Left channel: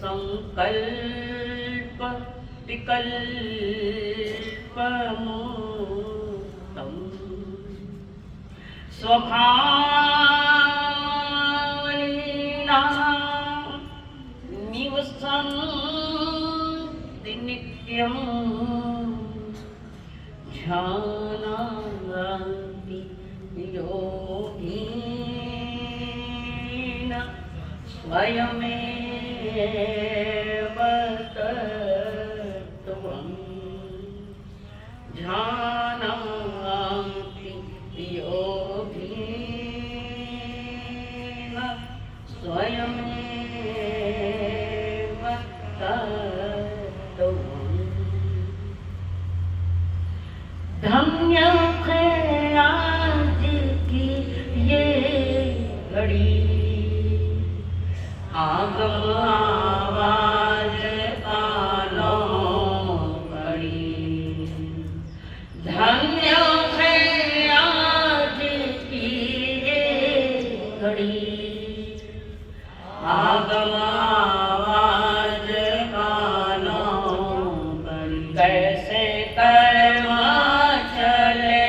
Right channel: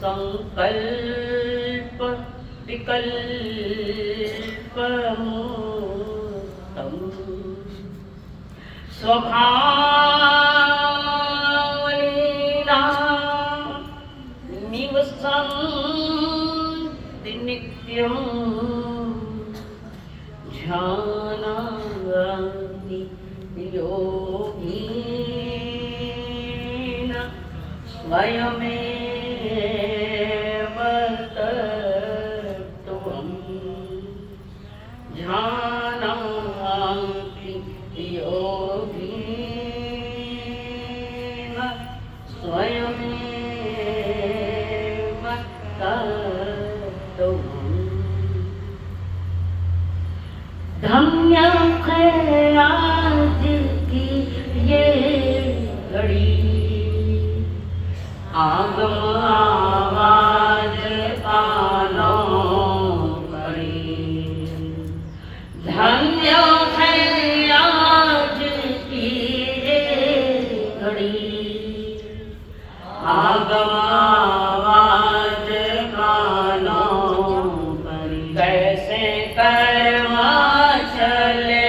संकल्प विकल्पमुक्तं स्वभावलीना निवसन्ति नित्यं ध्यानानि योगिन स्वयमेव तत्त्वम् ध्यानाति योगिन स्वयमेव तत्त्वम् धन्य है आज की ये घड़ी आगम आवाज कानों घड़ी धन्य है आज की ये घड़ी आगम आवाज कानों घड़ी कैसे कर्मा चले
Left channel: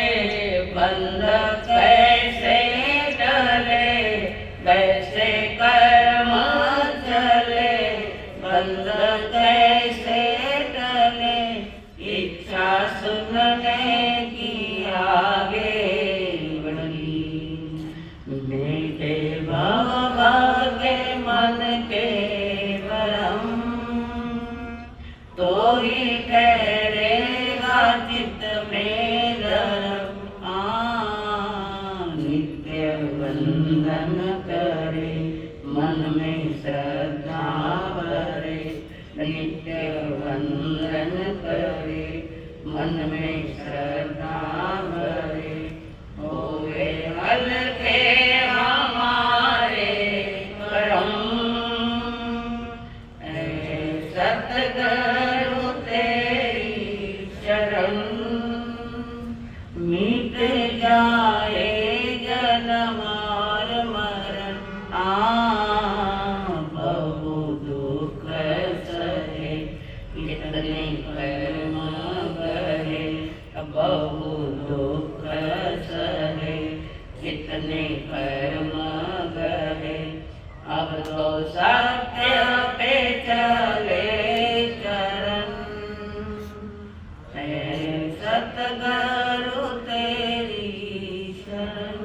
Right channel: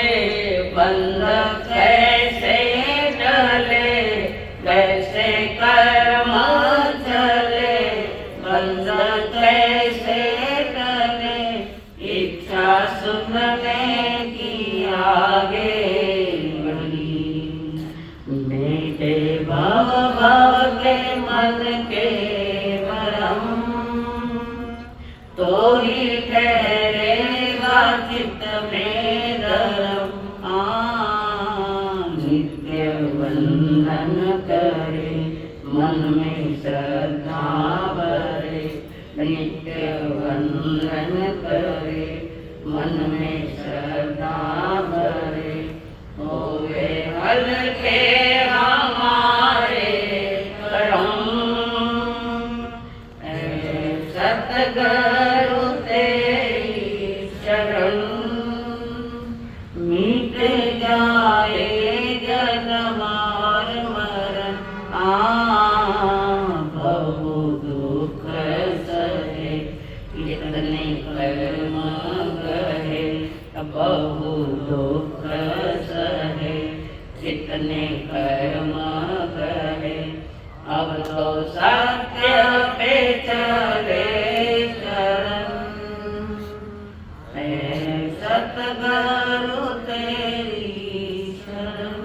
बंद कैसे डले कैसे कर्म चले बंद कैसे डले इच्छा सुनने की आगे बढ़ी बेटे भव भव के मन के भरम तो ही ठहरेगा चित्त में धर्म नित्य वंदन करे मन में श्रद्धा भरे नित्य वंदन करे मन में श्रद्धा भरे होवे हल्के हमारे करम सतगुरु तेरी शरण मिट जाए जन्म और मरण बहु दुख सहे इतने कर्म गहे बहु दुख सहे इतने कर्म गहे अब तो सत्य पे चले चरण सतगुरु तेरी शरण।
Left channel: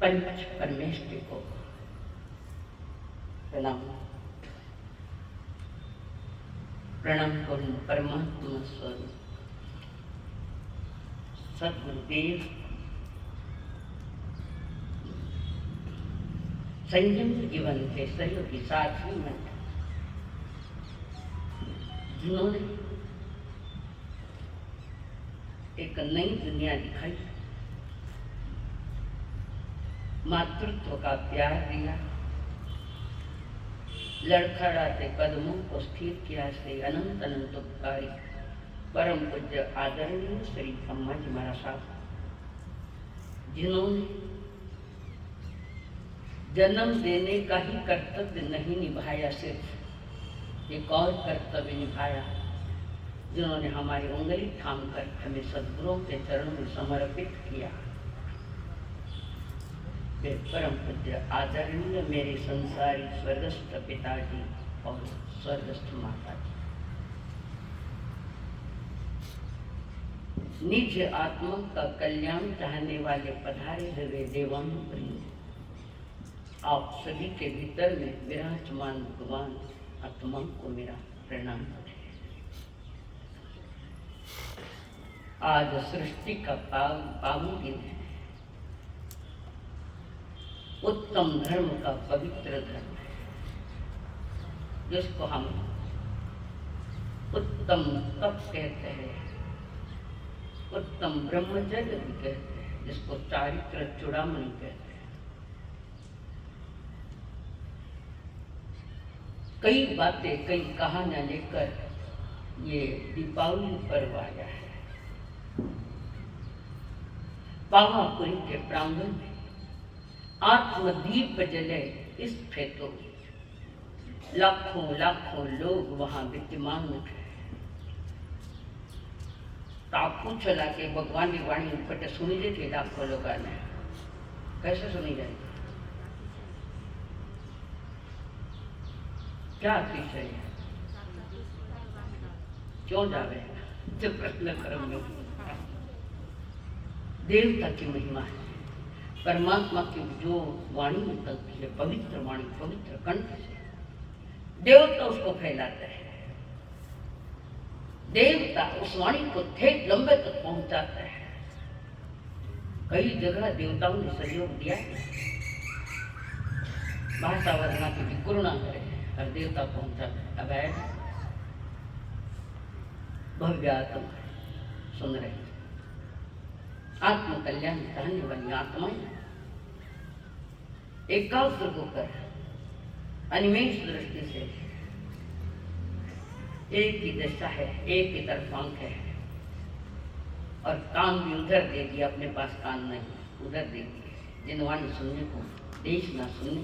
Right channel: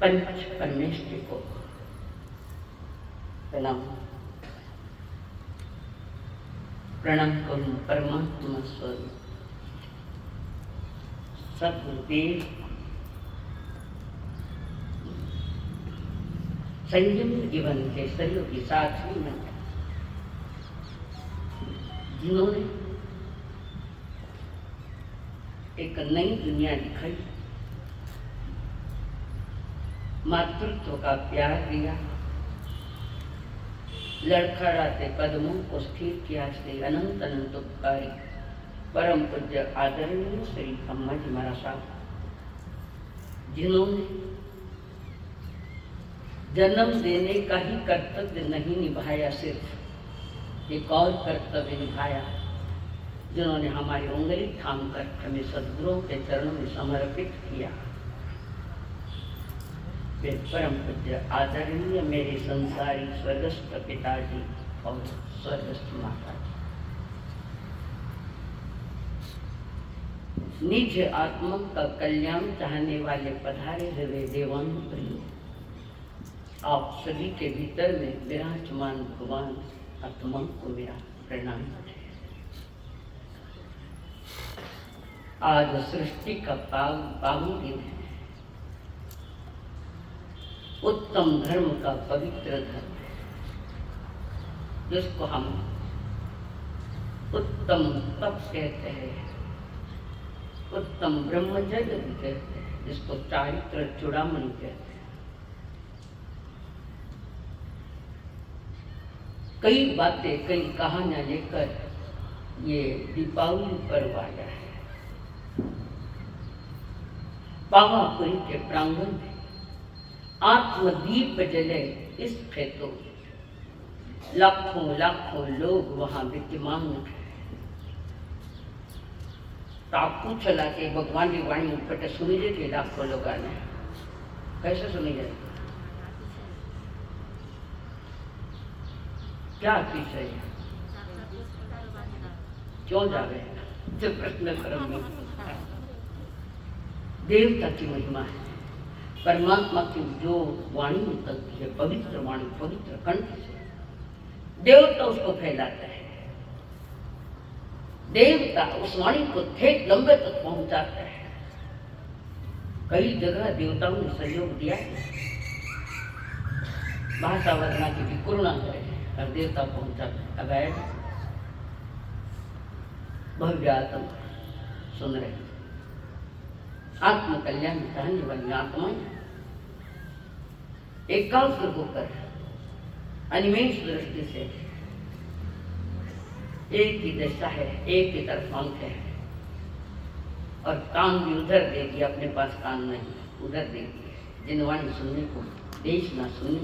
पंच परमेश्वरी को प्रणाम प्रणाम करूं परमात्मा स्वरूप सद्गुरुदेव संयम जीवन के सहयोगी साथी मंडल जिन्होंने एक नई दुनिया दिखाई मातृत्व का प्यार दिया लड़खड़ाते कदमों को स्थिर किया श्री अनंत अनंत उपकारी परम पूज्य आदरणीय श्री अम्मा जी महाराज साहब जिन्होंने जन्म देने का ही कर्तव्य नहीं निभाया सिर्फ एक और कर्तव्य निभाया जिन्होंने हमारी उंगली थाम कर हमें सद्गुरुओं के चरणों में समर्पित किया वे परम पूज्य आदरणीय मेरे संसारी स्वर्गस्थ पिताजी और स्वर्गस्थ माताजी निज आत्मा का कल्याण चाहने वाले पधारे हुए देवान प्रिय आप सभी के भीतर में विराजमान भगवान आत्मा को मेरा प्रणाम है। आज सृष्टि का पावन दिन है उत्तम धर्म का पवित्र धर्म है जिसको हम उत्तम तप कहते हैं उत्तम ब्रह्मचर्य भी कहते हैं जिसको चारित्र चूड़ामणि कहते हैं। कई बातें कई कहानियां लेकर ये दीपावली पर्व आया है। पावापुरी के प्रांगण में आत्मदीप जले इस फेतो, लाखों लाखों लोग वहां विद्यमान थे। तो आप पूछ ला कि भगवान की वाणी ऊपर सुनी जाती लाखों लोग ने, कैसे सुनी जाए, क्या अतिशय है, क्यों जावे, जो प्रश्न कर्म में देवता की महिमा है। परमात्मा की जो वाणी निकलती है, पवित्र वाणी, पवित्र कंठ से, देवता उसको फैलाते हैं। देवता उस वाणी को ठेठ लंबे तक पहुंचाते हैं। कई जगह देवताओं ने सहयोग दिया है। भाषा वर्णा की भी करुणा करे और देवता पहुंचाते। अब भव्य आत्मा सुन रहे, आत्म कल्याण करने वाली आत्माएं एकाग्र होकर अनिमेष दृष्टि से, एक ही दशा है, एक ही तरफ आंख है, और कान भी उधर दे दिया, अपने पास कान नहीं उधर दे दिए, जिन वाणी सुनने को देश न सुनने।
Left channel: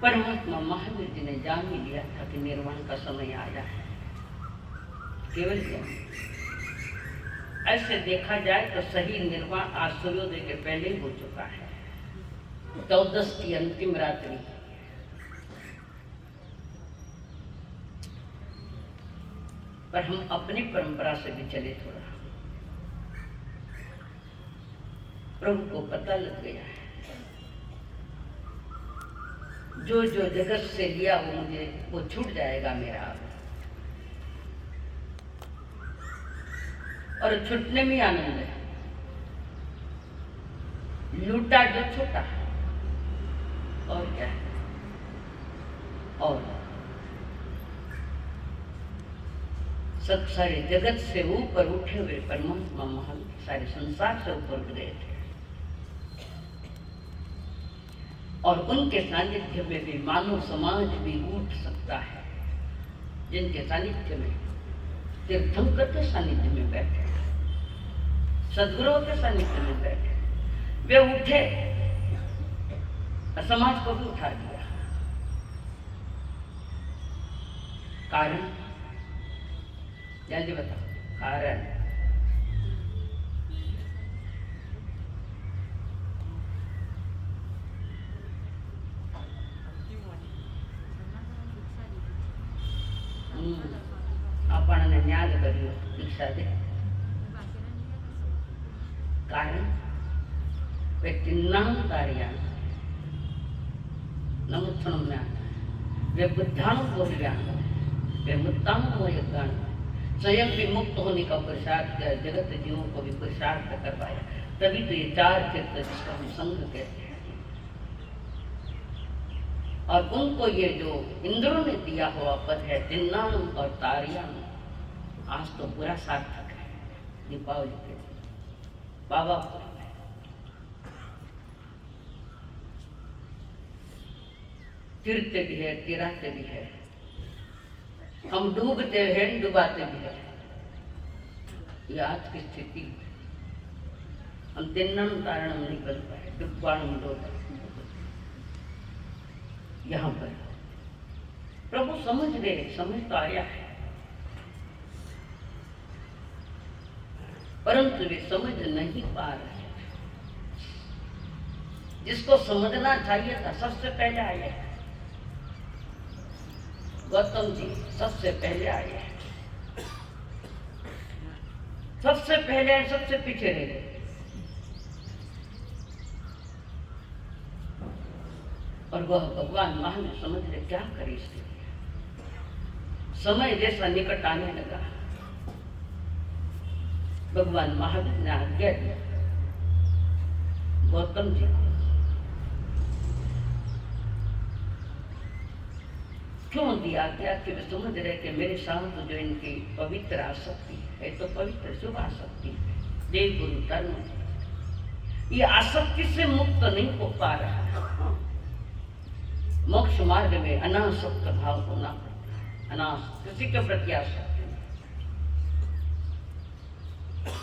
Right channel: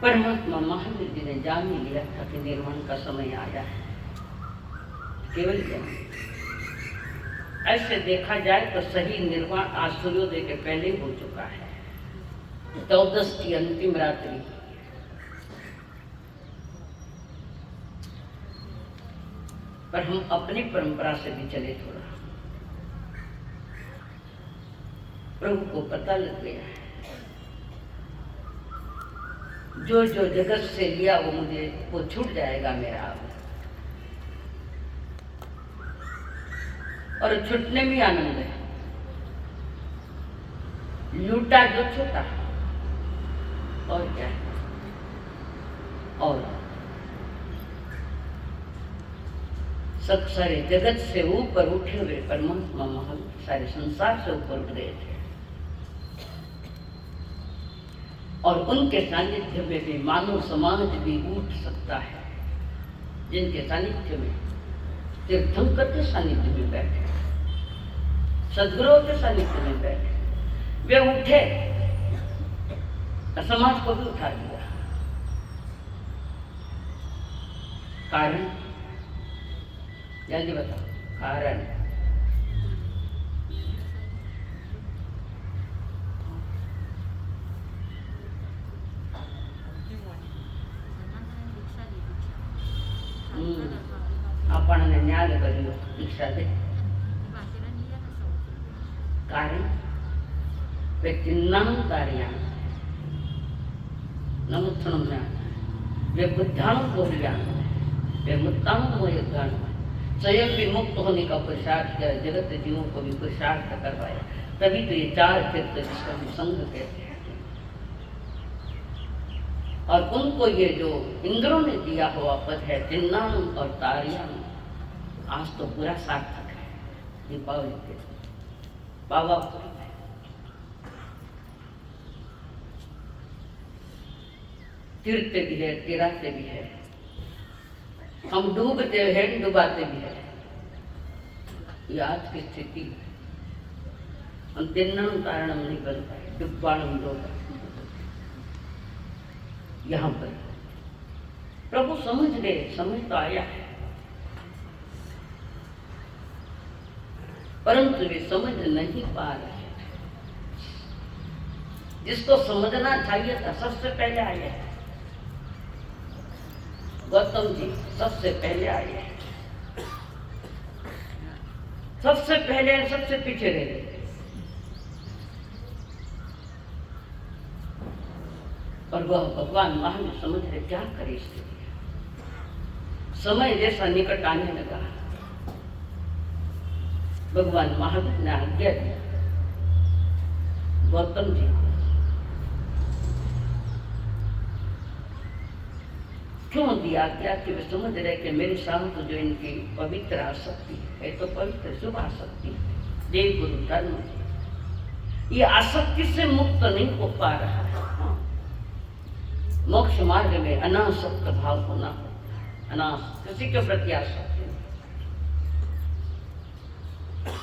परमात्मा महावीर जी ने जान ही लिया था कि निर्वाण का समय आया है। केवल ऐसे देखा जाए तो सही निर्वाण आज सूर्योदय के पहले हो चुका है। 14 की अंतिम रात्रि, पर हम अपनी परंपरा से भी चले थोड़ा। प्रभु को पता लग गया है, जो जो जगत से लिया वो मुझे वो छूट जाएगा मेरा अब, और छूटने में आनंद है। लूटा जो छूटा, और क्या है, और सारे जगत से ऊपर उठे हुए परमात्मा महान सारे संसार से ऊपर उठ गए थे, और उनके सानिध्य में भी मानव समाज भी उठ सकता है। जिनके सानिध्य में तीर्थंकर के सानिध्य में बैठे, सदगुरुओं के सानिध्य में बैठे, वे उठे और समाज को भी उठा दिया। कारण जल्दी बताओ, कारण આપણને ન્યાદ કર્યું દીક્ષા દે, કારણ વ્યક્તિનામ તાર્યા નમુત્થણું જ્ઞાન वे बुद्धाणु बोलियान वे मुत्ताणु मोयगान, स्वयं भी मुक्त होने का पुरुषार्थ किया, जगत जीवों को भी पुरुषार्थ करवाया। तभी तो ये 4 चित्त जिसका हम संघ कहते हैं। और उनको ये जो इंद्रों ने दिया हुआ पद है तिन्नाम और तारियां, आज तो पूरा सार्थक है। दीपावली के पावापुरी में तीरते भी है, तिराते भी है, हम डूबते हैं, डुबाते भी है। ये आज की स्थिति, हम तिन्नम तारणम नहीं बन पाए, डुब्बाणम डोबा। यहाँ पर प्रभु समझ गए, समझ तो आया है, परंतु वे समझ नहीं पा रहे। जिसको समझना चाहिए था सबसे पहले आए हैं। गौतम जी सबसे पहले आए हैं, सबसे पहले सबसे पीछे रह गए। और वह भगवान महान समझ रहे क्या करे इसके लिए। समय जैसा निकट आने लगा, भगवान महावीर ने आज्ञा दी गौतम जी को। क्यों दिया आज्ञा? कि वे समझ रहे कि मेरे साथ जो इनकी पवित्र आसक्ति है तो पवित्र शुभ आसक्ति है, देव गुरु धर्म, ये आसक्ति से मुक्त नहीं हो पा रहा है। मोक्ष मार्ग में अनासक्त भाव होना पड़ता है, किसी के प्रति आसक्ति।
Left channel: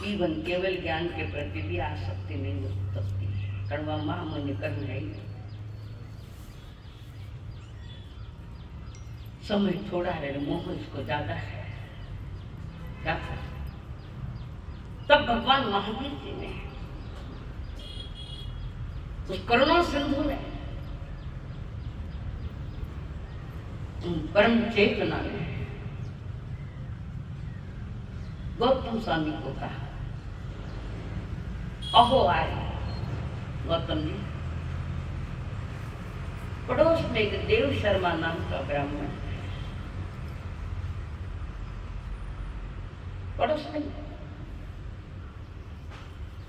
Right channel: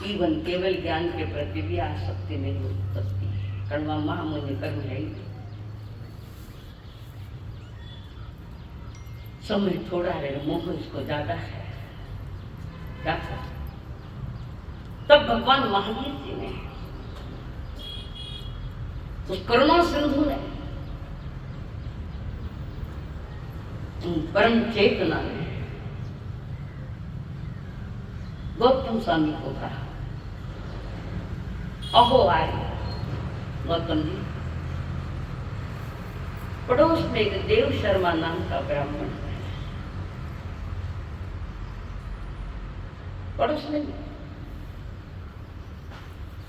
इवन केवल ज्ञान के प्रति भी आसक्ति नहीं हो सकती, कारण वह महामुनि कर्म है ही। समय थोड़ा है, मोह इसको ज्यादा है। क्या करें? तब भगवान महावीर जी ने, उस करुणा सिंधु ने, परम चेतना ने गौतम स्वामी को कहा, अहो आर्य, गौतम जी, पड़ोस में एक देव शर्मा नाम का ब्राह्मण है, पड़ोस में,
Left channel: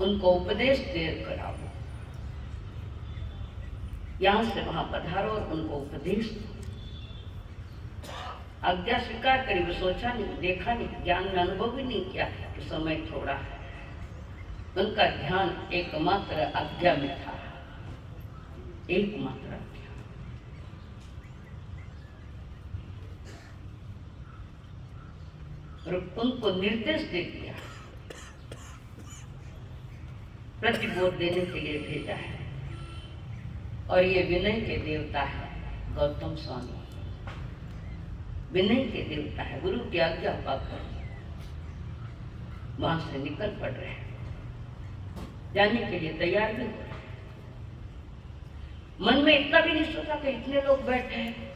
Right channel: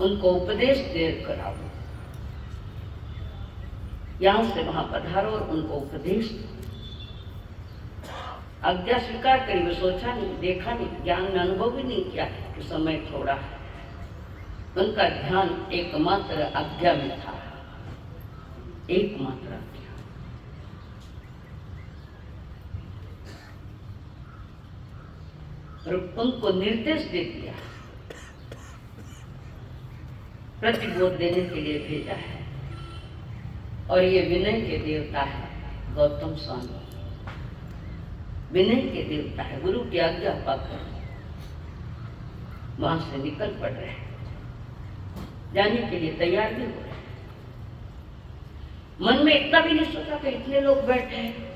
उनको उपदेश देर कराओ, यहां से वहां पधारो और उनको उपदेश दो। आज्ञा स्वीकार करी, वो सोचा नहीं, देखा नहीं, ज्ञान में अनुभव भी नहीं किया कि समय थोड़ा है। उनका ध्यान एकमात्र आज्ञा में था, एकमात्र आज्ञा। और उनको निर्देश दे दिया, प्रतिबोध देने के लिए भेजा है। और ये विनय के देवता है गौतम स्वामी, विनय के देवता है। गुरु की आज्ञा पाकर वहां से निकल पड़ रहे हैं, जाने के लिए तैयार भी हो रहे हैं। मन में इतना भी नहीं सोचा कि इतने लोग बैठे हैं,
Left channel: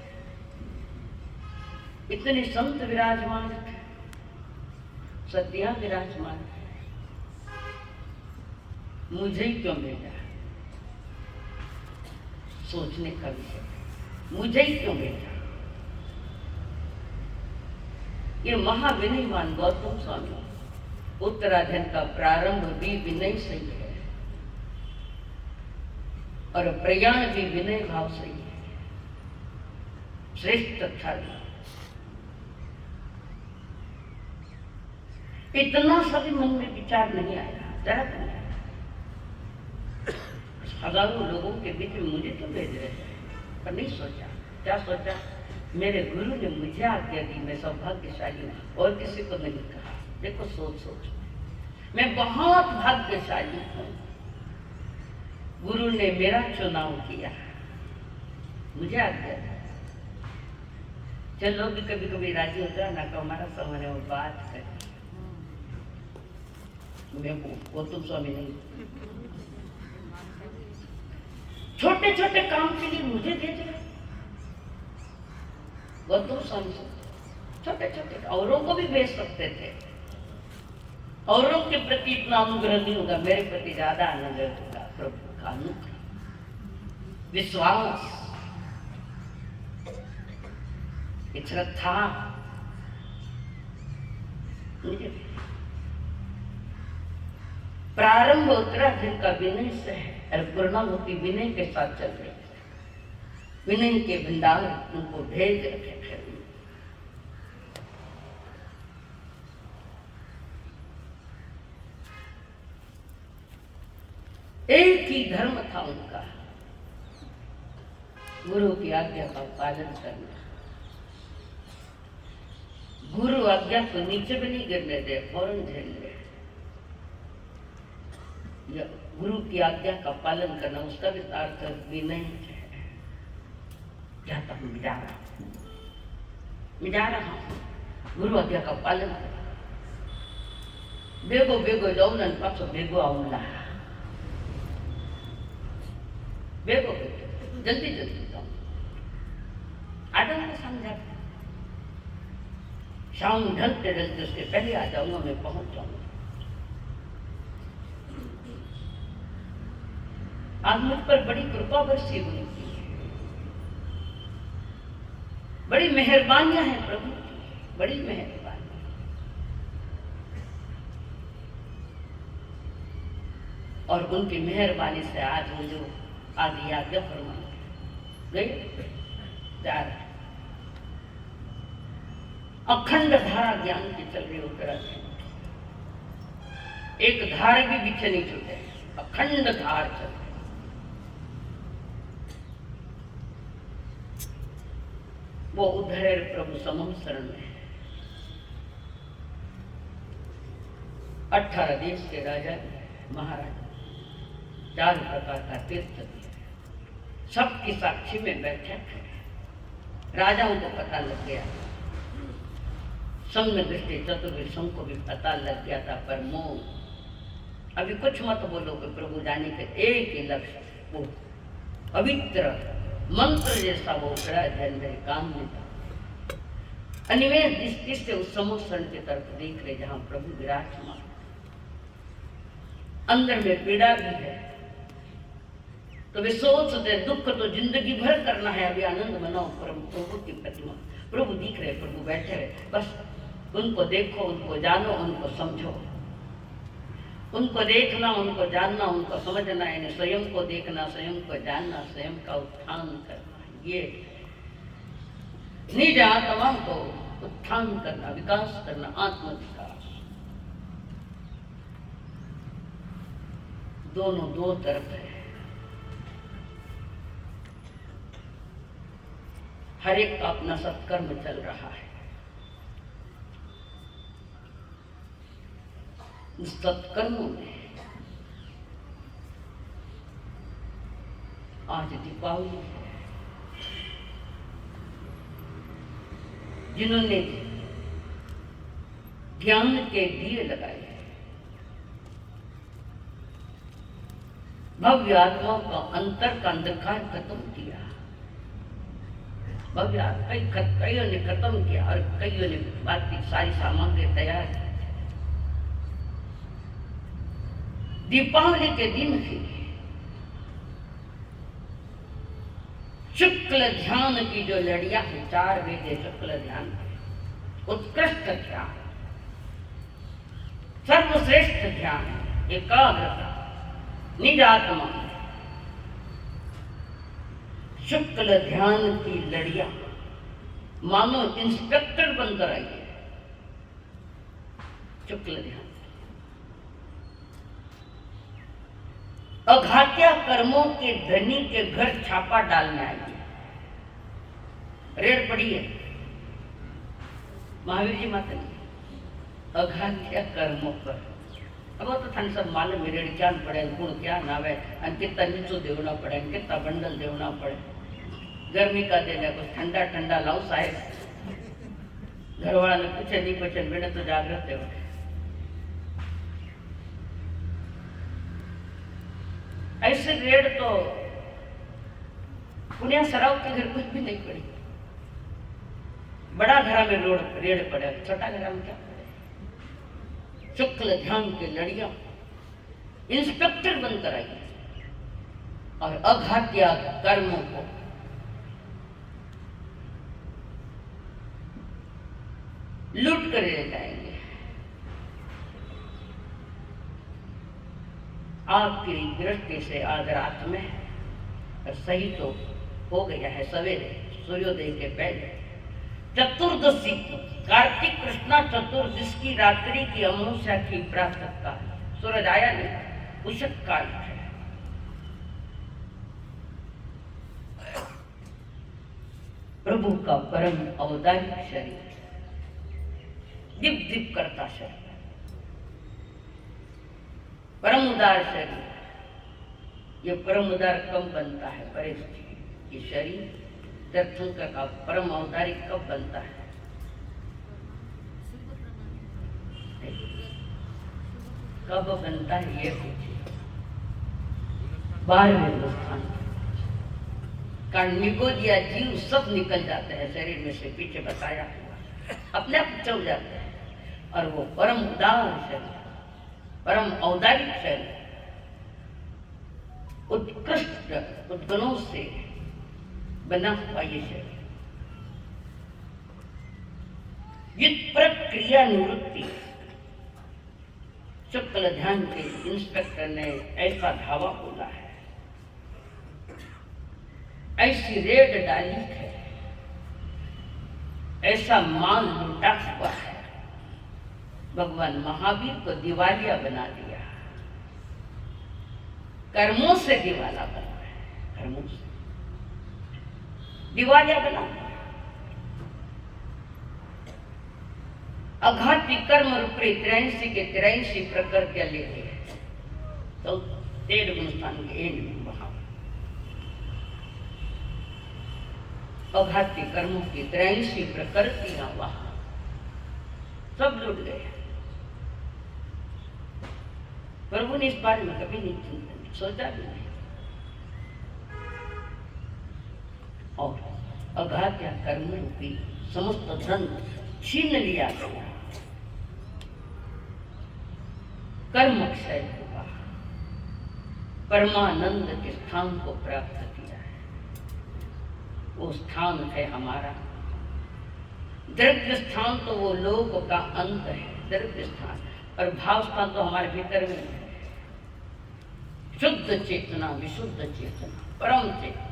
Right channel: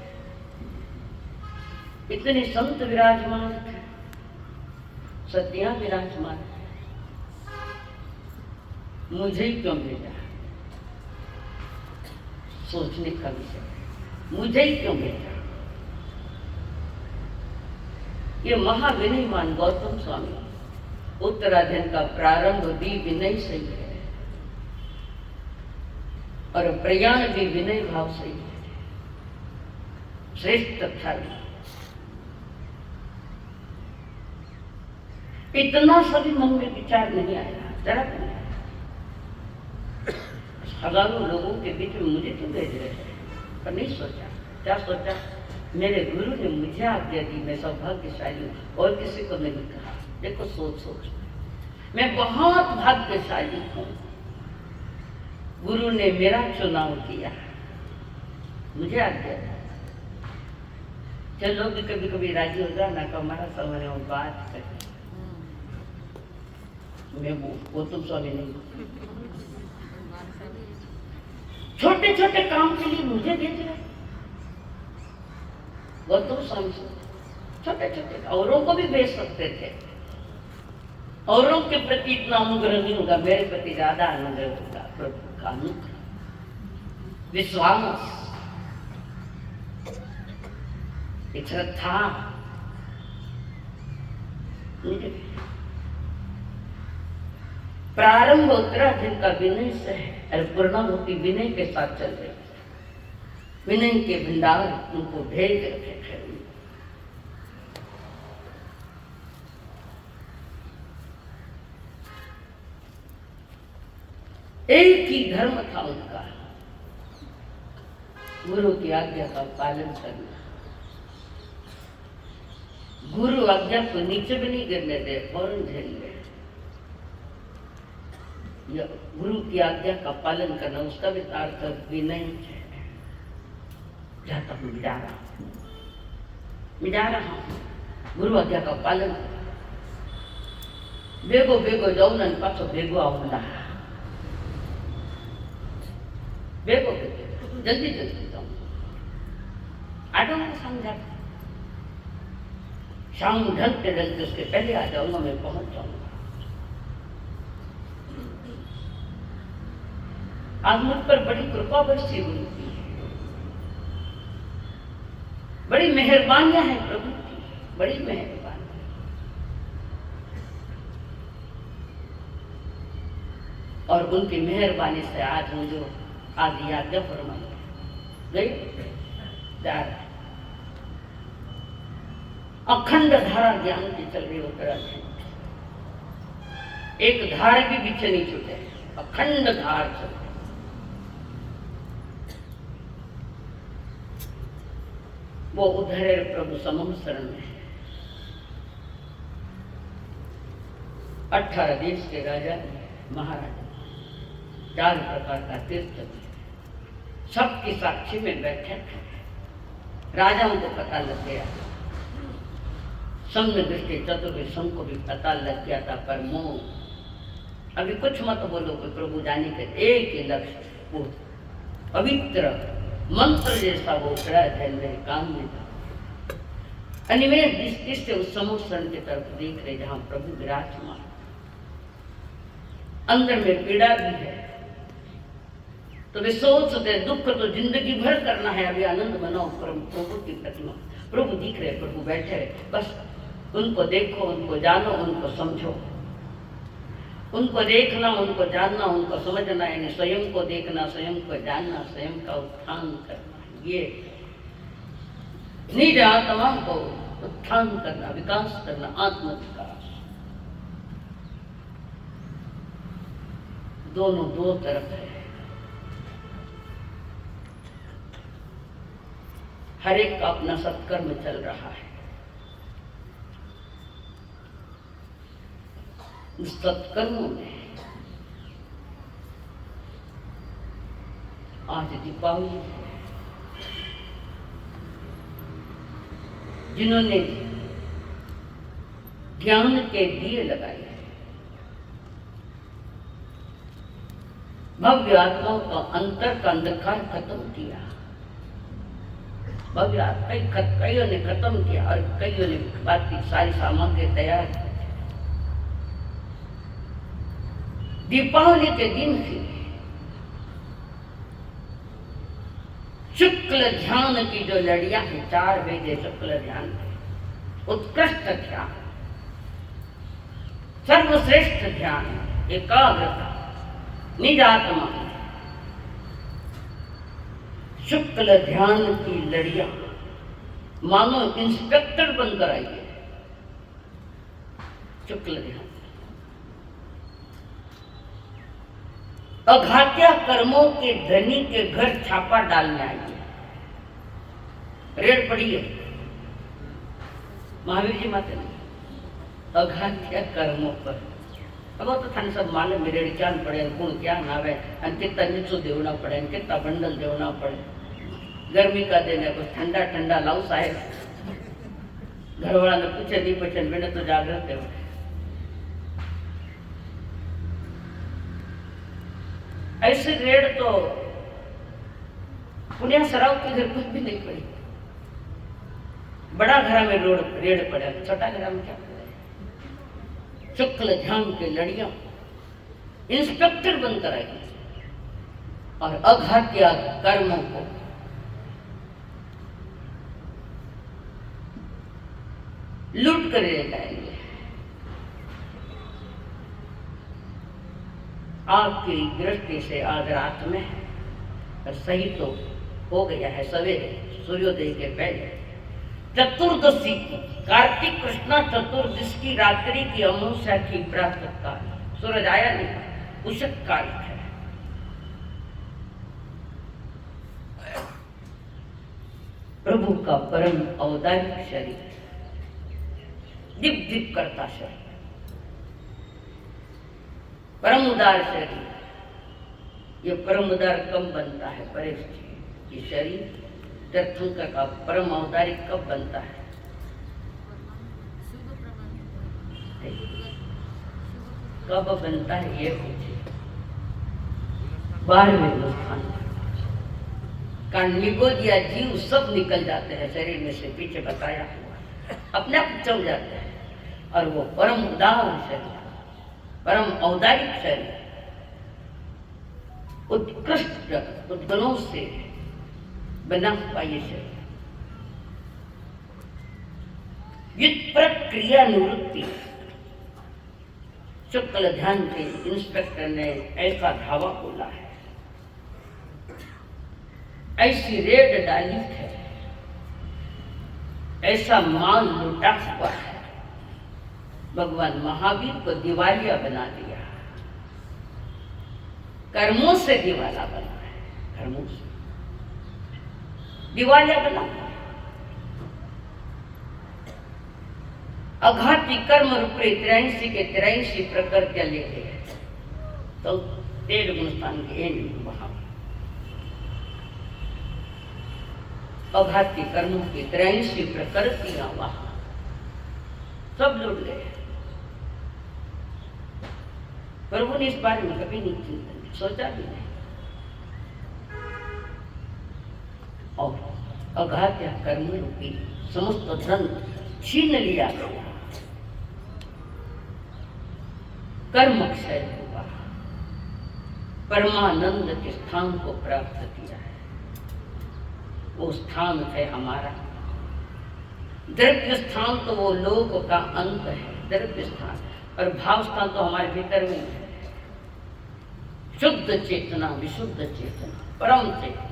इतने संत विराजमान थे, सतियां विराजमान है, मुझे ही क्यों भेजा? सोचने का विषय, मुझे ही क्यों भेजा? ये महाविनयमान गौतम स्वामी, उत्तराधन का प्रारंभ भी विनय से ही है और प्रयाण भी विनय भाव से ही है। श्रेष्ठ था, इतना सभी मन में विचार नहीं आया, जरा नहीं आया। हजारों लोगों के बीच में मुझे तो भेज रहे हैं, पर नहीं सोचा। क्या सोचा? मेरे गुरु ने मुझे आज्ञा दी, मैं सौभाग्यशाली हूँ, और किसी को नहीं कहा। देखो सोच सोच, मैं बहुत भाग्यशाली हूँ, गुरु ने मेरा चुनाव किया, मुझे आज्ञा दी। चलो भी कभी कभी राजी हो जाओ ना, तो हमारा समय वो बात करें। मैं वो तुम स्वामी नहीं, छोटे छोटे काम के लिए मुझे भेज रहे गौतम स्वामी, छोटे छोटे, औरों को भी भेज सकते थे, औरों के प्रति इतना अनुग्रह नहीं होगा, मेरे प्रति ज्यादा अनुग्रह होगा। प्रभु का अनुग्रह, विश्वास, एक श्रद्धा, प्रारंभ उत्तराखंड का विनय से है और पूर्णाहुति विनय के साथ चल रही है। विनय के भंडार उनको भेज रखे थे। एक ही धर्म था उनका, गुरु की आज्ञा का पालन करना। गुरु आज्ञा को नीचे भी नहीं गिरने दे, फौरन झेल ले। गुरु की आज्ञा का पालन करना, उसका भी अर्थ विनय है। जहां तक मैं जा रहा हूं, गुरु आज्ञा का पालन कर। बेगो बेगो जाऊं न पाछो बेगो आऊंगा, बेगो बेगो जल्दी जल्दी जाऊं, आजा मैं समझा, शाम ढलते ढलते उसके पहले आ जाऊंगा, मैं पहुंच जाऊंगा। आज मुझ पर बड़ी कृपा बरसी हुई थी, बड़ी मेहरबानियां हैं प्रभु की, बड़ी मेहरबानी। और उनकी मेहरबानी से आज मुझे आदि आज्ञा फरमाई गई जा रहा, अखंड धारा ज्ञान की चल रही उत्तराखंड, एक धार भी पीछे नहीं छूटे, अखंड धार चल रही। वो उधर प्रभु समम शरण में, 18 देश के राजा महाराजा 4 प्रकार का तीर्थ दिया, सबकी साक्षी में बैठे थे। राजाओं को पता लग गया, संग दृष्टि चतुर्वेद संघ को भी पता लग गया था, पर मोह अभी कुछ मत बोलो कि प्रभु जाने के एक ही लक्ष्य, वो पवित्र मंत्र जैसा वो उतरा है मेरे कान में था। अनिमेष दृष्टि से उस समुद्र की तरफ देख रहे जहां प्रभु विराजमान, अंदर में पीड़ा भी है, तो वे सोचते दुख तो जिंदगी भर करना है, अभी आनंद मनाओ। प्रभु की प्रतिमा, प्रभु दिख रहे, प्रभु बैठे रहे, बस उनको देखो, उनको जानो, उनको समझो। उनको देखना, उनको जानना, उनको समझना, यानी स्वयं को देखना, स्वयं को जानना, स्वयं का उत्थान करना, ये निज आत्मा को उत्थान करना, विकास करना, आत्म विकास। दोनों दो तरफ है, हर एक का अपना सत्कर्म चल रहा है। उस सत्कर्मों में आज दीपावली है, जिन्होंने ज्ञान के दिए लगाए, भव्य आत्मा का अंतर का अंधकार खत्म किया, भव्य कईयों ने खत्म किया और कईयों ने बात की सारी सामग्री तैयार की। दीपावली के दिन थी, शुक्ल ध्यान की जो लड़ियां हैं, 4 वेद शुक्ल ध्यान के, उत्कृष्ट ध्यान, सर्वश्रेष्ठ ध्यान, एकाग्रता, निज आत्मा, शुक्ल ध्यान की लड़ियां मानो इंस्पेक्टर बनकर आई है। शुक्ल ध्यान अघात्या कर्मों के धनी के घर छापा डालने आई है, रेड पड़ी है महावीर जी माता ने अघात्या कर्मों पर। अब वो तो थाने सब मालूम है, रेड क्या पड़े, गुण क्या नावे, कितना नीचो देवना पड़े, कितना बंडल देवना पड़े। गर्मी का दिन है, कुछ ठंडा ठंडा लाओ साहेब, घर वाला ने पूछे नहीं पूछे, मैंने तो जागृत है। ऐसे रेड तो पुण्य सराव के घर कुछ भी नहीं पड़ी, बड़ा घरा में रेड पड़े, छोटा घरा में क्या पड़े। शुक्ल ध्यान के लड़ियां इंस्पेक्टर बनकर आई और अघात्या कर्मों को लूट कर ले जाएंगे। आपकी दृष्टि से आज रात में सही तो हो गया है, सवेरे सूर्योदय के पहले चतुर्दशी की, कार्तिक कृष्णा चतुर्दशी की रात्रि की अमावस्या की प्रातः काल, सूरज आया नहीं, उषत काल है। प्रभु का परम औदारिक शरीर, दिप दिप करता शरीर, परम उदार शरीर। ये परम उदार कब बनता है परेश जी? ये शरीर तीर्थंकर का परम औदारिक कब बनता है? कब बनता है ये पूछिए। 12वें स्थान, कारण निगोदिया जीव सब निकल जाते हैं शरीर में से, पीछे बताया, अपने आप चल जाते हैं। और वो परम उदार शरीर, परम औदारिक शरीर, उत्कृष्ट उद्गुणों से बना हुआ ये शरीर, प्रक्रिया निवृत्ति। शुक्ल ध्यान के इंस्पेक्टर ने ऐसा धावा बोला है, ऐसी रेड डाली है, ऐसा माल लुटा हुआ है। भगवान महावीर को दिवालिया बना दिया, कर्मों से दिवाला बना है, कर्मों से दिवालिया बना। अघाती कर्म रूपे 83 के 83 प्रकृतियां लेते हैं तो 13 गुणस्थान के एन वहां अघाती कर्मों की 83 प्रकृतियां वहां सब लुट गए। प्रभु ने इस बारे में कभी नहीं चिंतन सोचा भी नहीं। और अघात्य कर्म रूपी समस्त धन छीन लिया गया, कर्म क्षय हुआ, परमानंद के स्थान को प्राप्त किया है। वो स्थान है हमारा द्रव्य स्थान, तो वो लोक का अंत है द्रव्य स्थान, और भाव स्थान तो हमारे भीतर में है। शुद्ध चेतना, विशुद्ध चेतना, परम चेतना,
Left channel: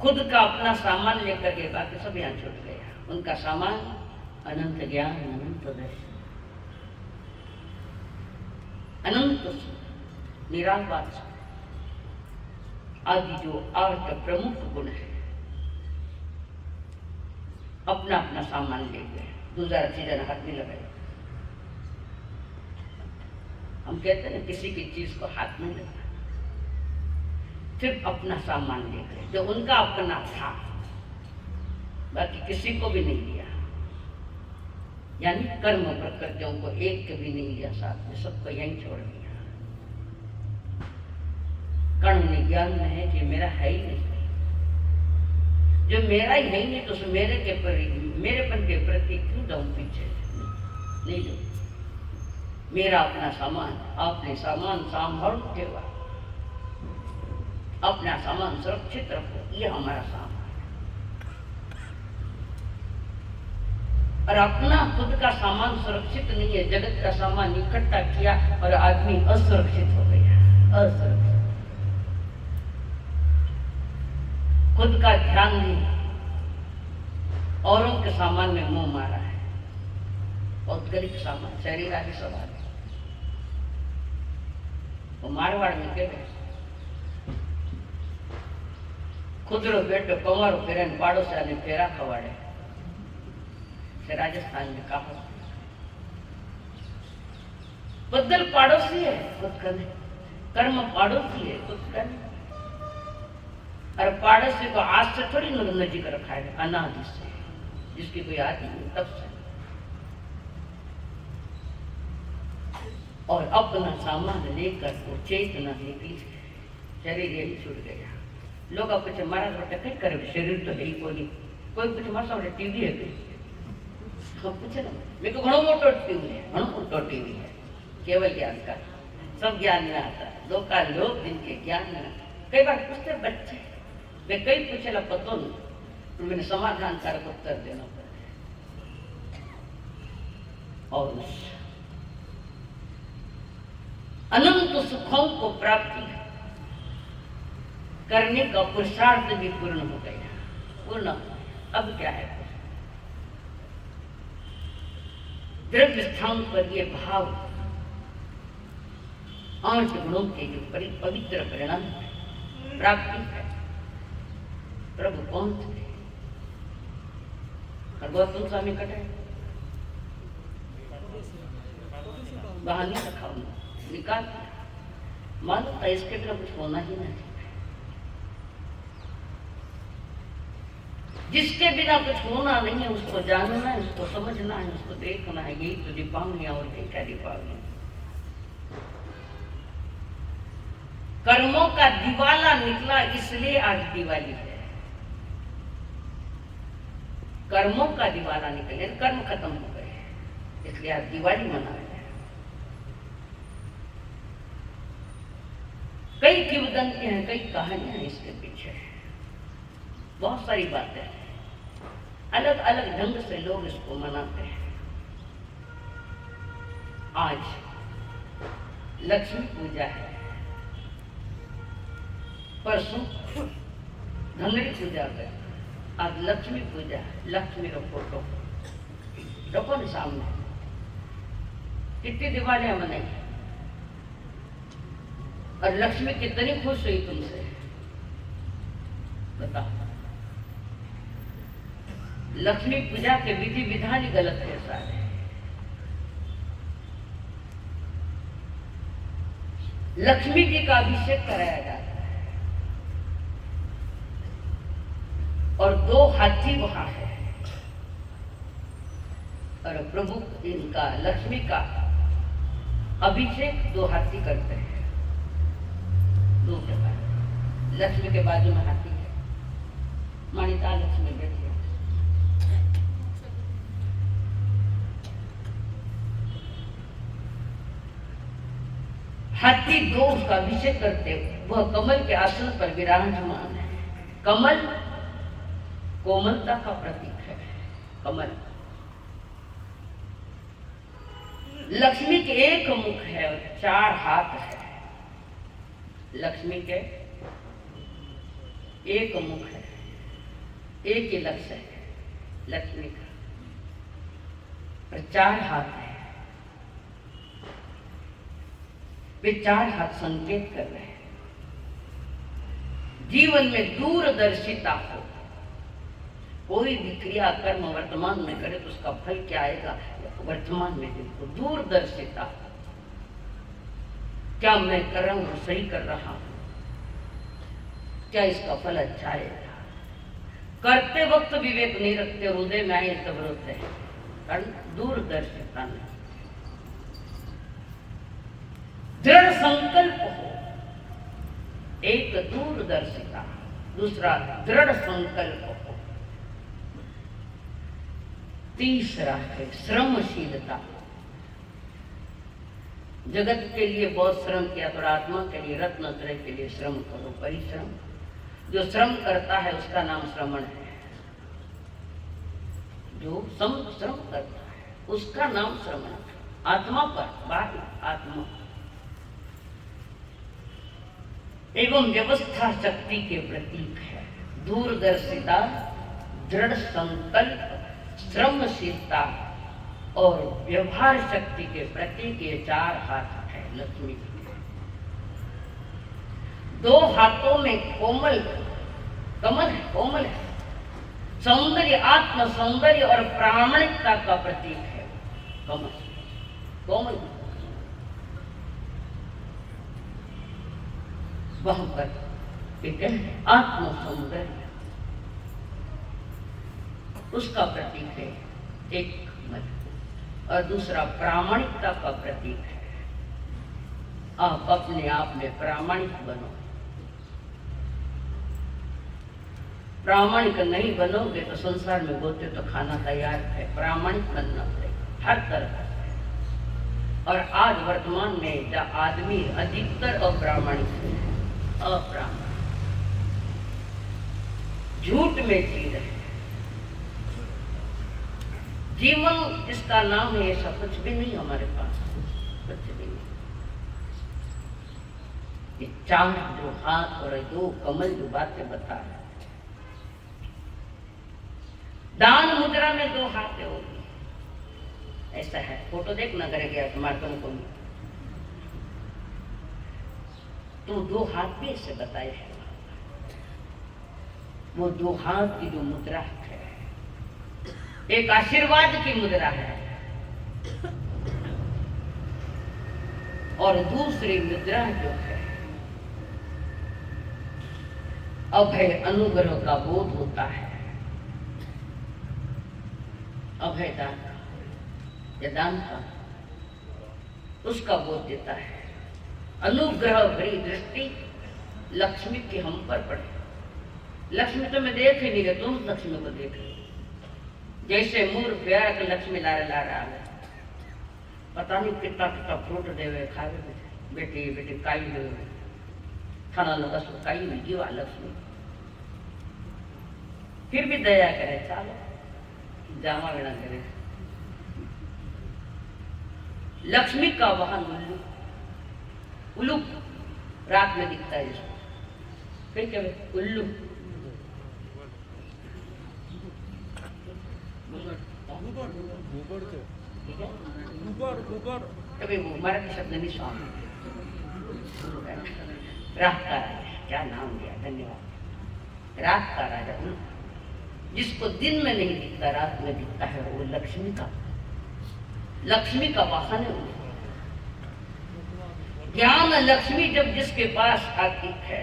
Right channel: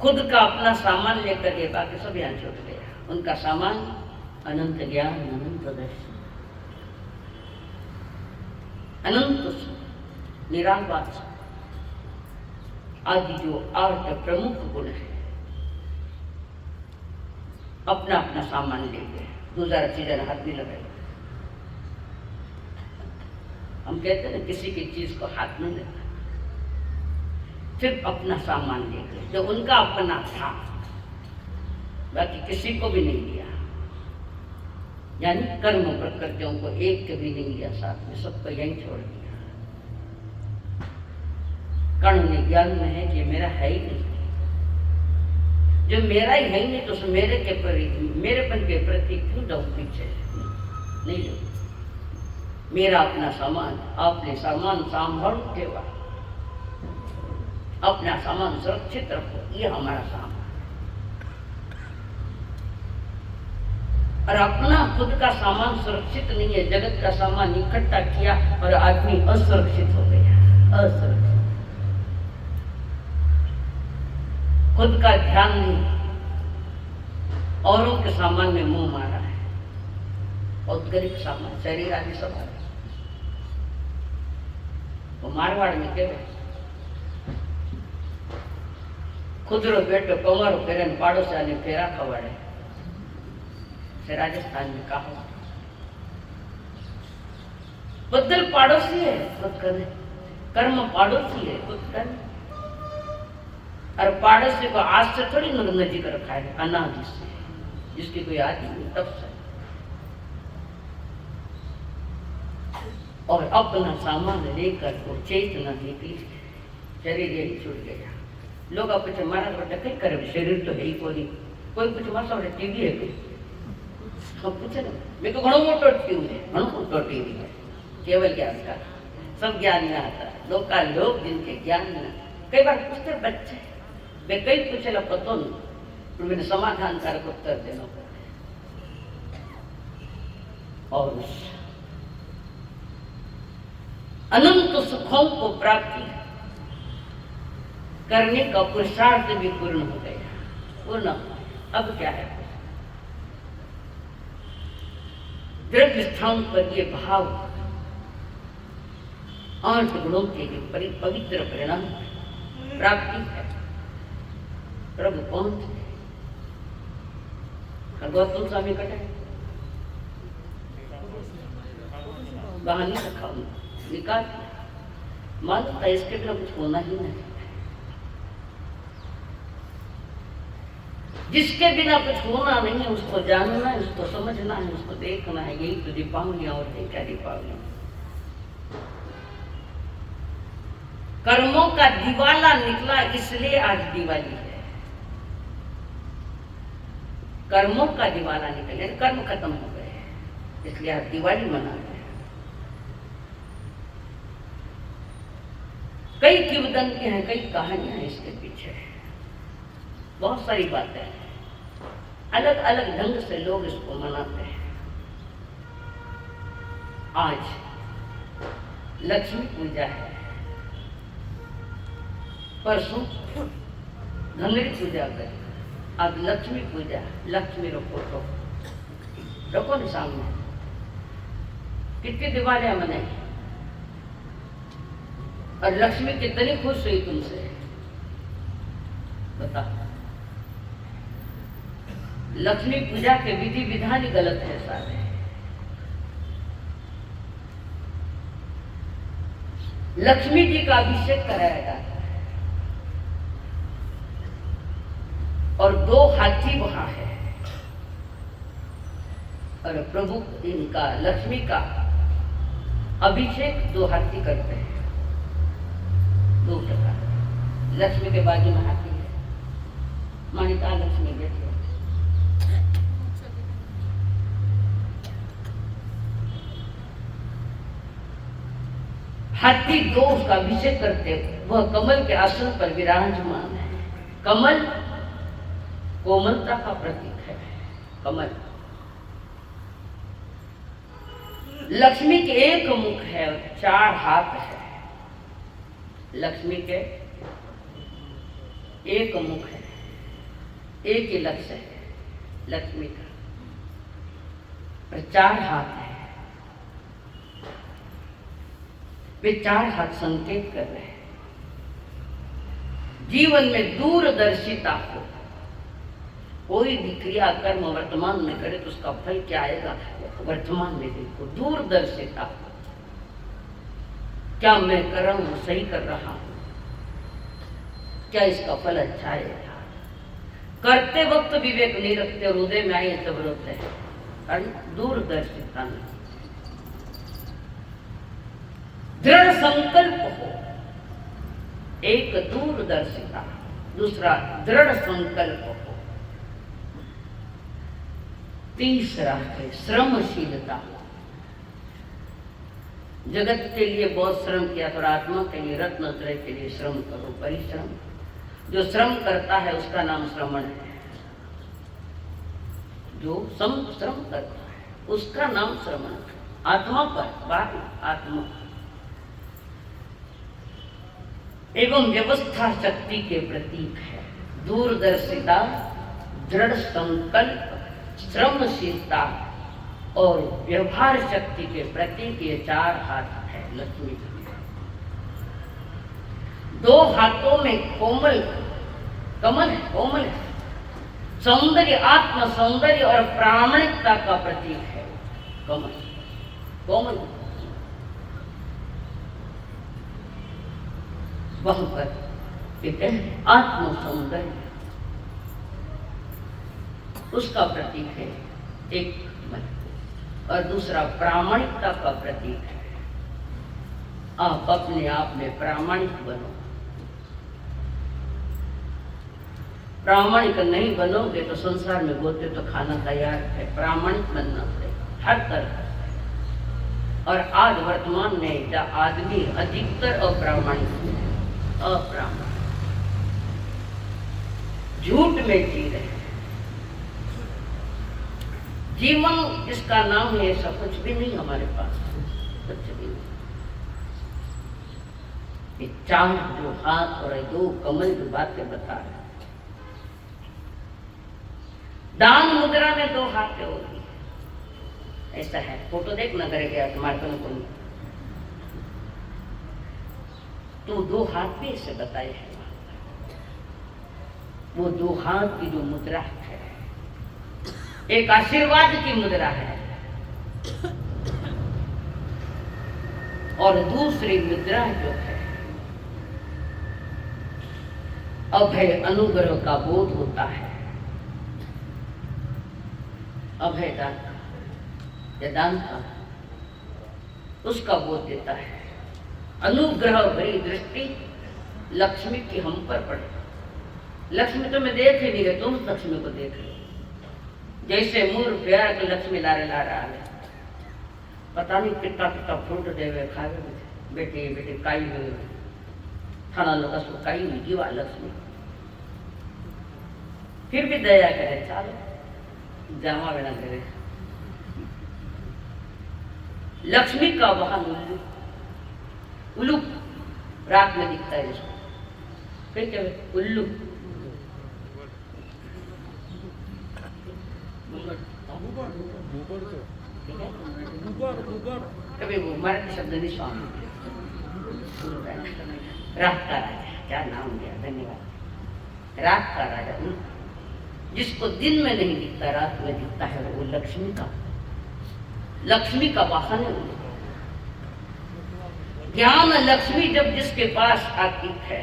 खुद का अपना सामान लेकर के बाकी सब यहाँ छूट गया। उनका सामान अनंत ज्ञान, अनंत दर्शन, अनंत सुख, निराकार आदि जो 8 प्रमुख गुण है, अपना अपना सामान ले गए। दूसरा चीजें हाथ भी लगाए। हम कहते हैं किसी की चीज को हाथ में लगा, सिर्फ अपना सामान ले गए जो उनका अपना था, बाकी किसी को भी नहीं दिया। यानी कर्म प्रकृतियों को एक के भी नहीं लिया साथ में, सबको यहीं छोड़ दिया। कर्ण ज्ञान में है कि मेरा है ही नहीं, जो मेरा ही है नहीं तो उस मेरेपन के प्रति क्यों जाऊं पीछे? नहीं लो, मेरा अपना सामान, आपने सामान संभाल केवा, अपना सामान सुरक्षित रखो, ये हमारा सामान। और अपना खुद का सामान सुरक्षित नहीं है, जगत का सामान इकट्ठा किया और आदमी असुरक्षित हो गया। असुरक्षित, खुद का ध्यान नहीं, औरों के सामान में मुंह मारा है। औद्योगिक सामान, शरीर आदि सब आ गए। तो मारवाड़ में कहते खुदरो बेटो कंवारो फेरे पाड़ोसिया ने फेरा खवाड़े, से राजस्थान में कहा बदल पाड़ोसी है खुद करने, कर्म पाड़ोसी है खुद करने। और पड़ोसी को आज से थोड़ी नजीक रखा है, अनादि से, जिसकी कोई आदि नहीं तब से। और अपना सामान लेकर को चेतना निकली, शरीर यही छूट गया। लोग अब कुछ मारा बेटा कई करे, शरीर तो है ही कोई कुछ मार सब टीवी है कई, हम पूछे ना मेरे को घणो मोटो टीवी है, घणो मोटो टीवी है, केवल ज्ञान का, सब ज्ञान में आता है। लोग का लोग जिनके ज्ञान में कई बार पूछते बच्चे, मैं कई पूछेला पतो नहीं, पर मैंने समाधान कारक उत्तर देना। और उस अनंत सुखों को प्राप्ति करने का पुरुषार्थ भी पूर्ण हो गया, पूर्ण। अब क्या है? द्रव्य स्थान पर ये भाव 8 गुणों के जो पवित्र परिणाम प्राप्ति है, प्रभु पहुंच गए। गौतम स्वामी कटे बहानी रखा, निकाल मानता इसके बिना कुछ होना ही नहीं। जिसके बिना कुछ होना नहीं है उसको जानना है, उसको समझना है, उसको देखना है। यही तो दीपावलियां और क्या दीपावली, कर्मों का दिवाला निकला, इसलिए आज दिवाली है। कर्मों का दिवाला निकले, कर्म खत्म हो गए, इसलिए आज दिवाली मना रहे हैं। कई किंवदंती हैं, कई कहानियां हैं इसके पीछे, बहुत सारी बातें हैं। अलग अलग ढंग से लोग इसको मनाते हैं। आज लक्ष्मी पूजा है, परसों धनरी पूजा कर, आज लक्ष्मी पूजा। लक्ष्मी रो फोटो रखो न सामने, कितनी दिवालियां मनाई, और लक्ष्मी कितनी खुश हुई तुमसे, बताओ। लक्ष्मी पूजा के विधि विधान ही गलत है सारे। लक्ष्मी जी का अभिषेक कराया जाता है और 2 हाथी वहां है और प्रभु इनका लक्ष्मी का अभिषेक 2 हाथी करते हैं। 2 प्रकार। लक्ष्मी के बाजू में हाथी है, मानिता लक्ष्मी बैठी है। हाथी 2 उसका अभिषेक करते, वह कमल के आसन पर विराजमान है। कमल कोमलता का प्रतीक है। कमल लक्ष्मी के एक मुख है, 4 हाथ है। लक्ष्मी के एक मुख है, एक ही लक्ष्य है लक्ष्मी का, और 4 हाथ है। वे 4 हाथ संकेत कर रहे हैं जीवन में दूरदर्शिता को। कोई भी क्रिया कर्म वर्तमान में करे तो उसका फल क्या आएगा, वर्तमान में देखो। दूरदर्शिता, क्या मैं कर रहा हूं सही कर रहा हूं, क्या इसका फल अच्छा आएगा। करते वक्त विवेक नहीं रखते, हृदय में आए सब रोते हैं, कारण दूरदर्शिता नहीं। दृढ़ संकल्प हो, एक दूरदर्शिता, दूसरा दृढ़ संकल्प हो, तीसरा है श्रमशीलता। जगत के लिए बहुत श्रम किया, थोड़ा आत्मा के लिए, रत्नत्रय के लिए श्रम करो, परिश्रम। जो श्रम करता है उसका नाम श्रमण है। जो श्रम करता है उसका नाम श्रमण है। आत्मा पर बात, आत्मा एवं व्यवस्था शक्ति के प्रतीक है। दूरदर्शिता, दृढ़ संकल्प, श्रमशीलता और व्यवहार शक्ति के प्रतीक ये 4 हाथ है लक्ष्मी जी के। 2 हाथों में कोमल कमल है, कोमल है। सौंदर्य, आत्म सौंदर्य और प्रामाणिकता का प्रतीक है कमल, कोमल। वहां पर एक आत्म सौंदर्य, उसका प्रतीक है एक मन, और दूसरा प्रामाणिकता का प्रतीक है। आप अपने आप में प्रामाणिक बनो। प्रामाणिक नहीं बनोगे तो संसार में गोते तो खाना तैयार है। प्रामाणिक बनना पड़ेगा हर तरह। और आज वर्तमान में आदमी अधिकतर अप्रामाणिक है, अप्रामाणिक, झूठ में जी रहे। जीवन इसका नाम है, ऐसा कुछ भी नहीं हमारे पास, कुछ भी नहीं। ये 4 जो हाथ और 2 कमल जो बातें बता रहे, दान मुद्रा में 2 हाथ होगी, ऐसा है। फोटो देख ना करेगा तुम्हारे को, तो 2 हाथ भी ऐसे बताए हैं। वो 2 हाथ की जो मुद्रा है, एक आशीर्वाद की मुद्रा है और दूसरी मुद्रा जो है अभय, अनुग्रह का बोध होता है। अभय दान का या दान का, उसका बोध देता है। अनुग्रह भरी दृष्टि लक्ष्मी की हम पर पड़े। लक्ष्मी तो मैं देख ही नहीं रहे, तुम लक्ष्मी को देख रहे। जैसे मूर्ख प्यार के लक्ष्मी ला रहा है, पता नहीं कितना कितना फ्रूट देवे खावे बेटे बेटे काई देवे थाना लगा सो काई हुई जीवा लक्ष्मी, फिर भी दया करे, चलो जावा वेड़ा करे। लक्ष्मी का वाहन उल्लू, उल्लू रात में दिखता है जिसको कहीं क्या उल्लू, कभी वो मराठी शब्द नहीं सुना। रात का राजा, क्या नाम दिया, धन्यवाद। रात का राजा जिसको दिन में नहीं दिखता रात में दिखता है, वो लक्ष्मी का वाहन है। ज्ञान लक्ष्मी जब जिसके पास आती है,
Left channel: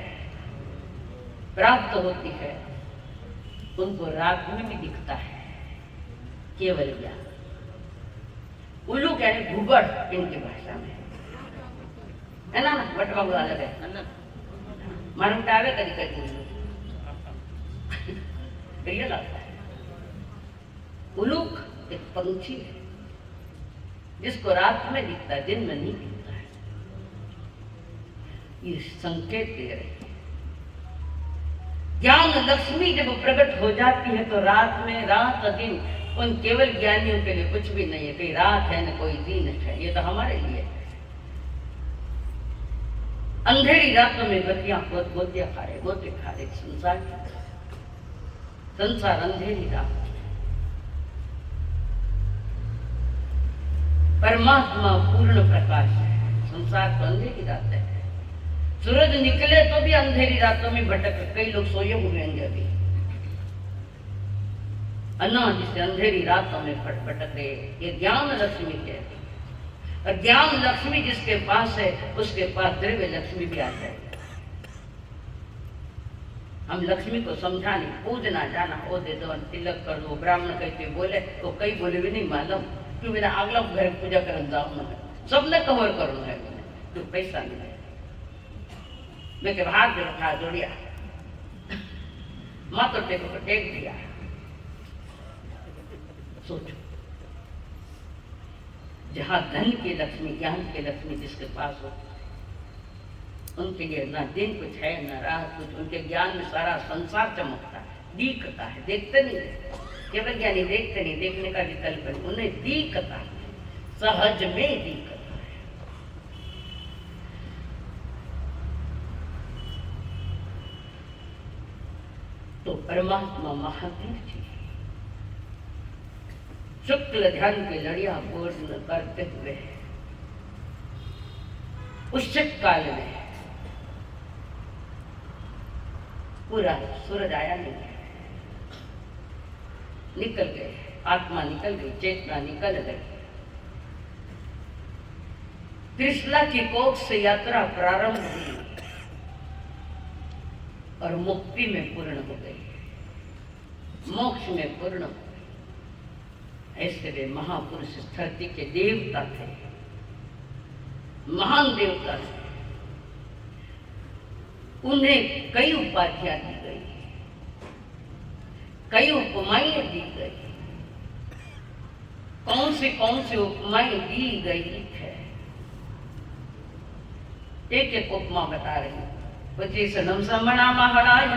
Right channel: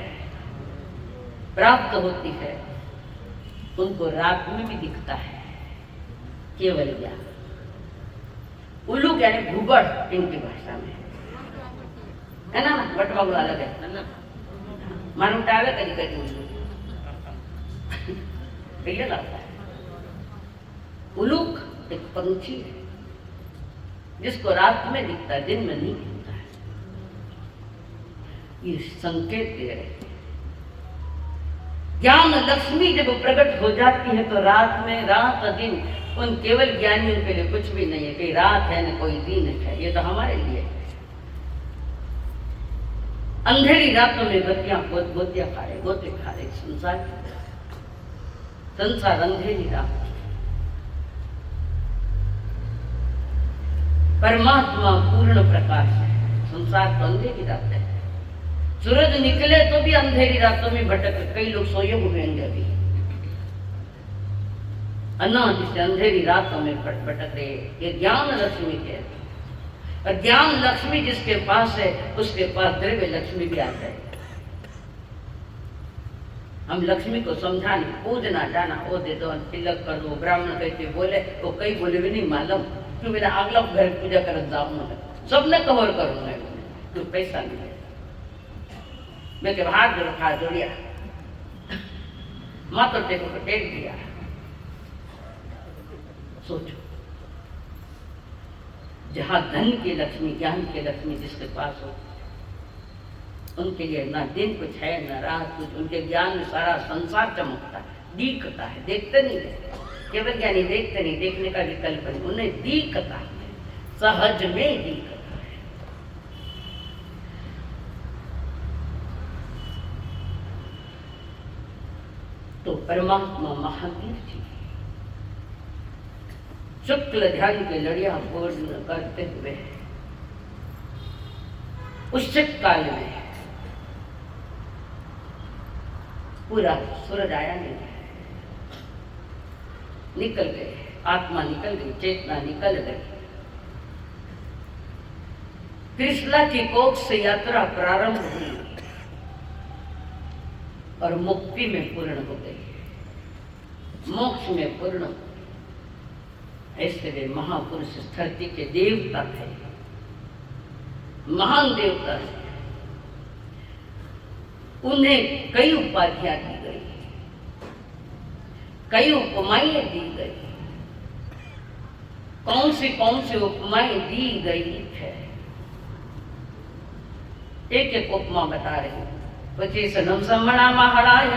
प्राप्त होती है, उनको रात में भी दिखता है केवल ज्ञान। उल्लू यानी घुबड़ इनकी भाषा में है ना, बटवा हुआ अलग है, मालूम टावे कभी कभी ये लगता है। उल्लूक एक पंछी है जिसको रात में दिखता है, दिन में नहीं दिखता है। ये संकेत दे रहे हैं। ज्ञान लक्ष्मी जब प्रकट हो जाती है तो रात में, रात दिन उन केवल ज्ञानियों के लिए कुछ भी नहीं है। कोई रात है न कोई दिन है, ये तो हमारे लिए है। अंधेरी रातों में बत्तियां गोतियां खा रहे, गोते खा रहे संसार अंधेरी रात। परमात्मा पूर्ण प्रकाश है, संसार तो अंधेरी रात है। सूरज निकले तो भी अंधेरी रातों में भटक, कई लोग सोए हुए हैं अभी, अनादि से अंधेरी रातों में भटक रहे। ये ज्ञान लक्ष्मी के, और ज्ञान लक्ष्मी जिसके पास है उसके पास द्रव्य लक्ष्मी भी आ जाए। हम लक्ष्मी को समझाने, पूजना जाना, वो दे दो, तिलक कर दो। ब्राह्मण कहते बोले, वो कई बोले भी नहीं मालूम, क्यों मेरा अगला घर पूजा कर जाऊँ, सबने कवर करूँगा, तो पैसा नहीं है। मैं के हाथ रखा जोड़िया, माता टेको को टेक दिया। सोचो, जहाँ धन की लक्ष्मी, ज्ञान की लक्ष्मी जिसके पास हो, उनके लिए ना दिन कुछ है ना रात कुछ। उनके ज्ञान में सारा संसार चमकता है, दिखता है, देखते नहीं है। केवल ज्ञानी देखते नहीं, देखने का विकल्प नहीं, उन्हें दिखता है, सहज में दिखता है। तो परमात्मा महावीर जी शुक्ल ध्यान के लड़िया पूर्ण करते हुए उच्चत काल में पूरा सूरज आया नहीं, निकल गए, आत्मा निकल गई, चेतना निकल गई। त्रिशला की कोख से यात्रा प्रारंभ हुई और मुक्ति में पूर्ण हो गई, मोक्ष में पूर्ण। ऐसे वे महापुरुष इस धरती के देवता थे, महान देवता थे। उन्हें कई उपाधियां दी गई, कई उपमाएं दी गई। कौन सी उपमाएं दी गई है, एक एक उपमा बता रही हूँ। पची सनम समणा महाराज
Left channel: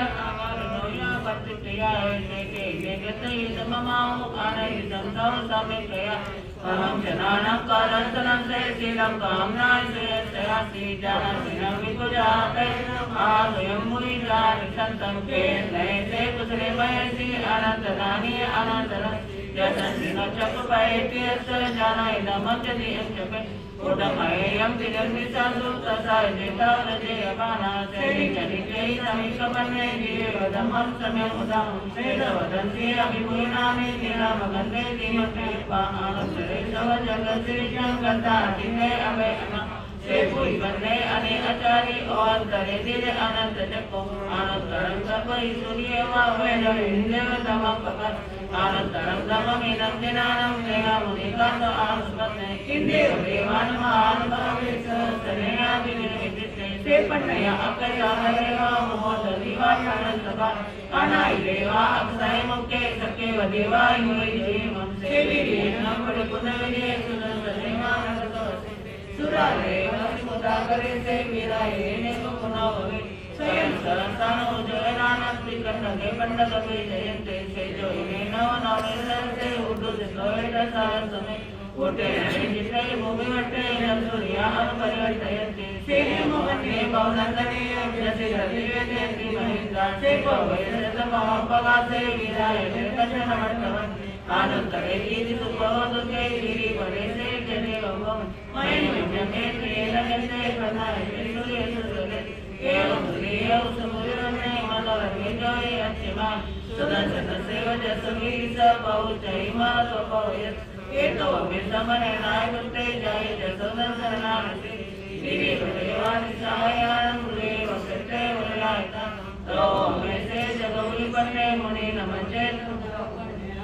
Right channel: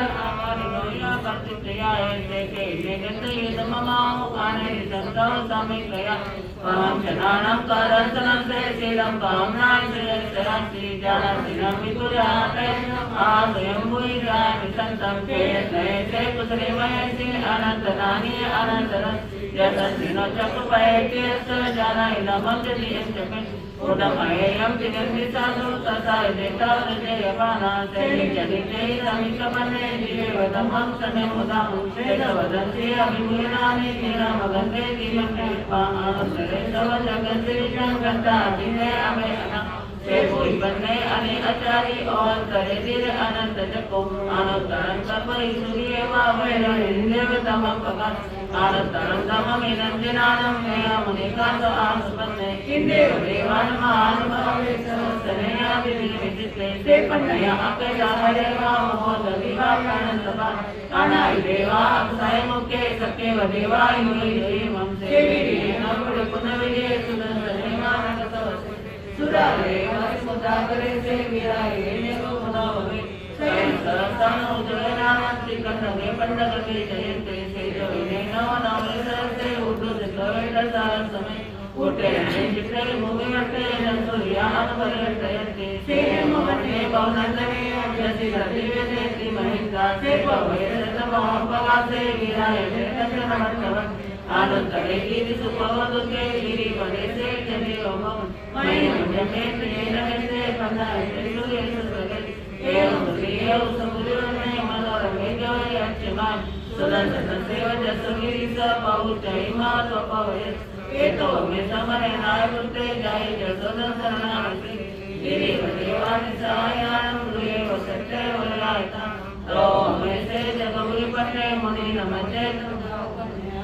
हरे नाय गुरुते जय जगदम्ब शरणागति देवी भगवान सायाणं देव सत्य वलायता तो हमेशे जगमुनि पते मुनि नमस्ते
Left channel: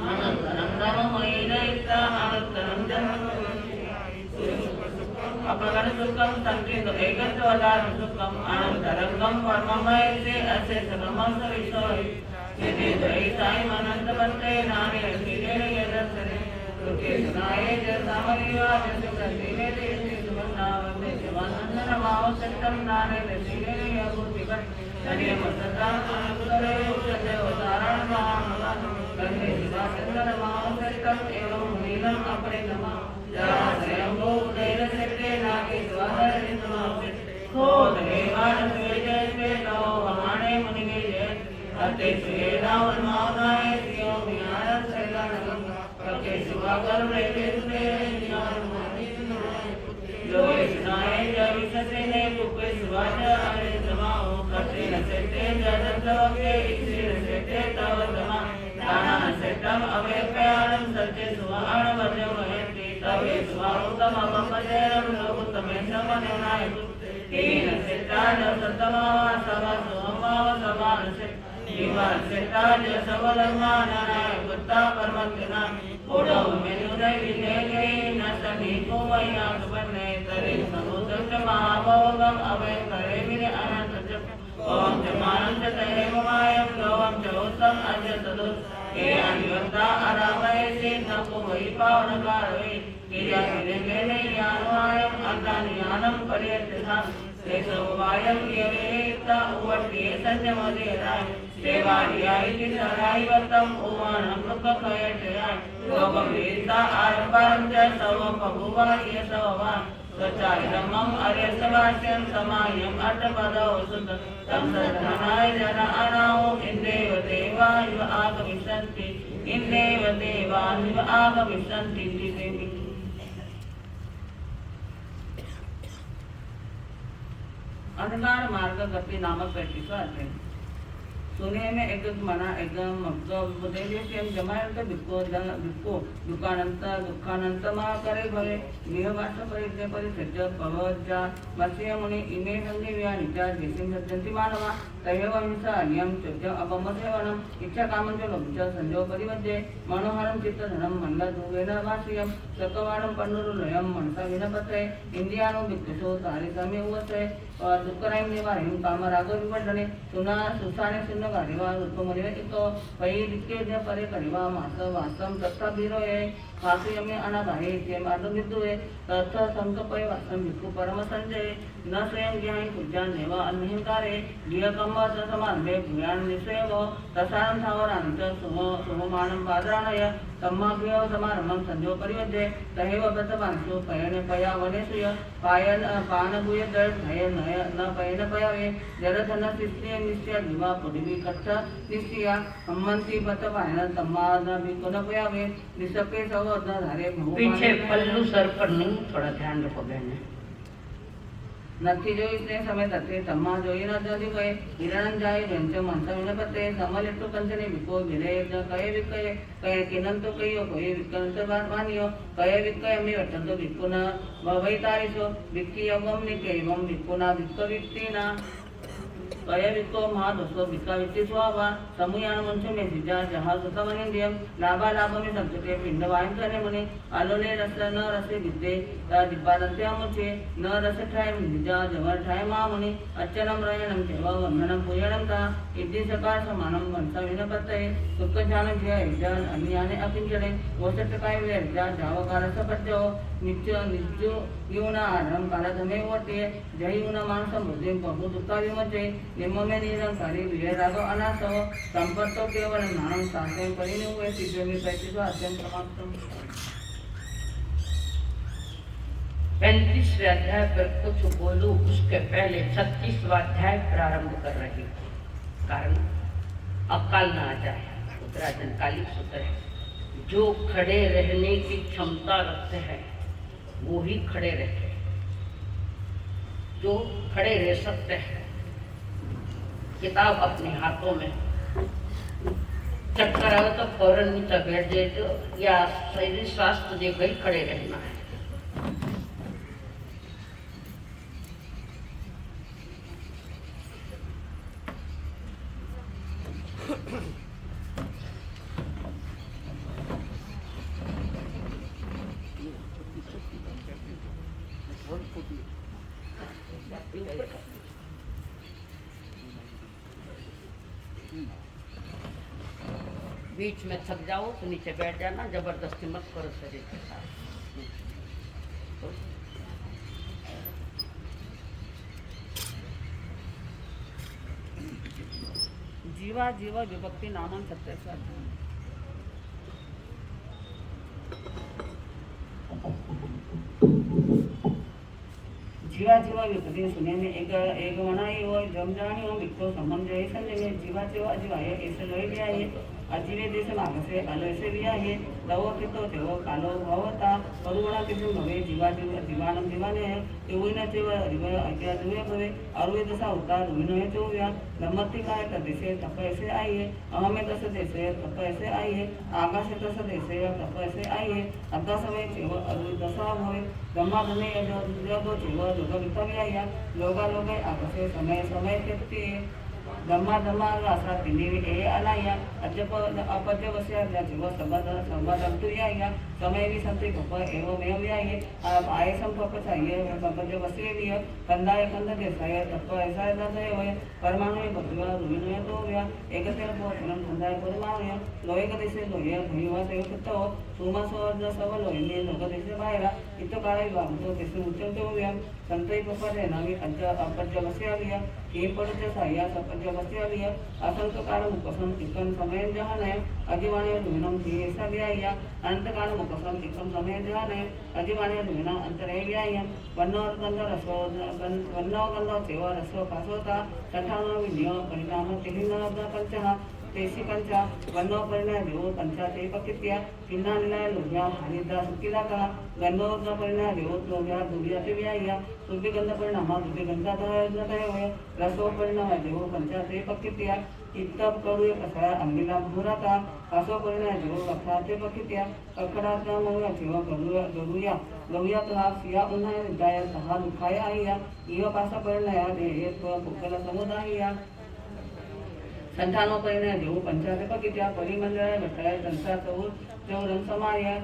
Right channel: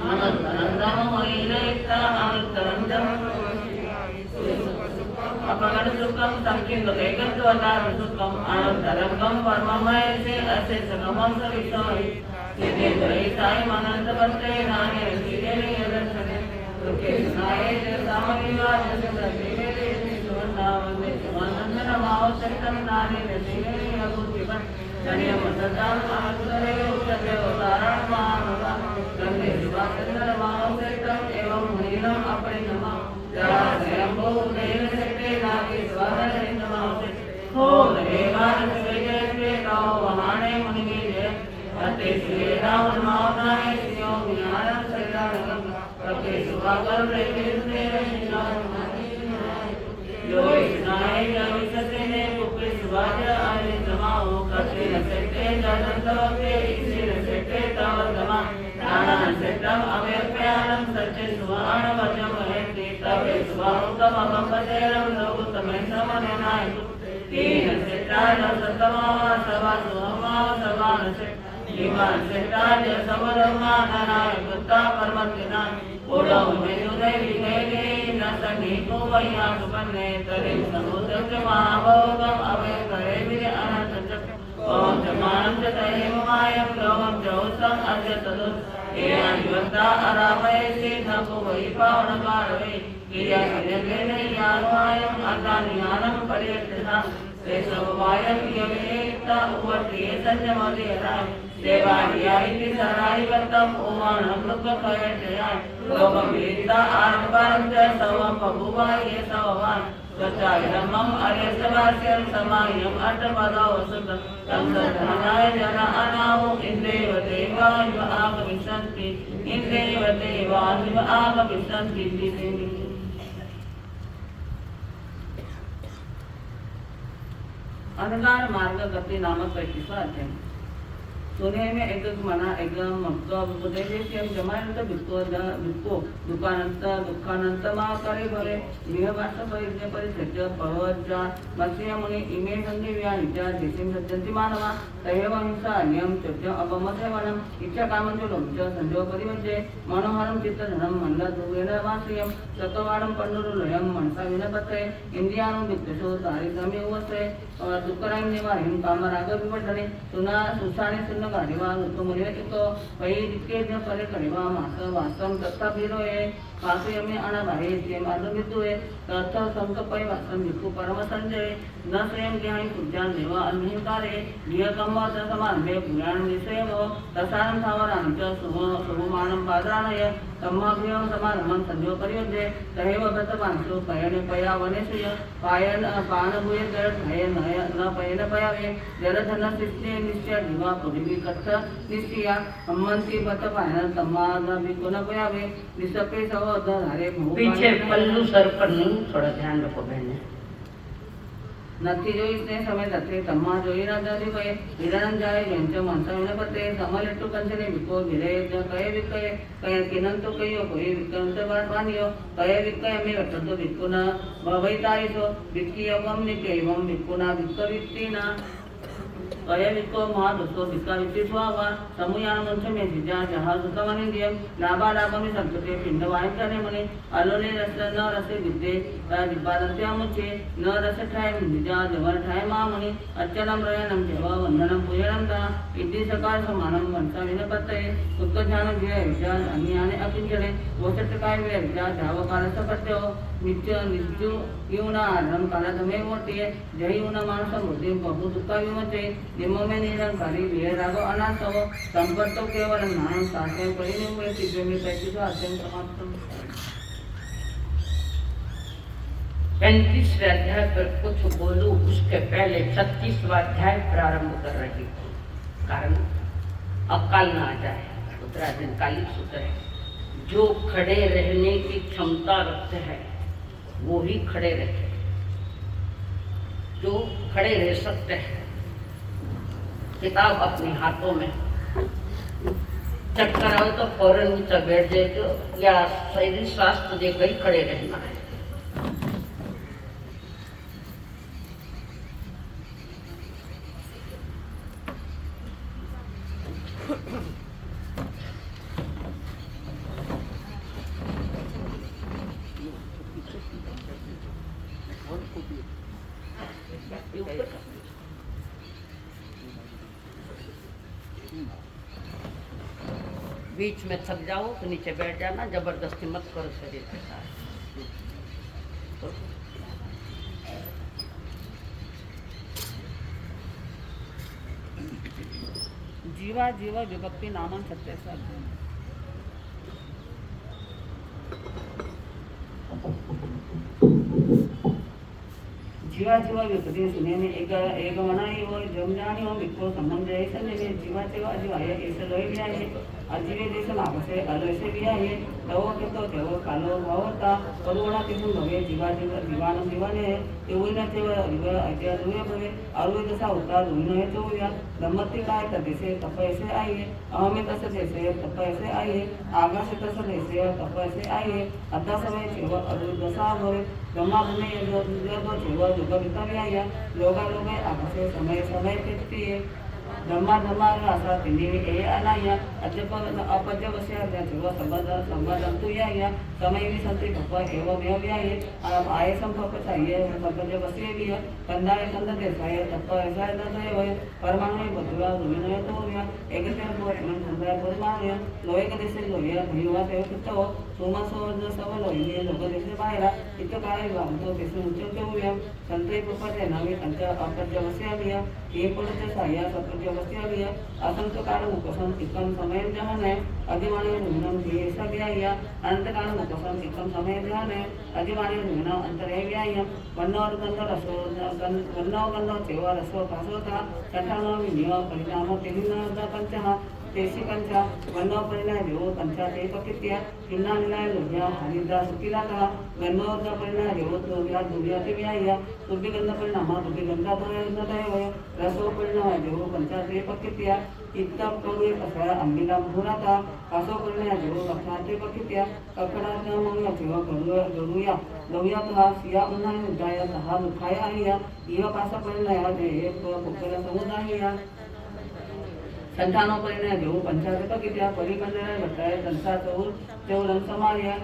नमस्कारं मुनि लयता नमस्कारं अपगण सुखम संकीर्ण वेगत वदार सुखम आनंदरंगम परममय से असे संगमम सविशोई यदि द्वैताय मनंद पत्रे नामे रसीले यदर्शने रुके सुनाए जय सामगिवा जय सतीले लेते सुवर्णावने सुवर्णंदन माव सत्तम नाने रसीले यगुपिबन धन्य मुद्दता मानुकरे उच्चते उदारण मानुवा गंगे शिवाचंदन माव सत्तम एवं नीलम अपने नमाव जरा स्वयंभू कैल सत्ते नागे स्वाहरे नमाव हो देवान स्वेजय नौ भवाने मुनिगे जय अते श्रीराम नामाय श्रीओ ज्ञानम शरणम अते सुभावर प्रेमसे योगिनाय जविसते रूपे सुभाष आरे समाओ कते सते जगतलोके श्री सते तव समा दाना सतम अवेप्यारं सत्य सुभाण वजमयते तवे सुभावतम अवपदेरं लोकतमेन्द्रमनेनाय तीन सतान सतमावा सवा सुमावा सवान से इमान सताज सबधर्मानाय गुत्ता परमतिना ओडो मेयुदय विनेगे नसगी को वैया सुपन्ने तरे समुद्र महाभोगम अवे करे विरे अनंत ओम जमानंत तहे मायम लोकम चौसम अद्य तदु ये अनिवता अरामय से नभु वही पावन कारवे किया निरगेने यानमायम अदानियानम पर्यतिहा से समवायम योनिता उपटिये संयमदेरा देवानियायति सरायवतम उमानं लोकभयजया लोकवेदा आरंभारंच सवम बभुवा ये सववान स्वचायधर्मं अर्यसवास्यं समायं अष्टपदो वसुतं तत्सधनाय जन अनामो इन्द्रेव देवायुव आगमिष्यन्ति इन्द्रेव देवायुव आगमिष्यन्ति दिवेनि अंधकार मार्ग गति नामक पैतीसवा अध्याय सुने में एकच मना एकदम मग उपदेशेम जमानंत भिक्को दुःखानंत मा करे भवे गृहवास परिज्ञ परिसज्ज भवज्जा मत्स्य मुनि इमे संधि व्यानित्या जेसिम सज्जन्ति मानवा तैवंसा नियम चोच्य अपमथेवनम इच्छा कामंच लोमच संदेव परिवज्जे मनोहरम चित्तधनम मंदा ध्रुवेन वास्यम सकवाणम पन्नुरुलयम मनसा विनपत्रे इंद्रियाणो विद्वेषो तारितमे उवसे दुःखरायं निवारिं कामराग विवर्धने सुना सुसाने सुन्न गाडिवा उत्तमने इतो पै दिक्के ज परे करिवा मास वासम तत्ता बिरोए वासुयमे अनाबाहे जे मार्ग विदुए तथ संकपय वासम विकु परम संजय न स्वयं ज्ञानी पूज्यान देवा अन्यकारे नियकंब समान देव ज्ञान निसेव तसारं सावरानं च सुममानं पादराणय सम्माभ्य समारणं संजो परिवज्जे तहेव गतवांसु पयने पया वनेसुय पायन पानभूय दर नय नय न पयन पयावे जलधन सिस्ते निश्चय जीवा पृथ्वी कच्छ निश्चया हम्मंती पत पायन सम्मान विकुन पयावे निसपे सव धारे पीछे पल्लू सर पर नहीं, थोड़ा ध्यान रखो बहने। नक्की जो इतने समय तथे तम्मा जोई राजादी कहे हिरण जाए व्यंच मनसा विनपते समलेट्टु कंचने विको भिरे कहे विकय कहे किनंतो कहियो कोई विकंत बानियो कहे विकय में वटंतो विकुना भवैतारिसो विक्की यवम निकेवम विकुना विक्क विक्तिना कहे विको महादसो विक्का विक्ति स्वावा समुयान मंच में जिजा जहां सुतमनि दियम लाभा लाभ में संकटे पिंड वायु करे मने आलोले रस न रसे विद्ये दिब्बादंत्या मुचे न रस ठाय जिजा जवर ठाय मामुनि अच्चनम रयनम देवा वंदनम पूजनम ता इति सकाळ समानम मनसा विनपत्ते सुख ज्ञान जिया विचार अन्याने अपिंचरे वोचट काय वे विचार धावकार सपत्यो नित्य नित्यो युना आरम कालधमे मोटे जय युना मानस मृदे बहु दुःखा विमचे निम्मे निरंकारी विरागो अनासो संपत्तो केवल नाम साधन परिनिवे सिद्धि पैतीसो अध्ययन समाप्त। 35वें अध्याय पर कुछ बोलूं उसके पहले 36वां अध्याय प्रारंभ कर रही हूँ, कारण अकाल ना आ जाए। उत्तरायण कालिक सूत्र है, जो खड़े रहने की क्षमता रखते हैं वो ही खड़े रहे, जो खड़े रह सकते हैं। किताब अपने हाथों में चक्कर आओ तो फौरन नीचे बैठ जाए तो या शरीर स्वास्थ्य दे गई खड़े रहना है। ये ऊपर का। बीच में थक जाओ तो नीचे बैठ जाना, जबरदस्ती मत करो शरीर के साथ। जीवा जीवा विभक्ति नामन सत्य से जीवा जीवा विपत्ति सुने में एक मनाई हो जम जानी हो विक्रो संबंध ऐसा नहीं जीवा जीवा अजीवाय ऐसे लोग भी आए अजीवे देश नाम से अलग भी आए तवो के तो तेव कालो भवता अरुणा किसी भवे जीवा जीवा जीवान जीवाने तेवना तेव अरिव अजय दुए भवे अरुवे दशा उतार रुइन है तो या दम्मति काय करते से तप ऐसे आई है अहमे दस देसे तप ऐसे आई है आकाश दस देसे तप ऐसे आई है अद्धा समय तेव अरुवे दशा भवे ब्रह्मा धने यदो तेव लोक भी आई है लोगा लोगे आकाशे समय समय के धम्मा धम्मा असा तिन्ही ए अनाया अजब अपद्य वस्य जेव संबंध संबंध तु या समय भी संते भप एवं एवं याये आय संभव चाहिए अपद्य वस्य भी कंदाय कंद देसाय तप ऐसा न होय परमाणु बदवा रुइन तो या एकतर बोलन कंदाय परमाणु लोयक देशे लोय भीवा देव कुतो सुमसो सब लोयने लोक देशे बाहेर इत काळे वामतो देशे उच्चतो या संते पपरे नवी अपद्य वस्य भी हे पडते साया अपद्य वस्यालिय असंख्य काल मुकसम एकम समय जहान है अधिवाणी रुनम भी ऐसा भी आया अनंत काल मुकसम एकम समय जहान है अधिवाणी रुनम अंतरे भी आया वन्नोर गंध रसो वन्नो गंध सेवा रसो पासोता तठानो विनियो परिणाम तिहिनो पंचः तेसी पंचा वन्नो परिणाम देवो पंचा ते पकित्या तिन्ना निलाय लोह्या हनिदा सुकिला का गन्नोर परिणाम देवो लोह्या दुर्या ते भी आया तुबी गंध परिणाम तुबी गंधा न तय होय रसो परिणाम देवो पंचा ते पकित्या इत्तम करुये कसा अंगिला भूराता कासो परिणाम देवो अथा ते पकित्या अखडा नमोया देव गरुया गरुया तहा सिया उन्हाय उदाय तहा दुखाय आया इह पासा परिणाम दे पुकल समुदाय संतानो परिणाम देव पंचायत पकित्या परिमंडळ घटाय संसार तेवढं समार्य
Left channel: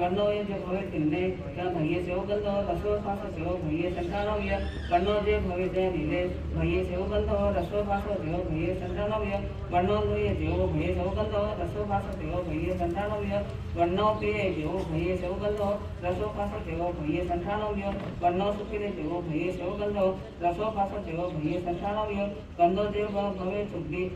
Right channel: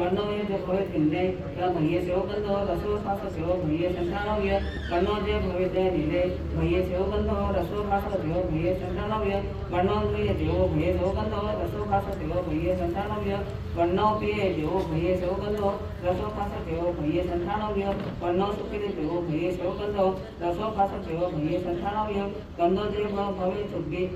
वर्णवय जो भवे तिन्ने या भये सेव गंध रसो फास सेव भये संतानव्य वर्णो जे भवे जय नीले भये सेव गंध रसो फास सेव भये संतानव्य वर्णो दुये देव भये सेव गंध रसो फास सेव भये संतानव्य वर्णो प्रिय देव भये सेव गंध रसो फास सेव भये संतानव्य वर्णो सुखिले देव भये सेव गंध रसो फास सेव भये संतानव्य गंधो जे भवे सुखी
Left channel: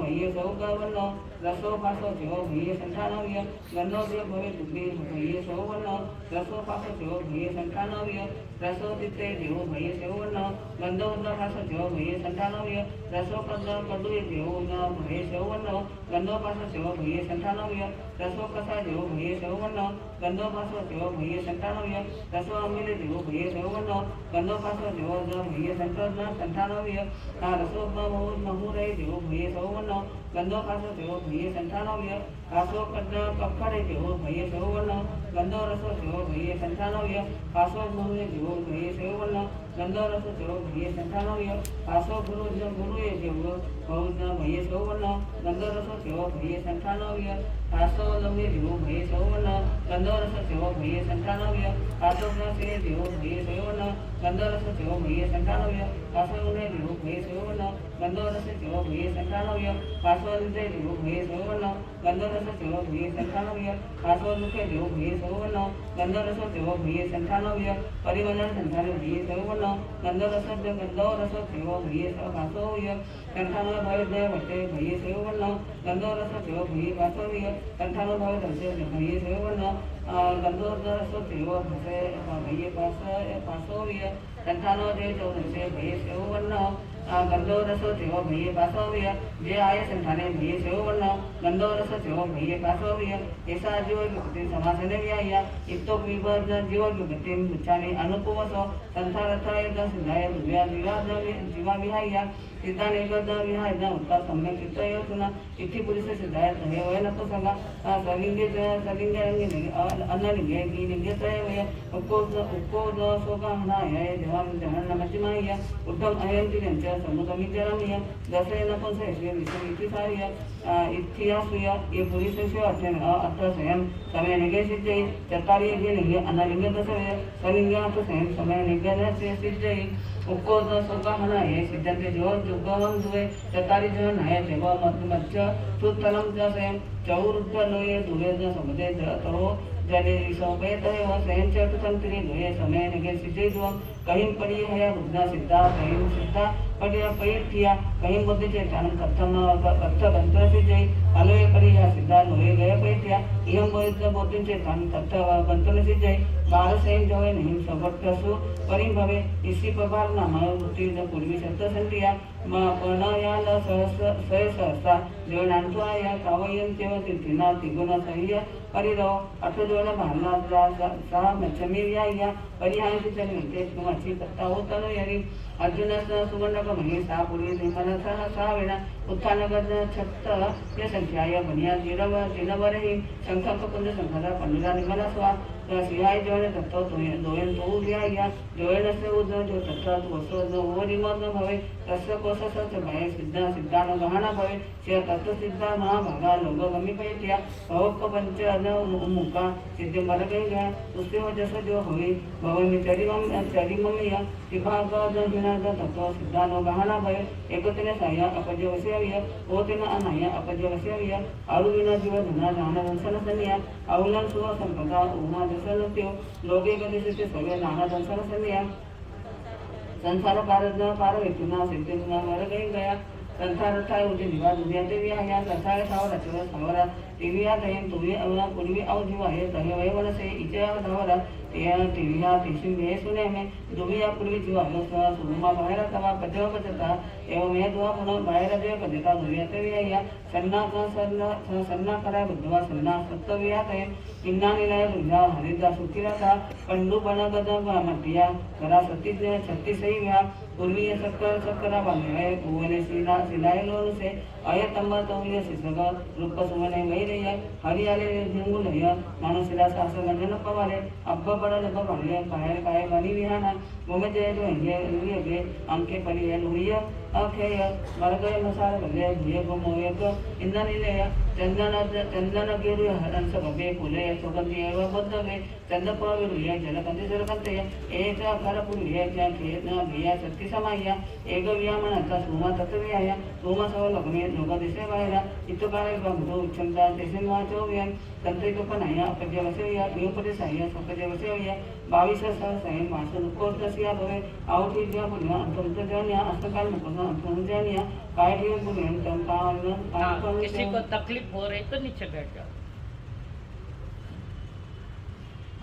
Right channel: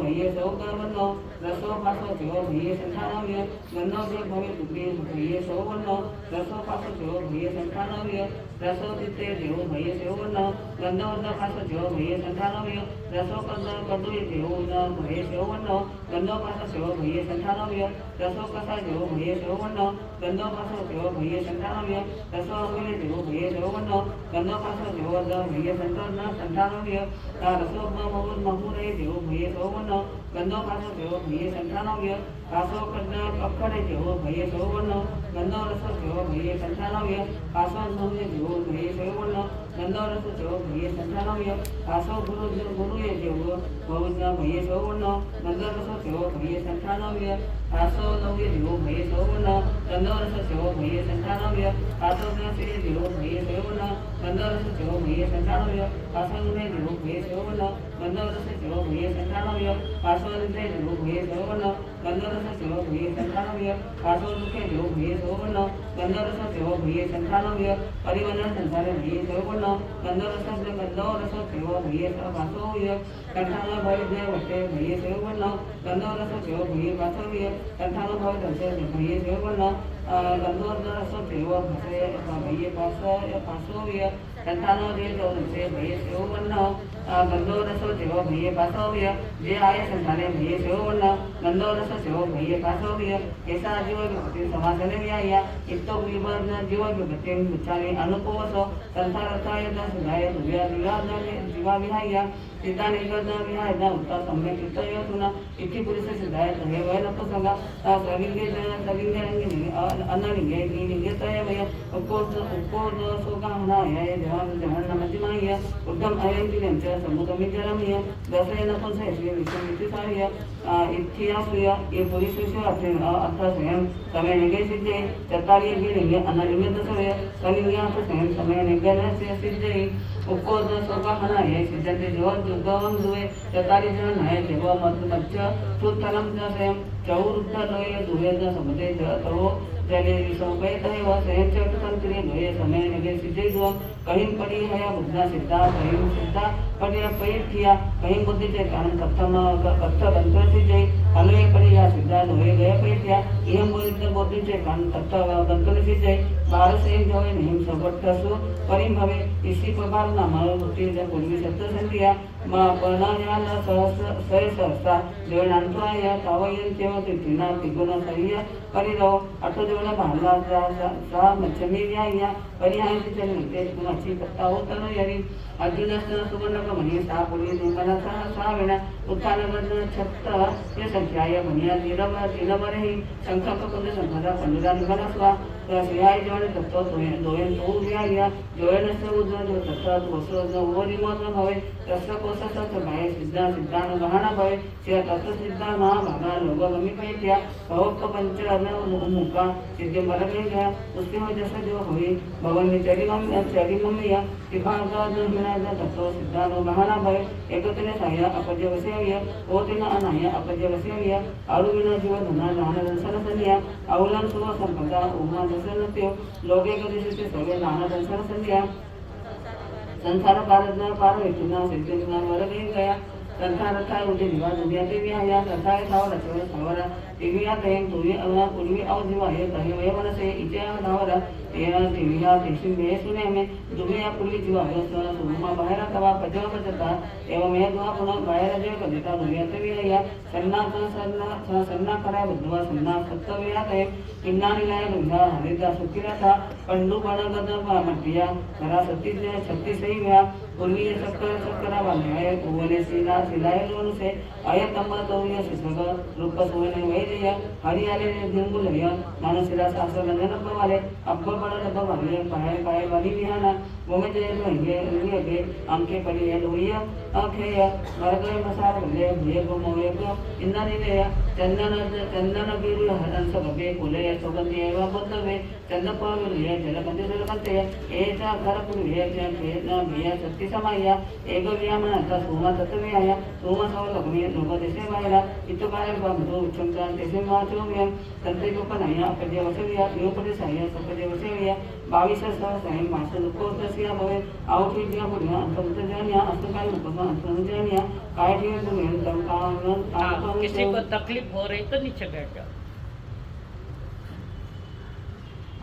भये सेव वर्णो रसो फास सेव भये संतानव्य गंधो जे भवे दुबे भये सेवनो रसो पास देव भये संतानव्य रसो तिते देव भये सेवनो गंधो पास देव भये संतानव्य रसो कंद कडुये देव भये सेवनो गंधो पास देव भये संतानव्य रसो कसा देव भये सेवनो गंधो पास देव भये संतानव्य रसो अमिले देव भये सेवनो गंधो पास देव भये संतानव्य रसो महुरे देव भये सेवनो गंधो पास देव भये संतानव्य आसो कड्ड अखड़े देव भये सेवनो गंधो रस देव भये संतानव्य आसो गुरुये देव भये सेवनो गंधो रस देव भये संतानव्य आसो गुरुये देव भये सेवनो गंधो रस देव भये संतानव्य आसो नव्य देव भये सेवनो गंधो रस देव भये संतानव्य आसो नसे देव भये सेवनो गंधो रस देव भये संतानव्य आसो ने देव भये सेवनो गंधो रस देव भये संतानव्य आसो ने देव भये सेवनो गंधो रस देव भये संतानव्य आसो दुखे देव भये सेवनो गंधो रस देव भये संतानव्य परिमंडल संसार भये सेवनो गंधो रस देव भये पासोव्य संतानो भय जय वटे भये सेवनो गंधो रस देव भये पासोव्य संतानो भय दर्शन भये सेवनो गंधो रस देव भये पासोव्य संतानो जय जो भये सेवनो गंधो रसो देव भये पासोव्य जे आय संताने भये सेवनो गंधो रस देव भये पासोव्य ऐसा जीव विभक्ति समासने व्याया इत्तो विवर्ध जीव विभक्ति मुच्चाने अनुकुवसो संसारताय न सुधाय दुर्या विवाद जीवा विहाया चिताने विवाद विहाय न उत्तर सम्यक चित्तय सुना इति पुरुष सिद्धाय हे वय न तो संगा सविंगे अनलिंगे लिंगे तय वय उक्कोज सोकामनाय जहन्नमतिमाय उत्तम अयंतिनेंच्या समुद्रमिजरमीय दशयन पंचयश्री विश्वविचितार्य इत्थियाश्रिय ये पुरुषस्य अर्थसयं समय निगे सिद्धि चत्तारि निगे अनलिंग दशय सलिंगात सयं समय निगे सिद्धि उक्कोज सोकामनाय सिद्धते जीवन जुगम दुवे चत्तारि जन है देव मध्य सुतलम जसयं चौरुद्धलोये दुवे समुदे तो जले विसौपेत है वह सहन चट संक्रिय दुए समय निगे सिद्धि दुआ कहीं पड़ी है बुद्धा सिद्धा कहीं सिद्धा पड़िया पेट किया कहीं बुद्धि से कारण कथम कथ बंत्र सिद्धि अलवे पड़ी या सिद्धा दुए गए पेट किया इहम बुद्धि से कारण कथ बंत्र सिद्धि बार से जो है नियम सबटसु परिम भवे इसी प्रकार नाम बुद्धि जो पूर्वी सत्य संधिया मा प्रणयान सहस्रा जोनांतराय तावयन तेव तिथिना तिगुण सहिया परिरो अटोजोन भांगा सा मच्छमी व्याया परिहाय से निर्देश गुणाची पत्ता होता यरी अर्जुन सुवर्ण मणि सा पूर्वी सिंहना सा वेणा उत्थानगत छत्त ये संख्याय बनिया दिनवर ही संख्या को संख्या पंडिता निगना स्वा सिहाय जोने तत्व दोयन तो व्याया जोयन से उद्र जो तत्व वसु जो ओरिमोत भवे तस्य कोशस भाई सिद्धा सिद्धान गहना भवे से तत्व सिद्धा महाभागा लोग मम्मी पैत्या भवक पंच अन मुका सिद्धि मर गई गया उसके वजह से जो हुई भवन चरी मम्मी विभागा जो हिना तत्व सिद्धान गहना भवे एकतिने साया अपजय वसेय ओतिना अनाय अपजय वसेय अरुविना जीव धना दान दर्शन सनिया अवलन सुव संपदा उमा दर्शनत्यो लोके गदिशते सवे नाना दर्शन सनिया संसार पार वेतुना सिद्धुना वर गया संसार था उनके जीवा दुनिया देवी आया संसार सावर चोर सावरा दिव्या देव पूर्वी पूर्वी अवधिमा है तहे वे मन से इचा सावरा या दिव्या तिसिन में सुने में दुनिया पूर्वी जीवा है सुमा बाहर तवा पजो पजता एवं में दुआ पुनो बाहर जो पजता दुनिया देवी आया सन्ना करे बुद्धवा सन्ना सत्य है इन्ना निलय दुनिया हरिदा सुखिरा था पंडु बना गदा मटिया करा सती से छत्ती सही व्या पूर्वी सक्करा बांधे पुवने सीना सिलाय लोन से अयतम्बा तोमिया सिद्धग रूप सुवने वैरय हरियाले दिंगुलय मानसिरा शास्त्र बंधन पवाले अब्ब बड़ लब वाले पाए बनी विहाना गोमे जय जो इंगे के अंके परि लोहिया अखेय मरगय मसार ले भुय गो मोय को इंदनिले चंदन गिरि हरंस गबे कुले सुगंधि एवं बद्धवे चंदपावे लिया जलकंति जलकंते एचा खरपुर लिया क्या खेतना बिया शक्ति समाया एक व्यामन अथा सोमा तत्व्याया सोमा सव लग्ने लोग देशे मायला इतुकारे बंधु उच्चमता देशे माचो व्यम तंत्रे कोपनाया अपजय वसेया योपदेशाया सुपजय वसेया 22 सैन मासुल कोर्तसिया भवे आवठी दिया पुण्य अंतर्त जानिया अस्तकाल पुण्य अंतर्त जानिया काय भी पुण्य तंकान किसी को तकलीफ हो रही तो नीचे बैठ जाओ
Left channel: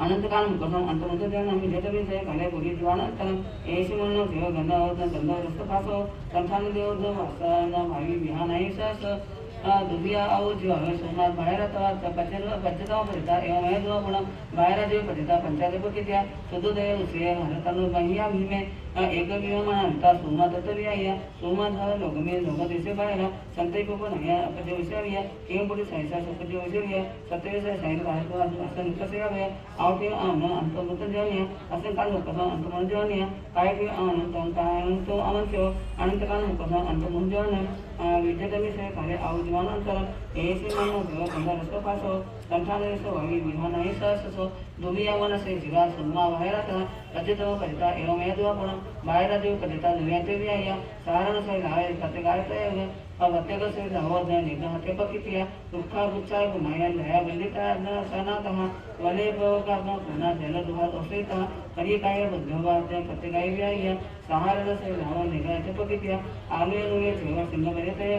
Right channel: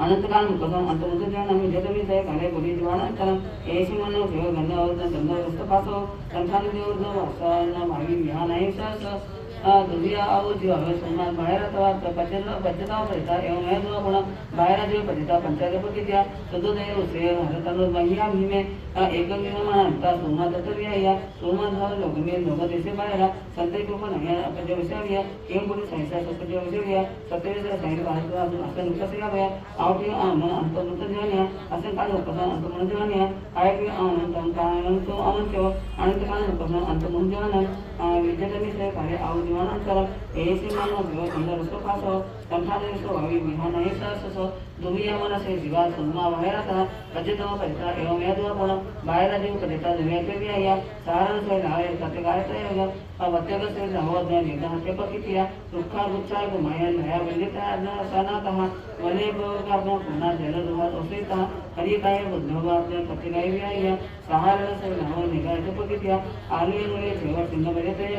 अनंतकाल मुकदम अंतर्त जाना मी देता भी से काले बोली दीवाना तन ऐसी मनो देव गंगा और चंद्र रस्त पासो संखान देव दो वासा मावी विहान है सस दुनिया आओ जीव हमें सोमनाथ बाहेर तवा पचता पडता एवं मैं तो आपण बाहेर जीव पडता पंचायत पकित्या सदोदय उसे भारतानो महिया भीमे एक विमान अंता सोमनाथ तत्व्याया सोमनाथ भव लोकमे लोक देशे बाहेर संते को पण या अपजय विषया केम पुढे सायसा सत्य विषया सत्य सायन भारत असं नुकसे या आवटे आन अंतर्गत जानिया असं काल उपद अंतर्गत जानिया काय की आन तंकाय तो अनंत अनंत काल उपद अंतर्गत जानिया विद्यार्थी से कार्य आउ दीवानांतर ऐसे मानो देव चंद्र रस्तो पासो संठाने सो भावी विहान है ससो दुनिया मन से जीवा सुनमा बाहेर था पजतो पजता एवं मैं दुआ पण बाहेर जीव पजता दुनिया के भी आया सारण से लाए कते गायते होगा अब अत्यग से नव द निगाह के पकितिया दुखा बुच्चा गुमाया नया बलिता सना कहा वने का पुना जल दुहा तोसेता हरि काय बुद्धवाद कते गाय भी आया सारण से नव निगाह के पकितिया आले नुए जीव सिंह बरेते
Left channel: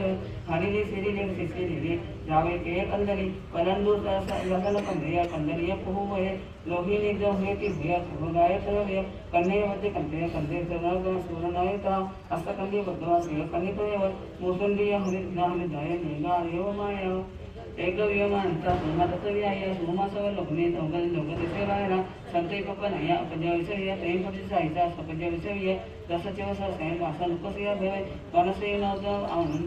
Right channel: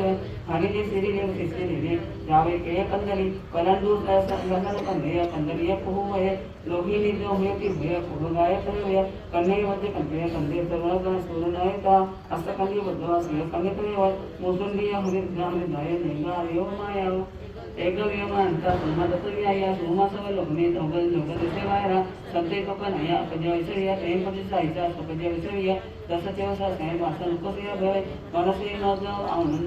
हरि ने श्री ने सिद्धि ने जावे के कंदली पलंदू का लगन कंदरिया कंदरिया पुहुमय लोभिनी जो हुई कि भैया भगाए तो भैया कन्ने मध्य कंदे सर्वण का सुरनायता असकंदी बुद्धवा से कन्ने तो मुसुंदी हरि नाम दाय निमा एव माया एकवियमानता सोमातत्वियाय सोमासव लोकमे संबल लोकदेशे बाहेर संतेपपनया अपजवसरिया प्रेमपरिसाईचा सपजवसरिया दसचेवसा सैन वासन कोसिया भवे मनसे नोग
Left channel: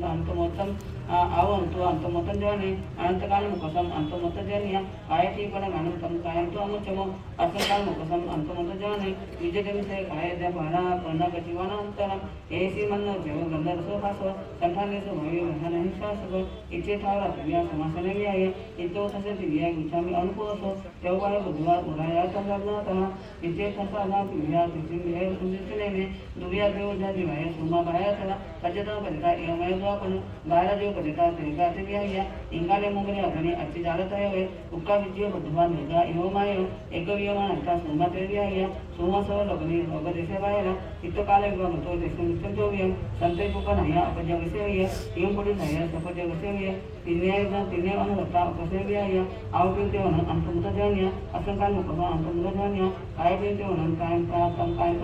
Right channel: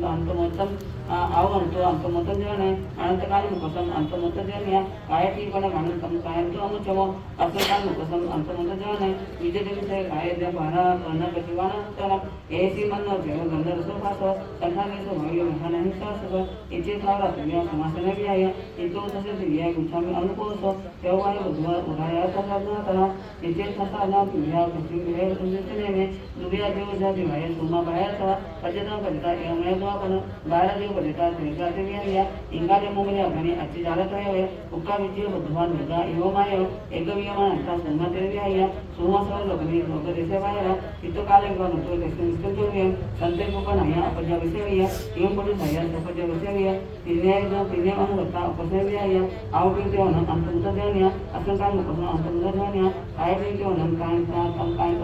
अंतमोत्तम आवंतो अंतमोत्तम जवाने अनंतकाल मुकसम अंतमोत्तम जनिया आयती पण अनंतम कायंतो अनुचमो अर्थकाल मुकसम अंतमोत्तम जवाने विजयदेवसे कायद्या भाना कर्णकचिवानांतरम एसी मनो देव गंधर सोभासो संठानेसो भव्य विधान हिंसासो इचे थारा तुम्या समासन व्याय इतो तसे दिव्या गुच्छामी अनुकोसो तेव्हा बुधवार उदया तथा इचे तथा ना दिव्या किसी विहेर सुनितने दुव्या देव जाती भाई सोमा बायाचा पजता पजता एवढा जो आपण 12 देव पजता त्रिकाते व्याय इंगाले मुगले आणि अच्छी जालत रहे उक्का विजय बुधवार मुगा एवमाय एकवियमान अंता सोमा देव व्याय सोमा सव लग्नी लोकदेशे बाहेर इतो काले गणतो देश नित्यव्य संते कोकणया अपजवसेव्य एवढी नया सपजवसेव्य तिने अनुगता अपसेव्य आवपिंतेवन अंतुंत जन्य असंकाल मुकसम अंतुंत जन्य आयपिंतेवन कायंतो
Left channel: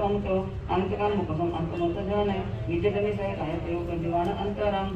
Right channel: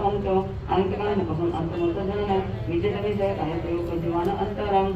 अंतो अनंतकाल मुकसम अंतुंत जन्य विजयजनी से कायतेव कजिवान अंतरम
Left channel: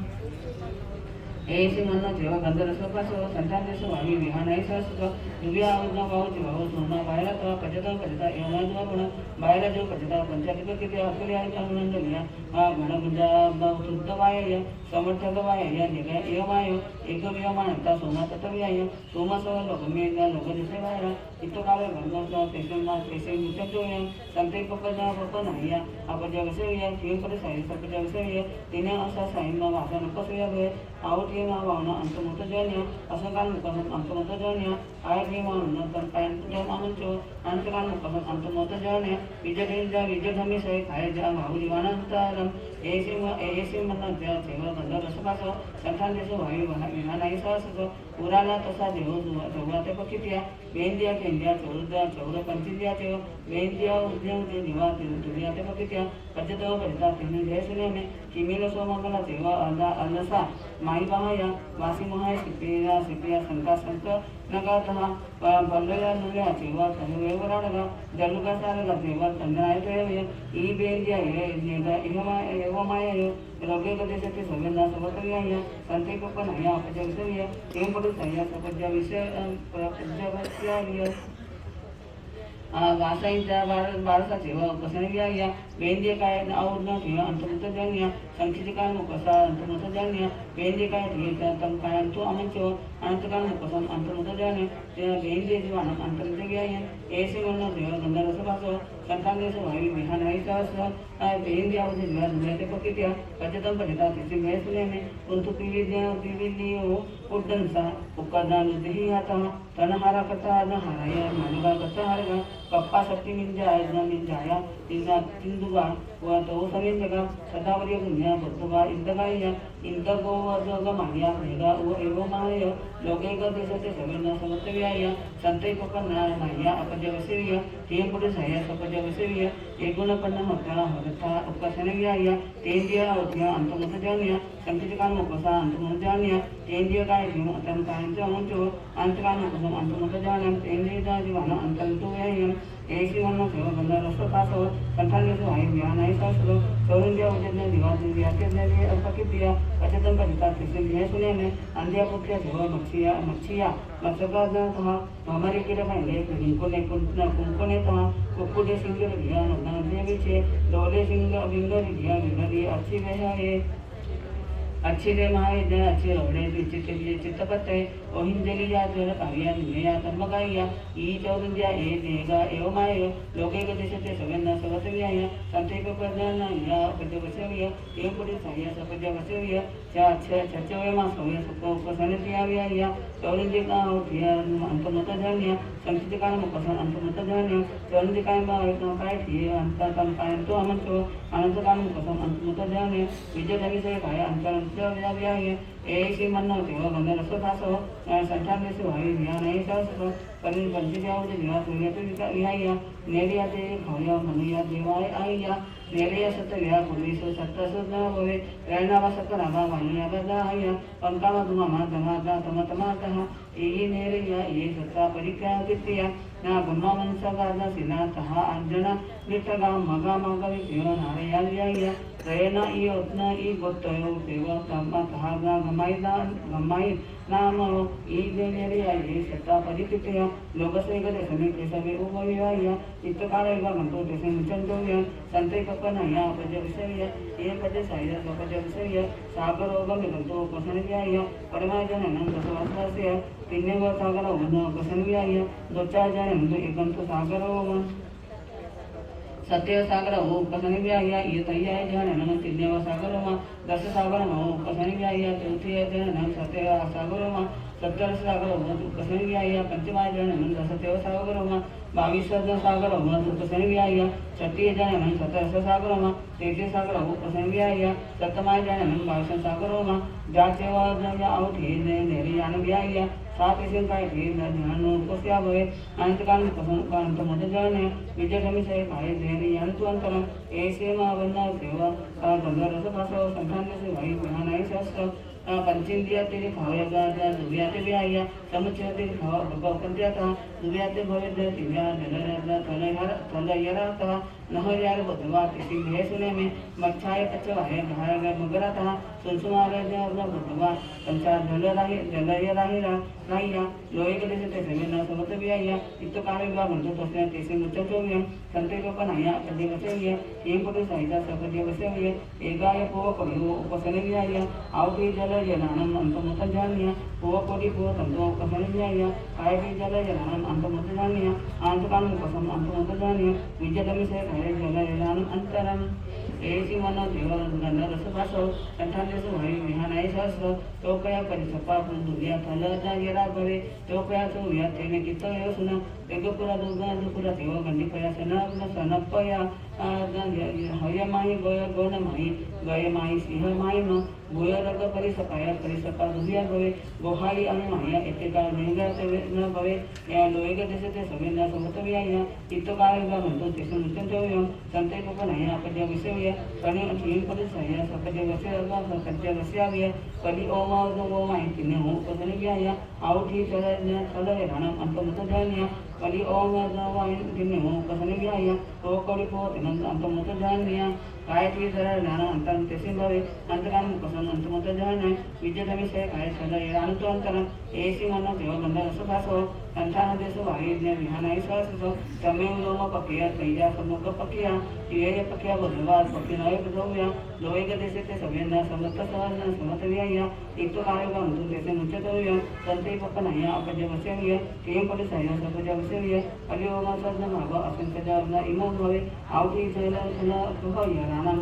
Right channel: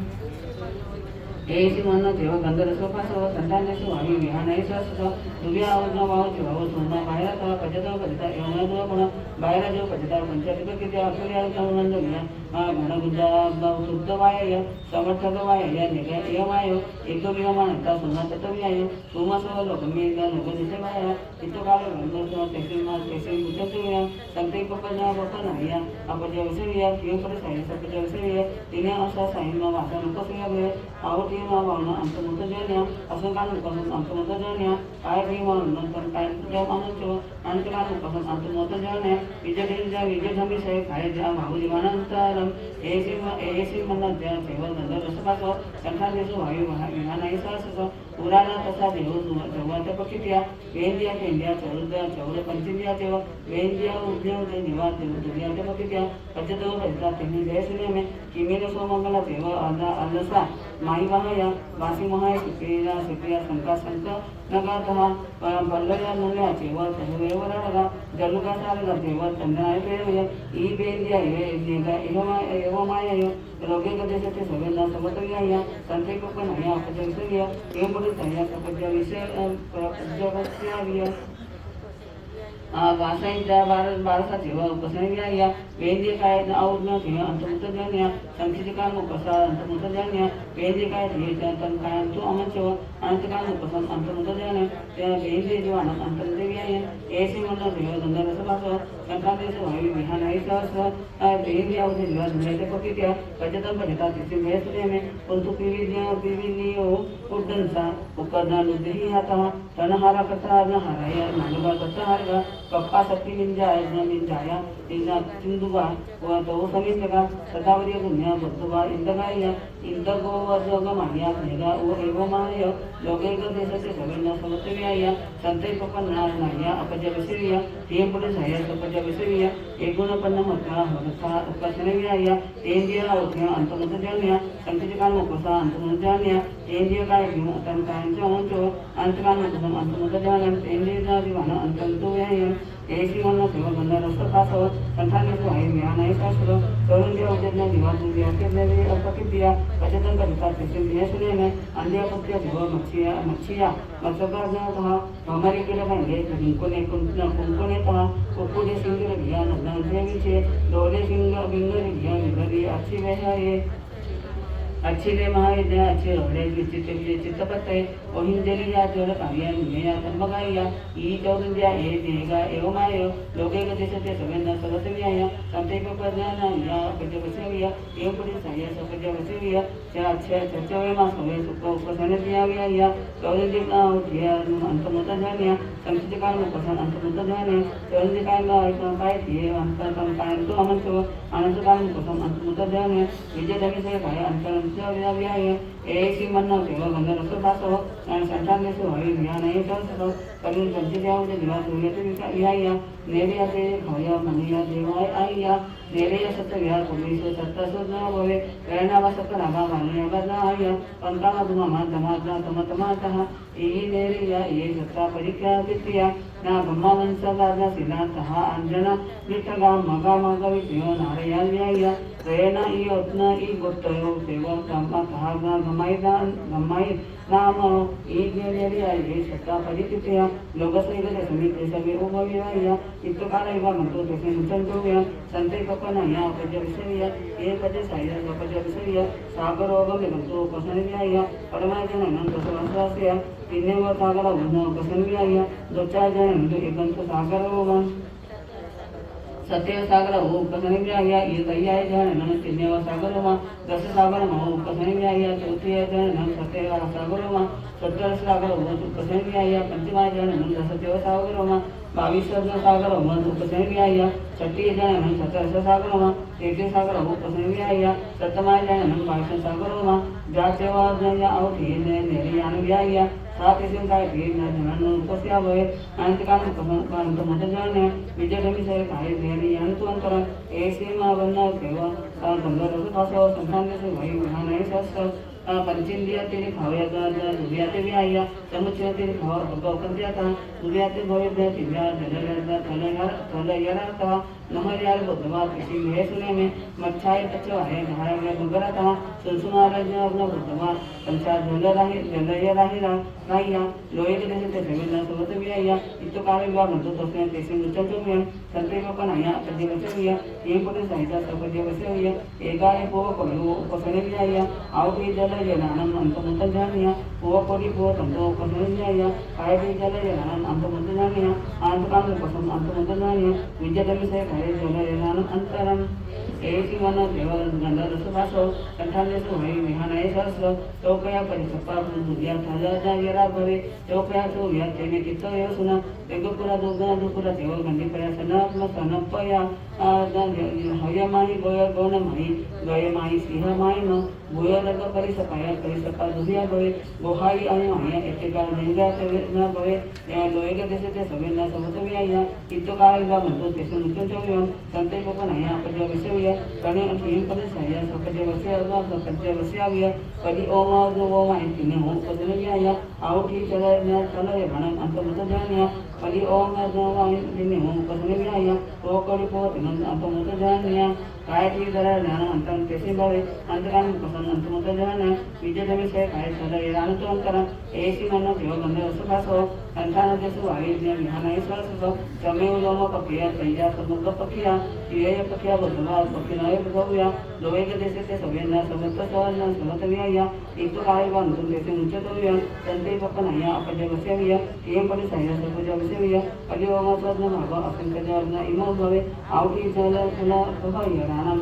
एसी मन देव गंधर सोपासो संतानेसो वायु विहानायसो दुव्या आवर्ण भाव जीवाव सोमा बाहेर तवा पजतो पजता एवढा जो पण बाहेर जो पजता पंचायत किती असुरी आनंद घ्या घनगुंजा शुद्ध वाय समर्थक वाय या निगा एवाय एकवियमानता सोमा तत्व्याय सोमसो लोकमे लोकदेशे बाहेर इतो काले गंधर तेसे मित्रत्वया संते पपजना पपनया अपजवसेव्य किंपरे सायस अपजवसेव्य तिने असा साइन वासन कसया आवटी मावण अंतमुत जन्य असंकाल मुकसम अंतमुत जन्य आयगी मावण कायंतो अनुचो अनंतकाल मुकसम अंतमुत जन्य विजयधमी से कायजा भावजीवानंतरम एसी मनद्या सेवा गंधर रसपासो संठानेसो वायु विहानायसो पुराणा तसा देव जगवाते पकित्या वेंदिया केंदिया चौर पंचिंदिया तेव वेंदिया उद्यम ते निवा दुनिया ते पकित्या पचतो पचता तेनी देशने में किमीनो सोमंगला तेव अलसा माई महाया वासी महाया सिपिया संका नगातहा बल्लया मुल्या तेव तनुवेवराडगा जलुगा सारगा तेव तन्नाय तेव ई वेंदिया ये नेगा एवमाय रोगे कदेशते सगळ्यांना सवतव्या संते कोकणया अपजवसव्य एंबुडी सया सपजवस्याव्य वासाईचा बारसा जेव्हा उपसंज्ञा या वेंद्य काय आवरण ठेवा अंतमुत जन्या संक्षितिकाल मुकसा अंतमुत जन्या वेंद्य काय ठेचा तन काय तो अनंतव अनंतकाल मुकसम अंतमुत जन्य त्या वेंद्य जो अंतमुत व्याय ऐसे मनो देव गंधर रसभासो संतानेसो वायु विहानायसो वेंद्य अवधि जीवा धुमेते पकित्या पजतम पजता तिसे वेसने में कुंतु पिविनियो उद्दंसा उकदना लुदेहि आता तनहारा कथा न हाराया मानवा कथा हारगा पप्पा शक्ति मिंजाया तिना सिंधुवा व तो समिंजगा सदावरी पुण्या बुद्धवा इंदगाया इंदगो वर्जोग मानिया खैगा ओ एवो मानय लोकेग देशते सगळ्यांना समतव्याया संते पपन्ना नाया अपजवसिरिया तेपुडे सया अपजवसिरिया एगुणपन्न मता हरता उपसनव्याया तेंदिया ओथ्या अंतमुत जानिया संचितिका मुकसा अंतमुत जानिया तेंदिया काय घेऊन तन कायंचो अंचो अंतकाल मुकसम अंतमुत जानिया तेंदिया जानिवान अंतंतु व्याया एसी मनो सेवा गंधर रसपासो संठानेसो वायु विहानायसो तरुंदिया उजन्या निवास व्याकेदेवी अपकित्या पचतम पचता तिसे विहेसुने अंदिया पुत्र्य सेवा मच्छिया मत्सगाजतः हमारी किडा भांगे कुंकुनेतः कुक्कुटे सिंगर घ्या नग्नदेवीचे डोले बिंगर घ्या विघरी अच्छी वेहाये अच्छी ले महाय जा अच्छे रगड़े चित्तपत्ते ओहिंजली या जोर काव्या निया तंबगाया ई चौरंदिया ए देगा एवमाय लोके कदेशते सगळ्यांना सवतव्याया संते पपजना या अपजवसव्य एवढी सह्या सपजवसव्य त्या अक्षय चर्चवेमा सवे उपसनदियाव्या या चौरंदिका या अंतमत जानिया संचितिकाल मुकसम अंतमत जानिया चौरंदिकाय काय थिये अंतकम कायंतो अनंतव अनंतकाल मुकसम अंतमत जानिया विजयदविसे काय अंतरंत व्याय एसी मनो देव गंधर रसभासो संतानेसो वायु विहानायसो कलिन पंचदेवते दिवा सूर्यते विहाय नेरियाते भव्य मनिया देवाय आयया नेरिया सत्य विहार पुरुषो सत्तसो भवे प्रेरणा सत्य नागा मानिया बजाय पंकामा धमा तमातः ई नेरिया ये सत्ता परिक्रिया कित्या ना गम्मा मनसगाजा सिना तहा अंजना निटगा मगा मगा वियो नारया लिया रेना ई उतना ई गोत्तयो सेवा तम्मा तहा गमाई नाम ई देनेरी आई सत्ता परिकितया लोकसेगले समिति सभी उपविवाया इतकालैव गंतो तेसे मुचंतोया संते कपनया उपजविसया ये पदे साया उपजविसया सागरोगम गंतो उपसनव्याया परमाजननं दशवस्वासया तिन्नेव सागर उन्नो उपसनव्याया दचाजनं एकंतो सागरोगम सत्य सागर हो उपसनिव्याया ये तैयाय जन तिन्नेव सागरमा दस सागर हो उपसनिव्याया चौथे जन सत्य सागरमा सत्तर सागर हो उपसनिव्याया पंचमा जन दसतेव सागरमा 22 सागर हो उपसनिव्याया छठे जन 17 सागरमा तेथे सागर हो उपसनिव्याया सप्तमा जन 22 सागरमा जातेवा जन औठी ने नेरियान व्याया सात इसे काय थे जनन उपस्या होए अंतकाल कांत मुदजाने विजयमी से काय देनी अंतुअंतरम ऐसे मावन्ना सेवा गंगर रसपासो संखान से भाई महानाई सस पंचेंद्रिया तेरे खावया का दुनिया ते भी आया समुचय तेरे खावा भगव कंत्या था दुनिया ते भवे दे तिव्या तलयारा था नहर यार भगवा किसी ले सुने में मच्छाए पचो है घाय में गुगरा था सुनसुमारा जो अपना भगवा पंचा जलया राहिया लोहे के देश ते जमीन सोबत भी आया इतो काले बाग तो तोसे तेसे मुचतो में संते को पनाया पदे बसे हुए ये पुरुष साहित्य सब पदे बसे हुए एकाए को करो उपसने भी आया आओ भी जल जलानम अंतमत जानिया वो कोडी को तंतो उपसने भी आया काय भी जल जलानम अंतमत जानिया आंतकान कसम अंतमत जानिया विजयदमी से काय जल जलानम अंतरम ऐसी मनो देवल गंधर रसभासो कंठाले सो भाई विहानाय सहस्र चौकया परिसपा पुण्या फल जायरा भवे चौकया तो या तेने कितो योसना तेगुपुरा दुपुरा देव गंडी प्रयासना सनपया हय माही गोय गण माही गय माही सिंह माही नो गोय रग परिसपा दुहिया भवे गोहाई अय एते काल गंगा से न भवे या लोय के देश ते सवे न समत भी आया इतो काल बा मंतो तेसे मुचन जोयो संते को नया पज विषय कने अथीन पद सया सपज वसे अल्मा सपज वसे आविया पदी ओम ओम इतने हो पदन भी आया आउठी चल न चल रे भण अंत मत जानिया पदी ओम ओम इतने हो पदन भी आया तो कोड़ी को अंत मत जानिया गायत्री धरा ज्ञान अंतम तेसी भवे अंतराम कसम अंतमत जनने विजयदमी से काय सदा एरांतो अंतरम ऐसी मनो देव गंधर रसभासो संतान देश वायुज्ञ विहानाय सहस्र तमेव लोम पकिया तैया समुद्र पकिया ये पकिया भगवा पकी नय भगव्या लोय के देश से सवेना समस्त सवन समत विया एक तो काय बंधु देश मुचत होया संते पकनया अपज बसे विया केम परि सया सपज बसे विया अली ओम सद्न भाव असंख्य जर्ना इमो भवे आउठी जल सुना भया रानम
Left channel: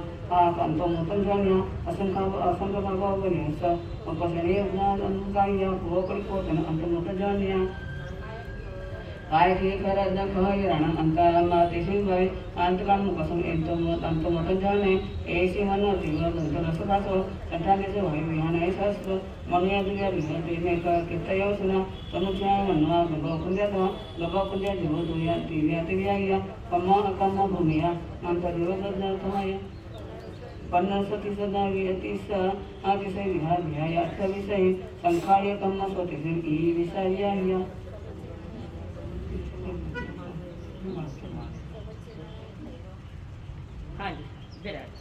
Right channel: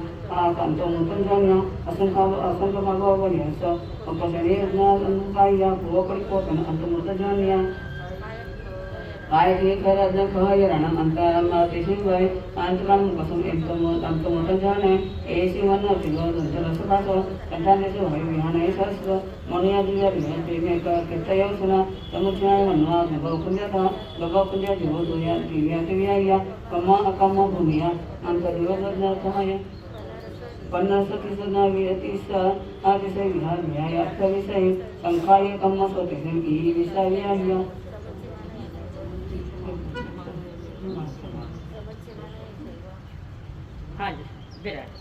कंतो मुतन जानिया असंख्य भाव वनियस उपजने उन्नाया भोकड़ी को अंत मुत जानिया आय के खरद खय रणम अंतरम तेसी भय अंतकाल कसम अंत मुत जाने ऐसी मन दिव गंधर रसभासो कंठाले से भय विहानाय सहस्र मनुया दुया विहते ने का कितयो सुना समुचय मनवा भगव पुण्य जीव दुया दिव्या दिव्या कमा अकम भूमिया अंतरिव सहाय पन्नासकी सदा वियति स आदिसे विहार्याय अर्थ विषय संखाय कम सोते ई विषयाय हाँ जी विराट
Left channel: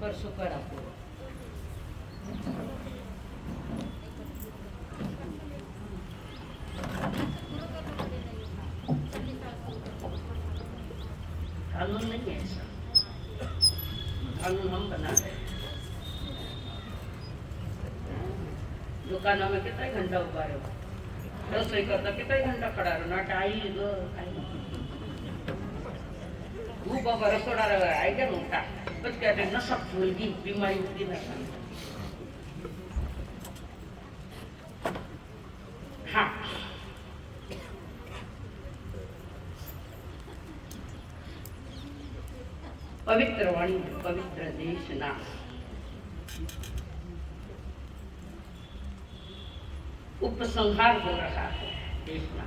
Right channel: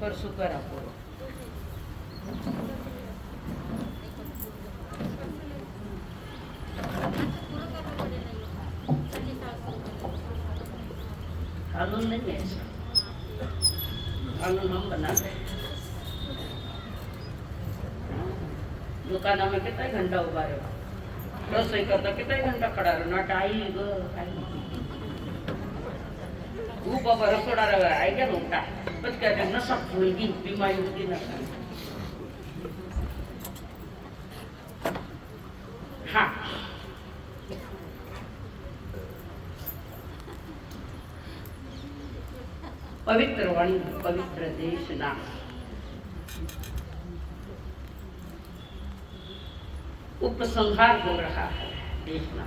परसों कर आपको कानून नहीं है ऐसा कानून हम बनाते हैं दुकाना में कितना घंटा उभा रहो रसोई करता कितना घंटा खड़ा रहो ना टाई बाबा रसोड़ा आई गया नोटा बस कहते नशा फूलगी बीमारी होती ना हाँ पवित्र वाणी पवित्र देश ना उपसंहार हो रहा है देखना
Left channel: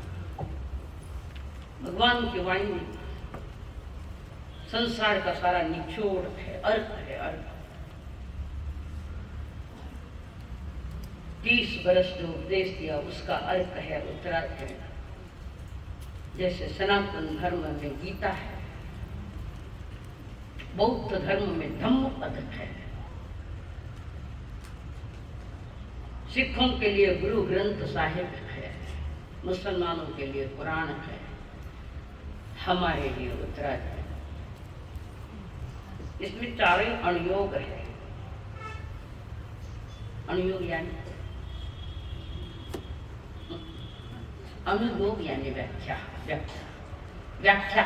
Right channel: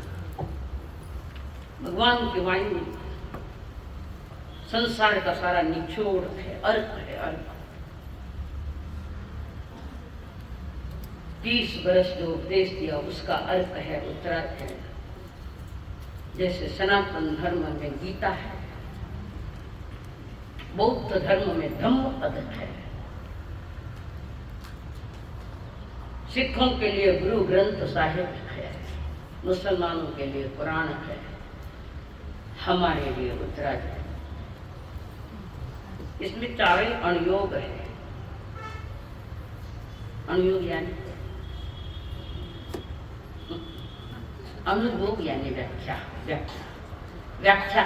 भगवान की वाणी में संसार का सारा निचोड़ है अर्थ है अर्थ 30 वर्ष जो उपदेश दिया उसका अर्थ है उत्तराखंड। जैसे सनातन धर्म में गीता है, बौद्ध धर्म में धम्मपद है, सिखों के लिए गुरु ग्रंथ साहिब है, मुसलमानों के लिए कुरान है, हमारे लिए उत्तराखंड। इसमें चारों अनुयोग है। अनुयोग यानी अनुयोग यानी व्याख्या, व्याख्या, व्याख्या।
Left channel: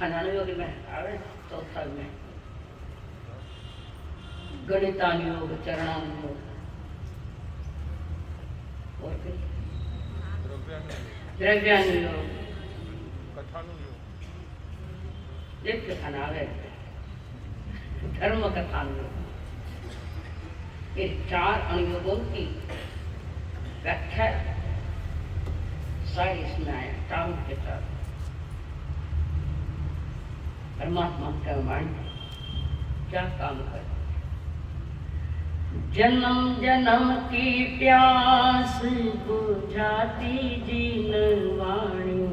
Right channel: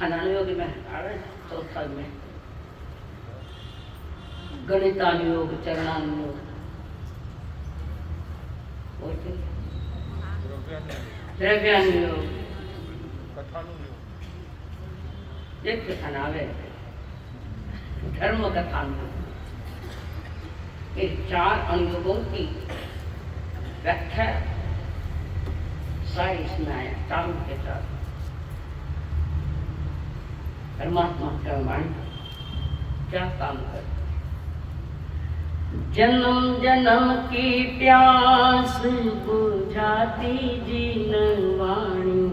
अनुयोगी में तो फल में गणितानुयोग, चरणानुयोग, द्रव्यानुयोग, कथानुयोग, धर्म कथानुयोग। ये 4 अनुयोगों की व्याख्या सारी इसमें आया। चारों के 4 परमात्मा का वाणी क्या काम करती। जन्म जन्म की प्यास बुझाती जीनवाणी,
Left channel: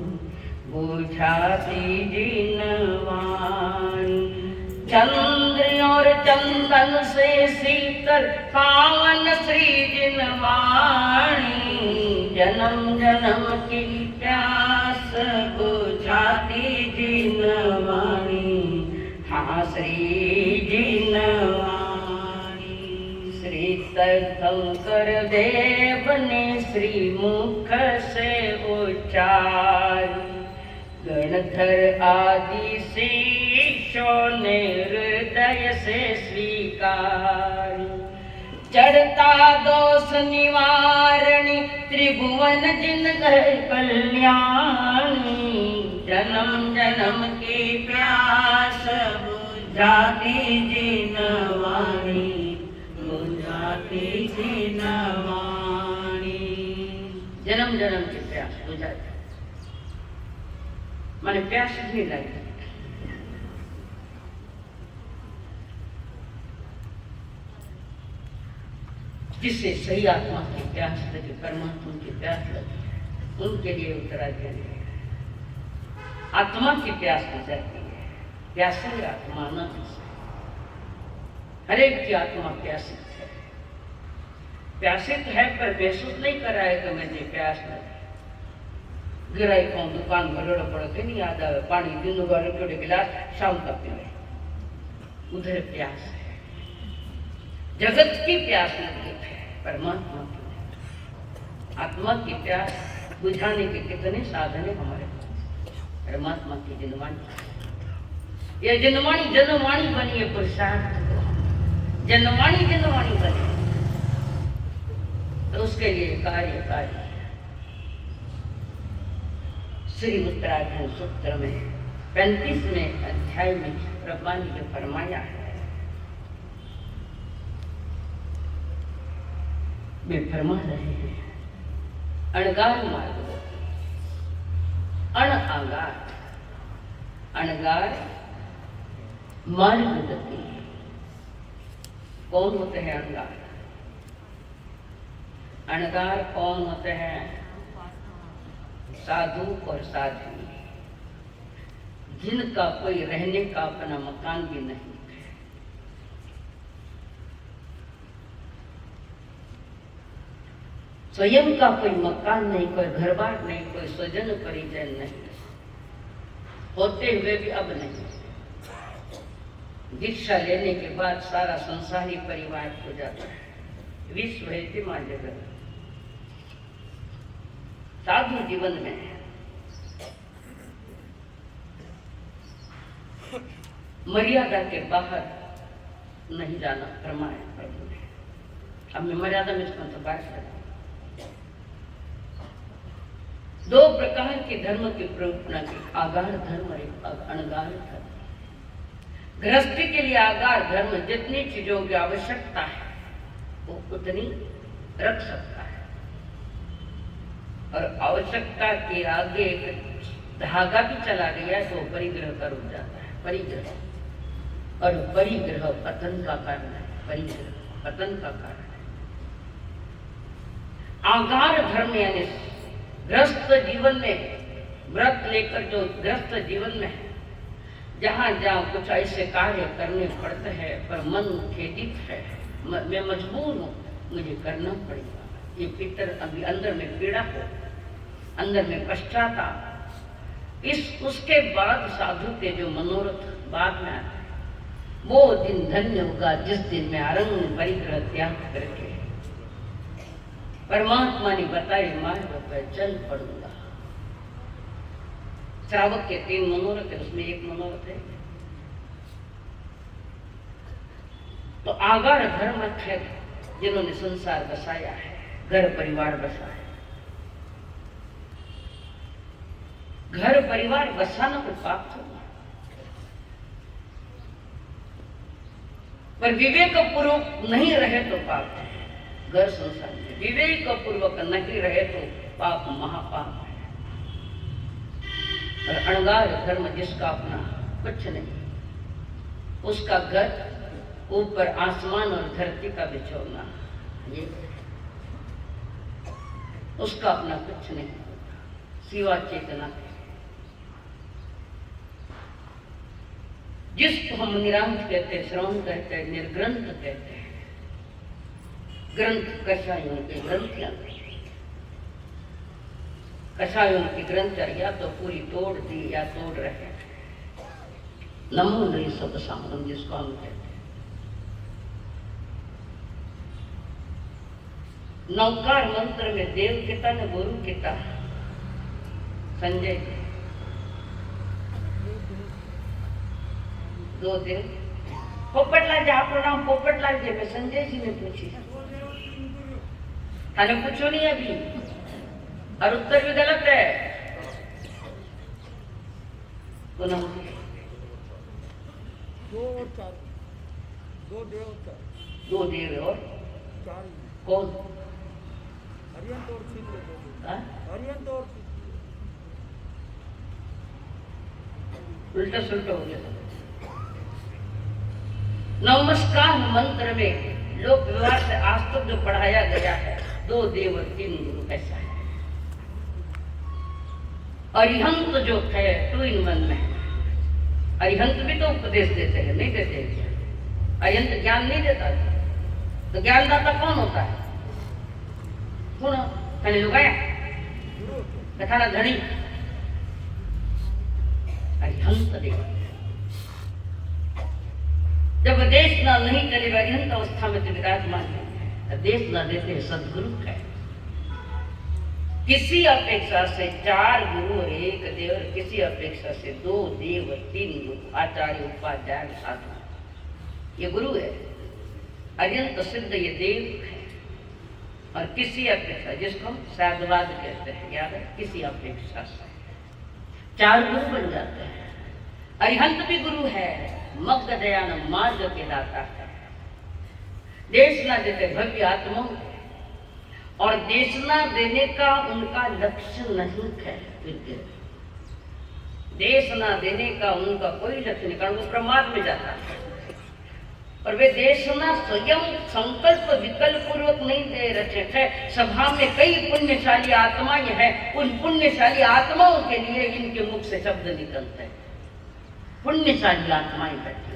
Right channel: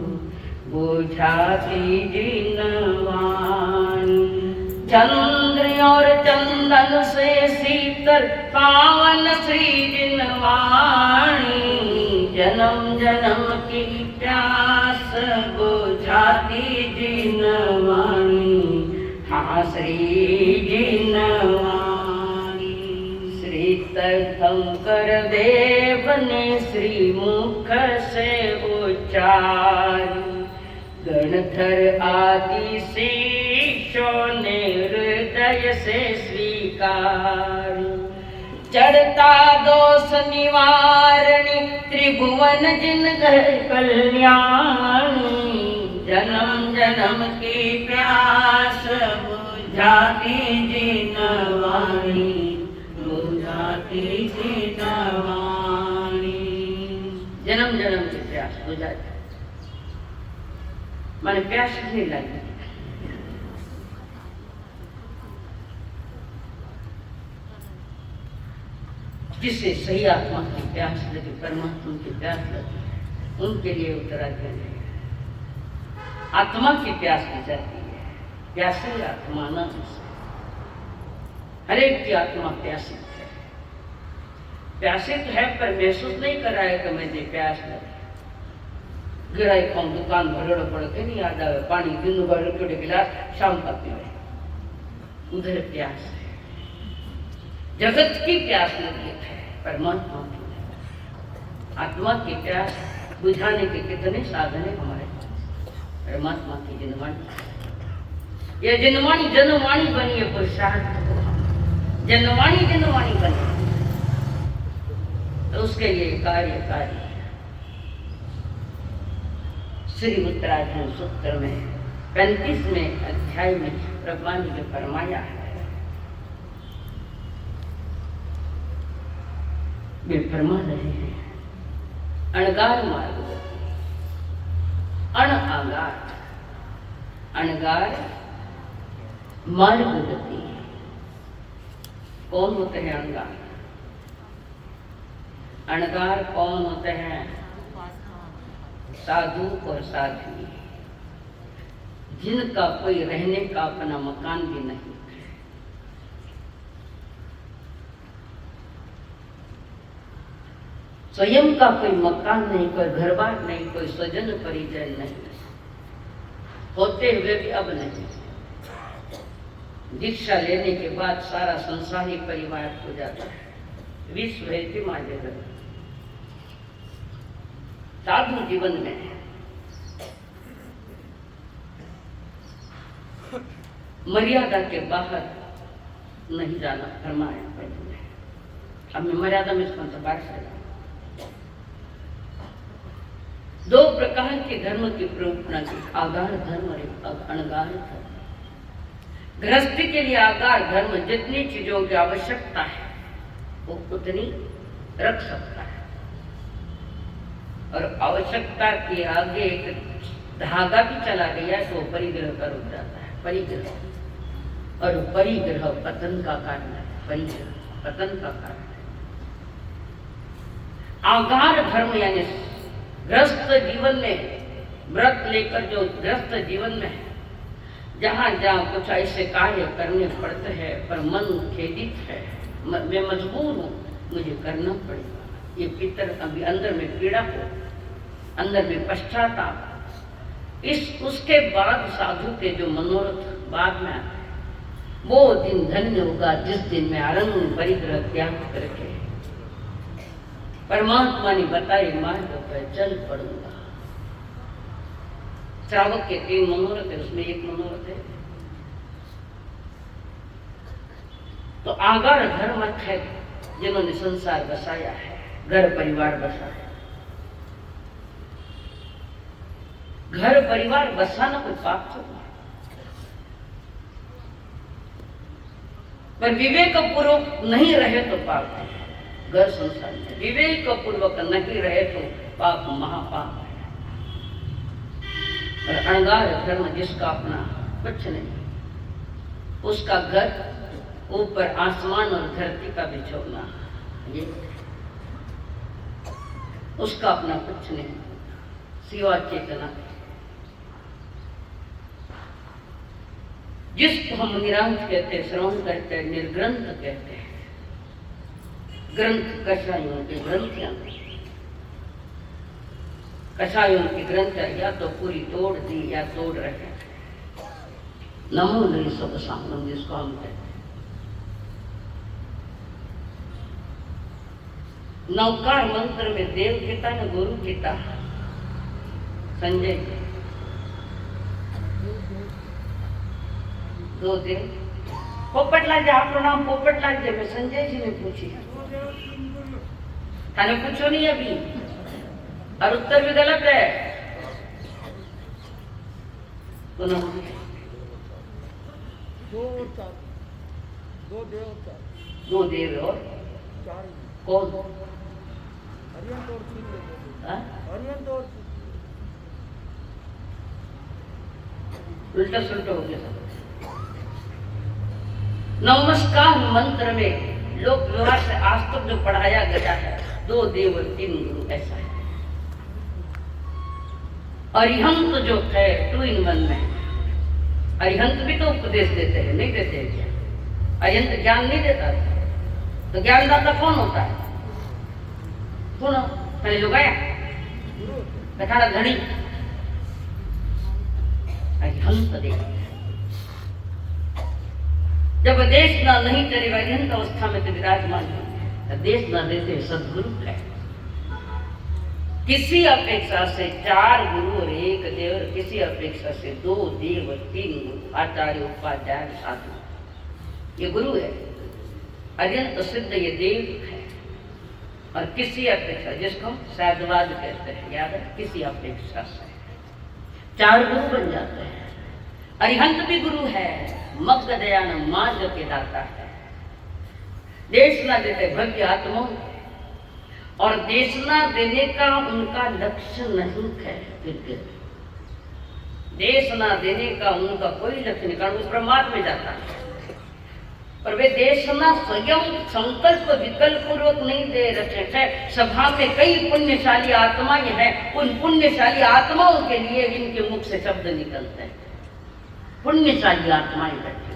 बुझाती जीनवाणी। चंद्र और चंदन से शीतल पावन श्री जिनवाणी, जन्म जन्म की प्यास बुझाती जिनवाणी, हाँ श्री जिनवाणी। श्री तीर्थंकर देव ने श्री मुख से उच्चारी, गणधर आदि शिष्यों ने हृदय से स्वीकारी। चढ़ता दोष निवारणी त्रिभुवन जिन कल्याणी, जन्म जन्म की प्यास बुझाती जिनवाणी, बुझाती जिनवाणी। जन्म जन्म की प्यास बुझाती, मैंने प्यास नहीं लगी। जिससे सही आत्मा की प्यास लगी, परमात्मा की प्यास लगी, उनके लिए उत्तराखंड है। आत्मा की प्यास की जाती है, प्यासी आत्मा न हरेक की आत्मा प्यासी है। प्यासित है पर महसूस नहीं कर रहा है कि मुझे प्यास लगी। गिराई को दुकान भरोड़ पड़ के नहीं याद आवे, पानी दिन भर के गिलास शाम तक पीवे, उधर प्यास है। जगत की प्यास लगी है, परमात्मा की आत्मा की प्यास बुझाने के कितने साधन है हमारे पास। परमात्मा की जनवाणी, यह जनवाणी जनवाणी बनी है, पुरुषार्थ जनवाणी जनवाणी बने तो उसके लिए कार्य कार्य। श्री उत्तराखंड सूत्र में 35वें अध्याय में ब्रह्मा जी ने फरमाया है, वे फरमा रहे हैं अणगार मार्ग, अण आगार, अणगार मार्ग गति। कौन होते हैं अणगार? अणगार कौन होते हैं? साधु और साध्वी, जिनका कोई रहने का अपना मकान भी नहीं। स्वयं का कोई मकान नहीं, कोई घर बार नहीं, कोई स्वजन परिजन नहीं, होते हुए भी अब नहीं। दीक्षा लेने के बाद सारा संसारी परिवार हो जाता है। विश्व है मां जगत। साधु जीवन में मर्यादा के बाहर नहीं जाना फरमाया प्रभु ने। अब मैं मर्यादा में इसको तो बात करूं। 2 प्रकार के धर्म की प्रवृत्ति की, आगार धर्म और अणगार धर्म। गृहस्थी के लिए आगार धर्म जितनी चीजों की आवश्यकता है वो उतनी रख सकता है, और आवश्यकता के आगे एक धागा भी चला गया तो परिग्रह का रुक जाता है। परिग्रह और परिग्रह पतन का कारण है। परिग्रह पतन का कारण है। आगार धर्म यानी गृहस्थ जीवन में व्रत लेकर जो गृहस्थ जीवन में है, जहाँ जहाँ कुछ ऐसे कार्य करने पड़ते हैं पर मन खेदित है, मैं मजबूर हूँ, मुझे करना पड़ेगा, ये भीतर अभी अंदर में पीड़ा हो, अंदर में पश्चाताप, इस उसके बाद साधु के जो मनोरथ बाद में आते हैं, वो दिन धन्य होगा जिस दिन मैं अरण्य परिग्रह त्याग करके परमात्मा ने बताए मार्ग पर चल पड़ूंगा। श्रावक के 3 मनोरथ है, उसमें एक मनोरथ है तो आगार धर्म है, जिन्होंने संसार बसाया है, घर परिवार बसाया। घर परिवार बसाना कोई पाप तो नहीं, पर विवेक पूर्वक नहीं रहे तो पाप है। घर संसार में विवेक पूर्वक नहीं रहे तो पाप महापाप है। और अणगार धर्म जिसका अपना कुछ नहीं, उसका घर ऊपर आसमान और धरती का बिछोना, ये उसका अपना कुछ नहीं सिवा चेतना। जिसको हम निरांत कहते हैं, श्रवण कहते हैं, निर्ग्रंथ कहते हैं। ग्रंथ कषायों के ग्रंथियां, कषायों की ग्रंथ या तो पूरी तोड़ दी या तोड़ रहे। नमो नहीं सुख सामम जिसको हम कहते हैं। नवकार मंत्र में देव पिता ने गुरु पिता संजय 2 दिन पोपटलाल जी, आपका नाम पोपटलाल जी, मैं संजय जी ने पूछी, थाने पूछो नहीं अभी, और उत्तर भी गलत है। पुनः 2 देव और कौन? उल्टा सुल्टा हो गया। नमस्कार मंत्र में लोक व्यवहार से आज तक जो पढ़ाया गया है, 2 देव और 3 गुरु, ऐसा है। अरिहंत जो है 2 in 1 में, अरिहंत भी तो उपदेश देते हैं, नहीं देते हैं क्या? अरिहंत ज्ञान नहीं देता, तो ज्ञानदाता कौन होता है? सुनो पहले लोग आया कथा धड़ी अरिहंत देव। जब देश ना नहीं करे अरिहंत अवस्था में तो विराजमान है, देश ना देते सदगुरु है। किसी अपेक्षा से 4 गुरु और 1 देव, और किसी अपेक्षा से 2 देव और 3 गुरु, आचार्य उपाध्याय साधु, ये गुरु है। अरिहंत सिद्ध ये देव है। और किसी अपेक्षा, जिसको हम साधुवाद कहते हैं, याद है, किसी अपेक्षा से 4 गुरु बन जाते हैं। अरिहंत भी गुरु है, मग्ग दयान मार्ग के दाता है। देशना देते भव्य आत्माओं के, और देशना देने का उनका लक्ष्य नहीं है। देशना देने का उनका कोई लक्ष्य नहीं, कारण वो प्रमाद में जाता है। और वे देशना स्वयं संकल्प विकल्प पूर्वक नहीं दे रहे हैं। सभा में कई पुण्यशाली आत्माएं हैं, उन पुण्यशाली आत्माओं के लिए इनके मुख से शब्द निकलते हैं। पुण्यशाली आत्माएं बैठी,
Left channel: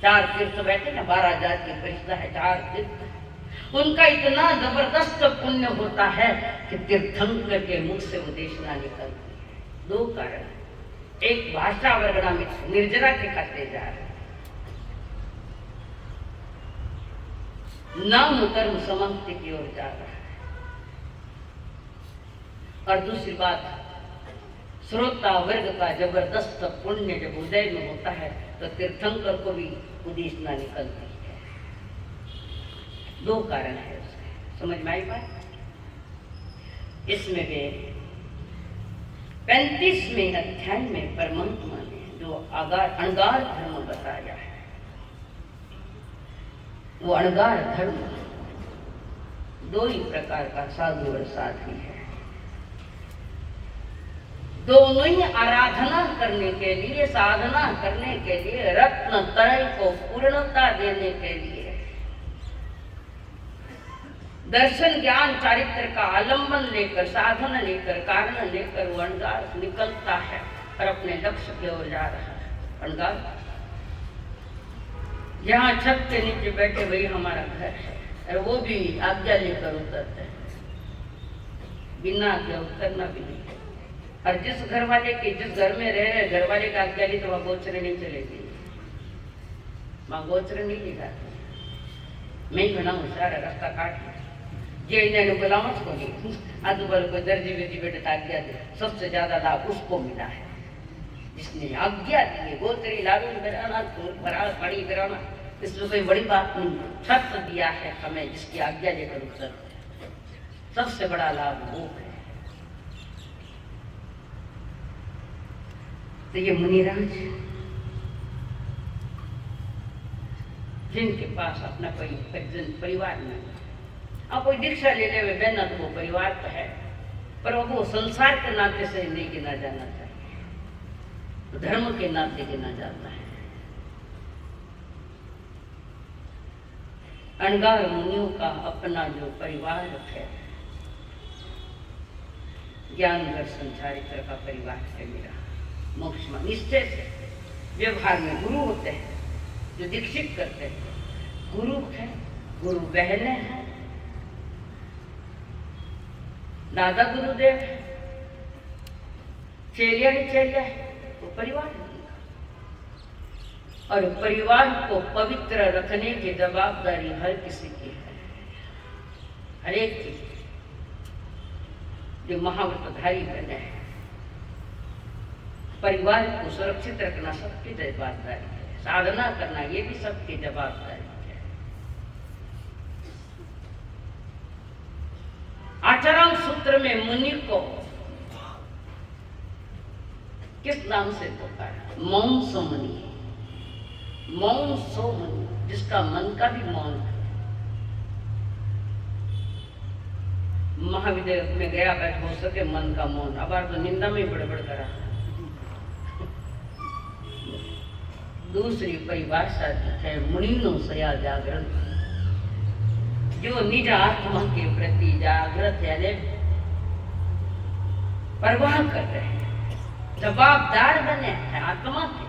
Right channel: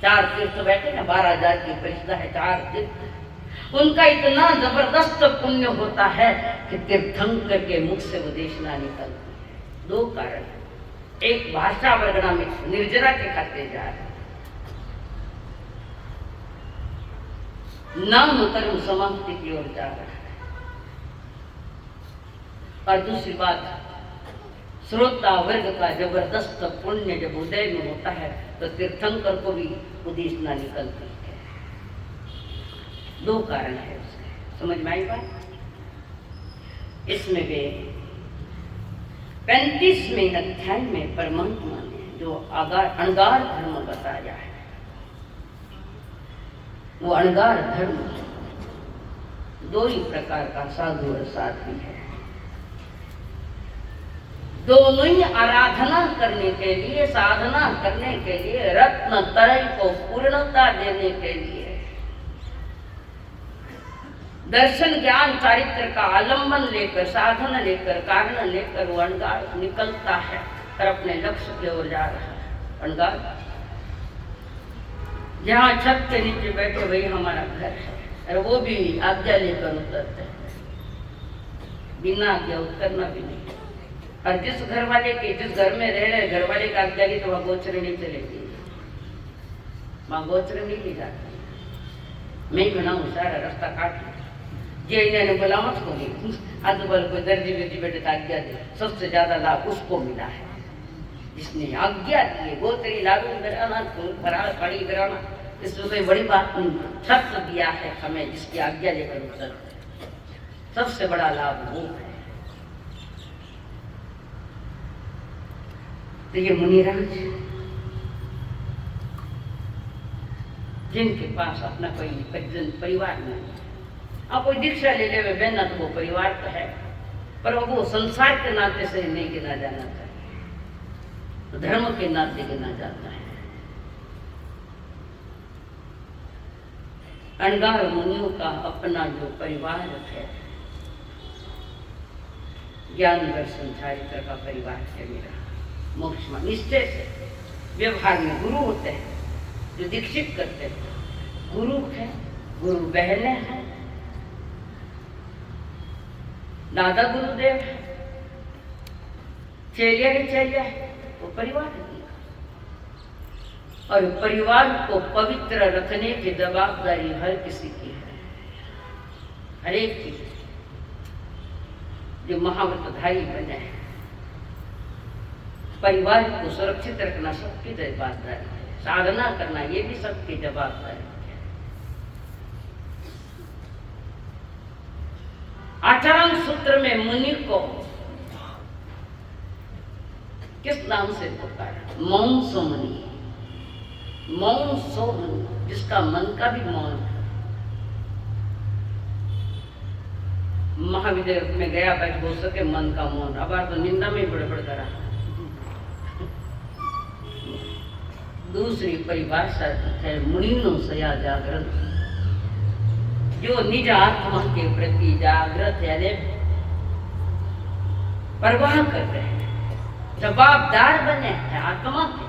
4 तीर्थ बैठे हैं, 12,000 की परिषदा है, 4 तीर्थ। उनका इतना जबरदस्त पुण्य होता है कि तीर्थंकर के मुख से वो देशना निकलती है। 2 कारण, एक भाषा वर्गना में निर्जरा के खाते जा रहे, नाम कर्म समाप्ति की ओर जा रहा है। और दूसरी बात, श्रोता वर्ग का जबरदस्त पुण्य जब उदय में होता है तो तीर्थंकर को भी उदेशना निकलती है। 2 कारण है उसके, समझ में आई बात? इसमें वे 35वें अध्याय में परमात्मा ने जो अणगार धर्म बताया है, वो अणगार धर्म 2 ही प्रकार का साधु और साध्वी है। दोनों ही आराधना करने के लिए, साधना करने के लिए, रत्न त्रय को पूर्णता देने के लिए दर्शन ज्ञान चारित्र का आलम्बन लेकर, साधन लेकर, कारण लेकर वो अणगार निकलता है और अपने लक्ष्य की ओर जा रहा है। अणगार जहाँ छत के नीचे बैठे वही हमारा घर है, और वो भी आज्ञा लेकर उतरते हैं, बिना आज्ञा उतरना भी नहीं है। और जिस घर वाले के, जिस घर में रह रहे घर वाले का आज्ञा ली तो वहाँ गोचरे नहीं चलेगी, वहाँ गोचरे नहीं ली जाती। मैं घना सारा रास्ता काट जे इन्होंने बोला मत खोली, आजू बाजू कोई दर्जी वर्जी बेटे आज्ञा दे, सबसे ज्यादा लाभ उसको मिला है जिसने आज्ञा दी। गोत्री लागू कराना, फरार खड़ी कराना, इसमें कोई बड़ी बात नहीं। छत्र दिया है हमें जिसकी आज्ञा लेकर उतर, सबसे बड़ा लाभ वो है। तो ये मुनिराज जिनके पास अपना कोई परिवार नहीं, अब कोई दीक्षा ले ले बहना तो वो परिवार तो है, पर वो संसार के नाते से नहीं गिना जाना चाहिए, धर्म के नाते गिना जाता है। अणगार मुनियों का अपना जो परिवार है, ज्ञान दर्शन चारित्र का परिवार है मेरा। मोक्ष में निश्चय से व्यवहार में गुरु होते हैं जो दीक्षित करते हैं, गुरु है, गुरु बहने हैं, दादा गुरुदेव है, चेलिया ही चेलिया है, वो परिवार है। और परिवार को पवित्र रखने की जवाबदारी हर किसी की है, हर एक की, जो महाव्रतधारी बने हैं। परिवार को सुरक्षित रखना सबकी जवाबदारी है, साधना करना ये भी सबकी जवाबदारी है। आचाराम सूत्र में मुनि को किस नाम से पुकारा? मौन सो मुनि, मौन सो मुनि, जिसका मन का भी मौन है। महाविद्यालय में गया बैठ हो सके मन का मौन, अब तो निंदा में बड़बड़ करा। दूसरी परिभाषा है मुनिनो सया जागृत, जो निज आत्मा के प्रति जागृत है, परवाह कर रहे हैं, जवाबदार बने हैं आत्मा के।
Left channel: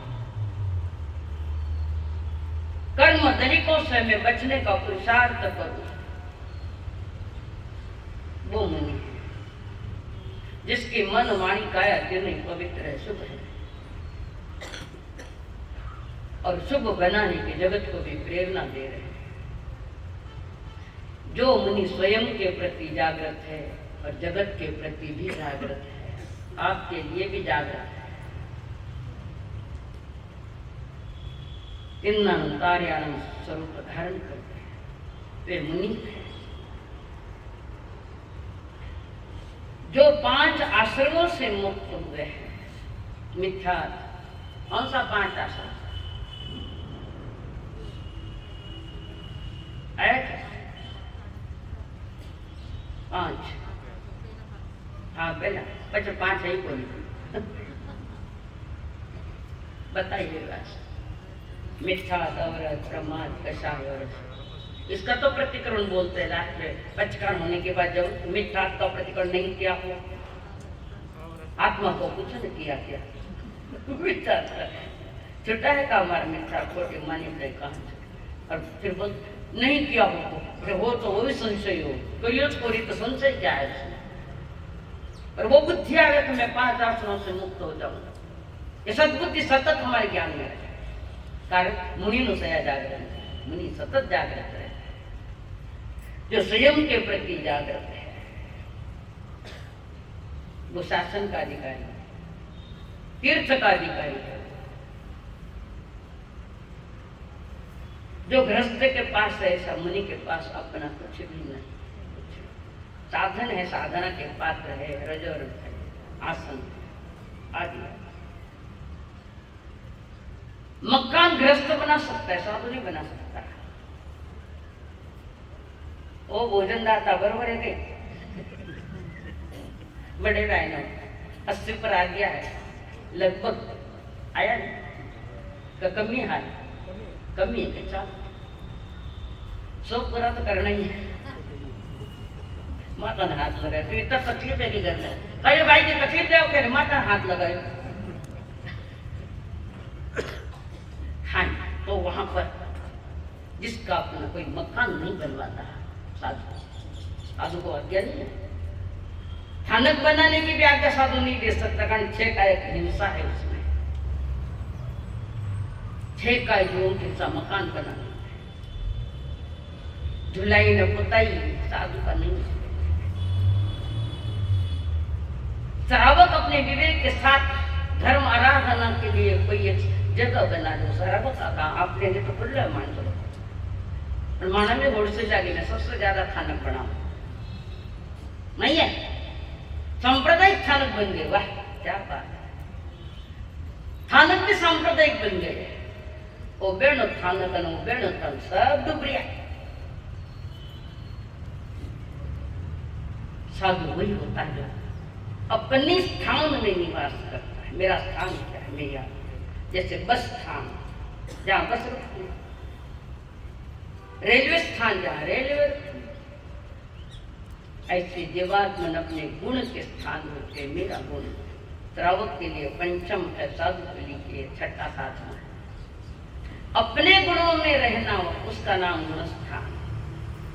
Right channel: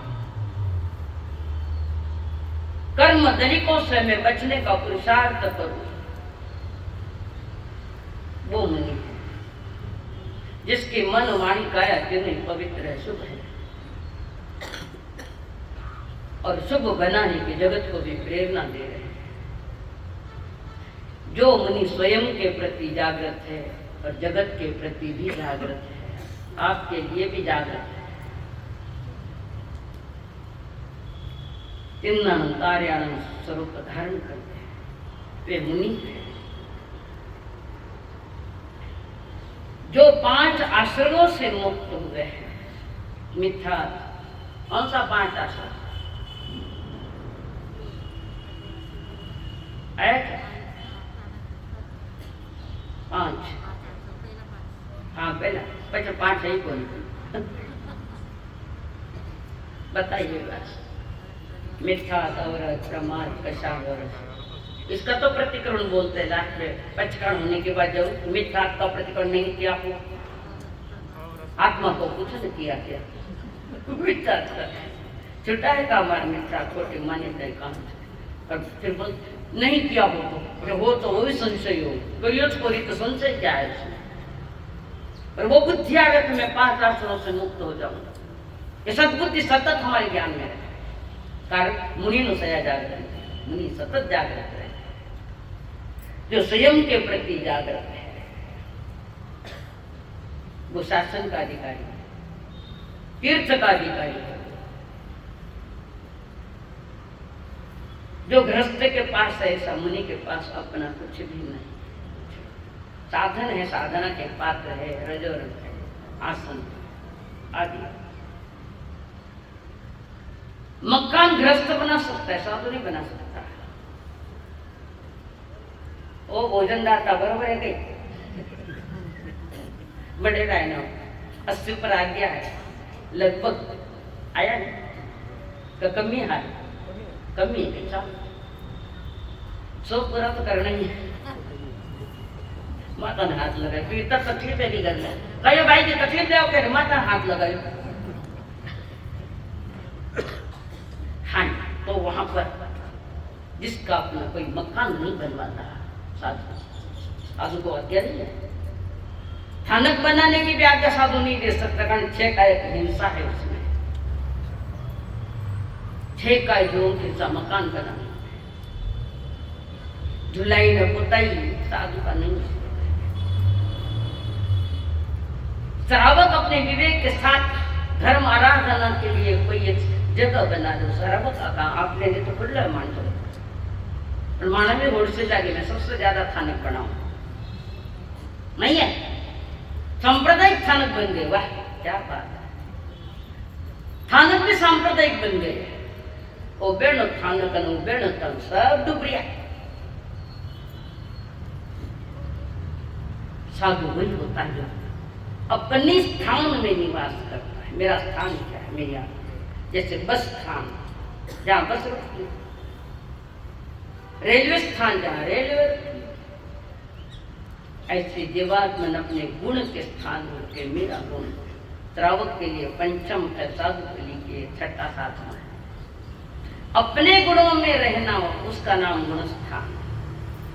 कर्म दलिकों से मैं बचने का पुरुषार्थ करूं, वो मुनि है जिसके मन वाणी काया तीनों पवित्र है, शुभ है, और शुभ बनाने की जगत को भी प्रेरणा दे रहे हैं। जो मुनि स्वयं के प्रति जागृत है और जगत के प्रति भी जागृत है, आपके लिए भी जागृत है। तिन्नम तार्याणम स्वरूप धारण करते हैं, वे मुनि है। जो 5 आश्रमों से मुक्त हुए हैं, मिथ्या, कौन सा 5 आश्रम? एक 5, हाँ पहला 5 है ही कोई। बताइए बस, मिथ्या, अवरत, प्रमाद, कषाय, इसका तो प्रतिकरण बोलते हैं। लास्ट में पचकरण होने के बाद जब मिथ्या का प्रतिकरण नहीं किया हो, आत्मा को कुछ नहीं किया क्या? मिथ्या छुटा है का हमारा मिथ्या खोटे मान्यता काम, और फिर बोल नहीं किया हो तो वो भी संशय हो, तो संशय क्या है उसमें? और वो बुद्धि आवे कि मैं 5 आश्रमों से मुक्त हो जाऊं, ये सद्बुद्धि सतत हमारे ज्ञान में रहे। कारण मुनि नो सया जागृत, मुनि सतत जागृत रहे, जो स्वयं के प्रति जागृत है, वो शासन का अधिकारी है, तीर्थ का अधिकारी है। जो गृहस्थ के पास है, ऐसा मुनि के पास अपना कुछ भी नहीं। साधन है, साधना के पात्र है, रजोर है, आसन आदि। मकान गृहस्थ बना सकता है, साधु नहीं बना सकता। वो भोजनदाता बरोबर है कहीं बड़े रायनो 80 पर आ गया है, लगभग आया नहीं, कमी है, कमी है, 100 पूरा तो करना ही है। माता ने हाथ लगाया तो इतना तकलीफ है कि घर में कहे भाई जी तकलीफ दे के माता ने हाथ लगाई। हाँ तो वहां पर जिसका अपना कोई मकान नहीं बनवाता साधु को आज्ञा नहीं है। थानक बनाने की भी आज्ञा साधु नहीं दे सकता कारण 6 का एक हिंसा है उसमें। 6 का जो हिंसा मकान बनाने झुलाई न पुताई साधु का नहीं। श्रावक अपने विवेक के साथ धर्म आराधना के लिए कोई एक जगह बना दो। श्रावक का काम आपने तो खुला मान दो। माना में रोड से जाके मैं सबसे ज्यादा थानक बनाऊं नहीं है। सांप्रदायिक थानक बन गए। वाह क्या बात है। थानक भी सांप्रदायिक बन गए। ओ बेणो थानक न बेणो तन सब डुबरिया। साधु वही होता है अपने स्थान में निवास करता है। मेरा स्थान क्या है मैं यहाँ जैसे बस स्थान जहाँ बस रुकती, रेलवे स्थान जहाँ रेलवे, ऐसे जीवात्मन अपने गुण के स्थान रुके। मेरा गुण श्रावक के लिए पंचम है, साधु के लिए 6ठा साधन है। अपने गुणों में रहना हो उसका नाम गुण स्थान।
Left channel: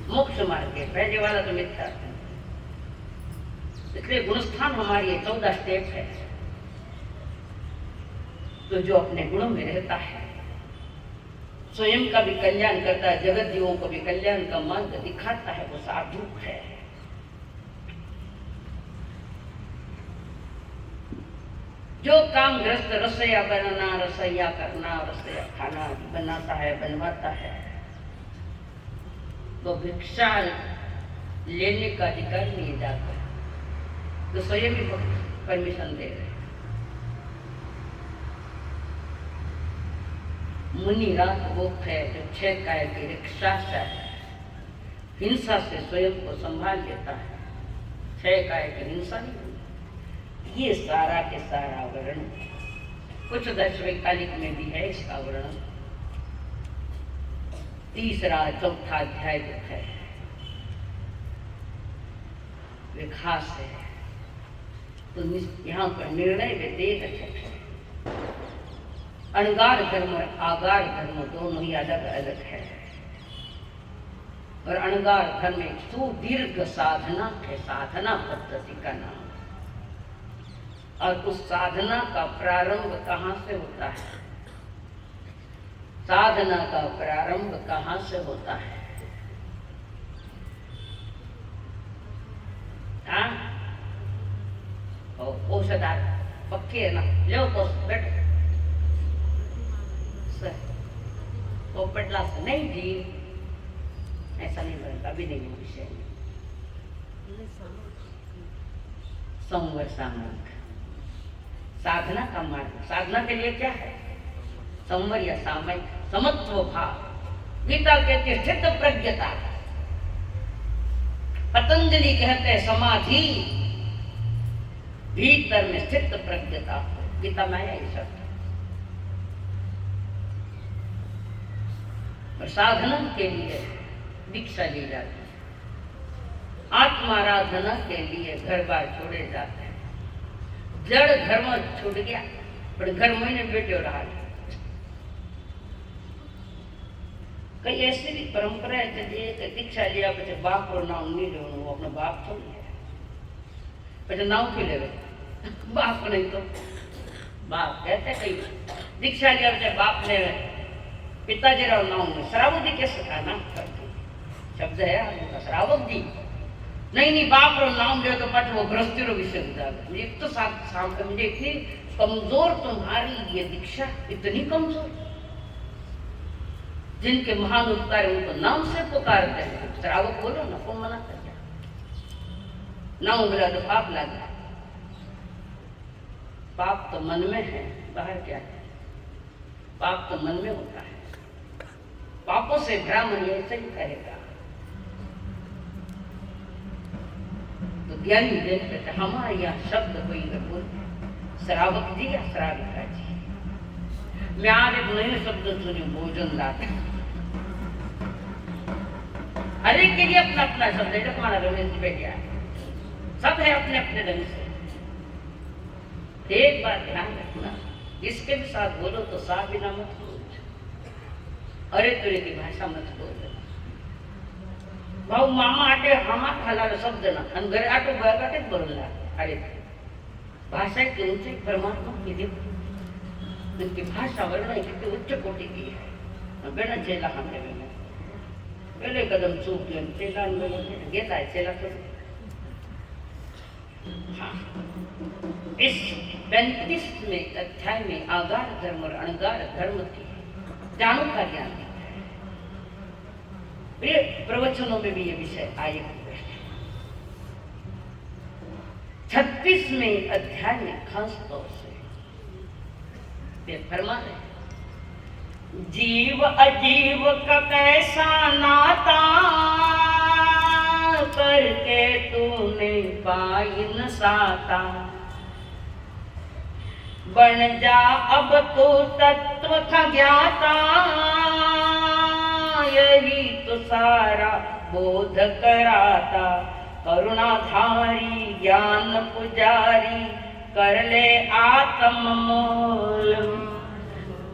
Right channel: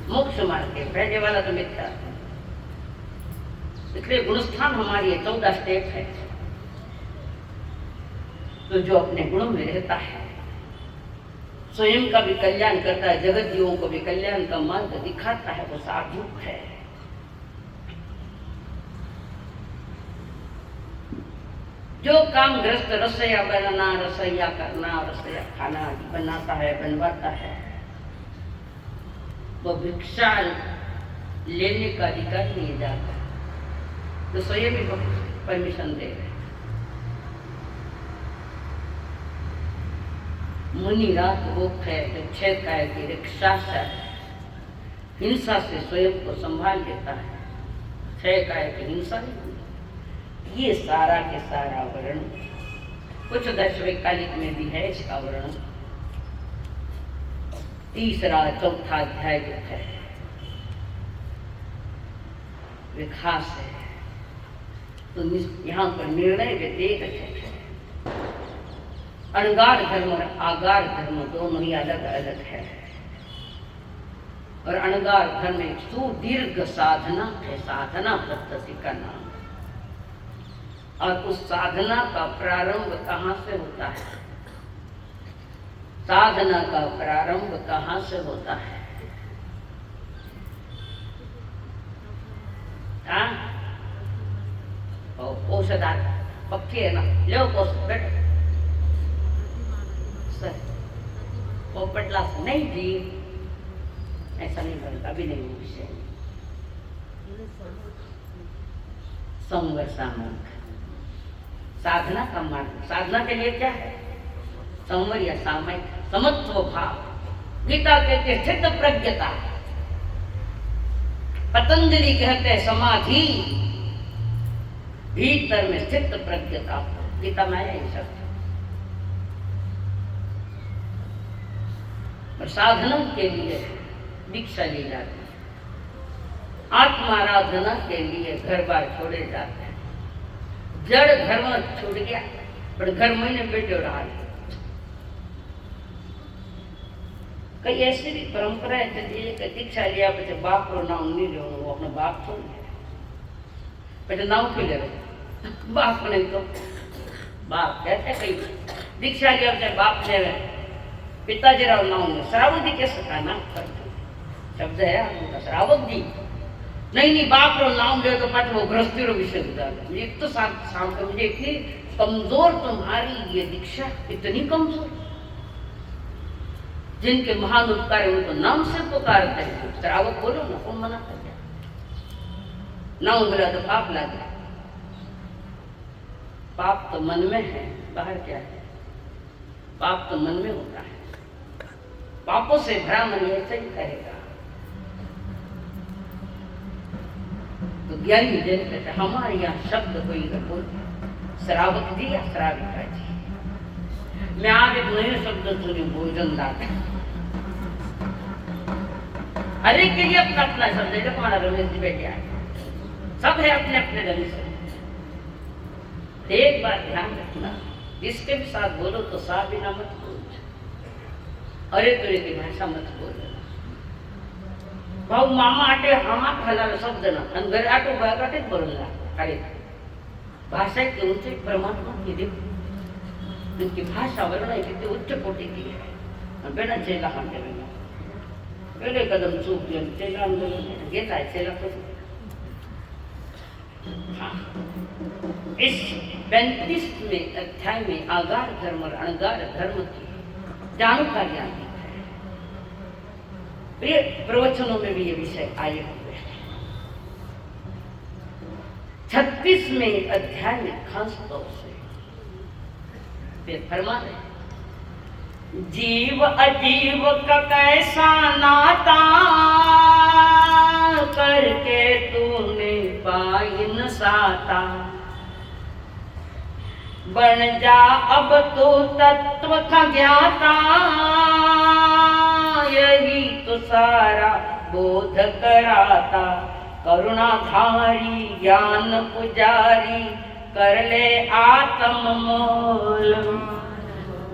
मोक्ष मार्ग के पहले वाला तो मिथ्या, इसलिए गुणस्थान हमारी 14 स्टेप है। तो जो अपने गुणों में रहता है स्वयं का भी कल्याण करता है, जगत जीवों को भी कल्याण का मार्ग दिखाता है, वो साधु है। जो काम ग्रस्त रसोईया बनाना, रसोईया करना, रसोईया खाना आदि बनाता है, बनवाता है, वो भिक्षा लेने का अधिकार नहीं जाता। तो स्वयं भी परमिशन दे रहे। मुनि रात भूख है तो 6 काय की रक्षा से हिंसा से स्वयं को संभाल लेता है। 6 काय की हिंसा नहीं। ये सारा के सारा वर्णन कुछ 10वें कालिक में भी है इसका वर्णन। 3रा 4था अध्याय जो है वे खास है। तो यहाँ पर निर्णय देख है। अणगार धर्म और आगार धर्म दोनों ही अलग अलग है। और अणगार धर्म एक सुदीर्घ साधना है, साधना पद्धति का नाम। और उस साधना का प्रारंभ कहाँ से होता है? साधना का प्रारंभ कहाँ से होता है? औषधार पक्के है ना, लो बैठ सर पोपटला नहीं जी, ऐसा नहीं बनेगा अभी नहीं विषय। संवर सामयिक साधना का मार्ग। साधना के लिए क्या है? संवर या सामयिक समत्व भाव। गीता कहते हैं स्थित प्रज्ञता, पतंजलि कहते हैं समाधि। भीतर में स्थित प्रज्ञता, गीता में है ये शब्द। और साधना के लिए दीक्षा ली जाती है। आत्माराधना के लिए घर बार छोड़े जाते हैं। जड़ धर्म छूट गया पर घर महीने बैठे रहा। कई ऐसी भी परंपरा है कि दीक्षा लिया पीछे बाप को नाम नहीं लो, वो अपने बाप छोड़ गया पीछे नाम क्यों ले बाप को नहीं तो बाप कहते कई दीक्षा लिया पीछे बाप ने पिताजी राव नाम में श्रावक जी कैसे का नाम शब्द है उनका श्रावक जी नहीं बाप रो नाम ले तो पट वो गृहस्थी रो विषय। एक तो मुझे इतनी कमजोर तुम्हारी ये दीक्षा, इतनी कमजोर। जिनके महान उपकार है उनको नाम से पुकारते हैं। श्रावक बोलो ना, कौन मना कर दिया? नाम मिला तो पाप लगा। पाप तो मन में है, बाहर क्या है? पाप तो मन में होता है। पापों से भरा मन ऐसा ही कहेगा। तो ज्ञानी जन कहते हमारे यहाँ शब्द कोई बोलते श्रावक जी या श्राविका जी। मैं आगे नए शब्द तुझे भोजन दाता। हर एक के लिए अपना अपना शब्द है। तुम्हारा रमेश जी बैठे आए सब है अपने अपने ढंग से। एक बात ध्यान रखना, जिसके भी साथ बोलो तो सा बिना मत बोलो, अरे तुरे की भाषा मत बोलो। भाऊ मामा आटे हामा घालावे शब्द ना आणि घरी आटे बळकाटेच बोलला. अरे भाषा तुमचे परमात्मा की देव, तुमची भाषा वर्णायची ती उच्च कोटीची आहे. बेडाचे लहान पहले कदम चूक चेला घेत आहे चेला करून. इस 35वें अध्याय में आगार धर्म और अणगार धर्म की जानू का ज्ञान है। ये प्रवचनों में भी ये विषय आए हुए हैं। 36वें अध्याय में खास तौर से वे फरमा रहे, जीव अजीव का कैसा नाता करके तूने पाई न साता, बन जा अब तो तत्व का ज्ञाता, यही तो सारा बोध कराता, करुणाधारी ज्ञान पुजारी कर ले आत्म मोल,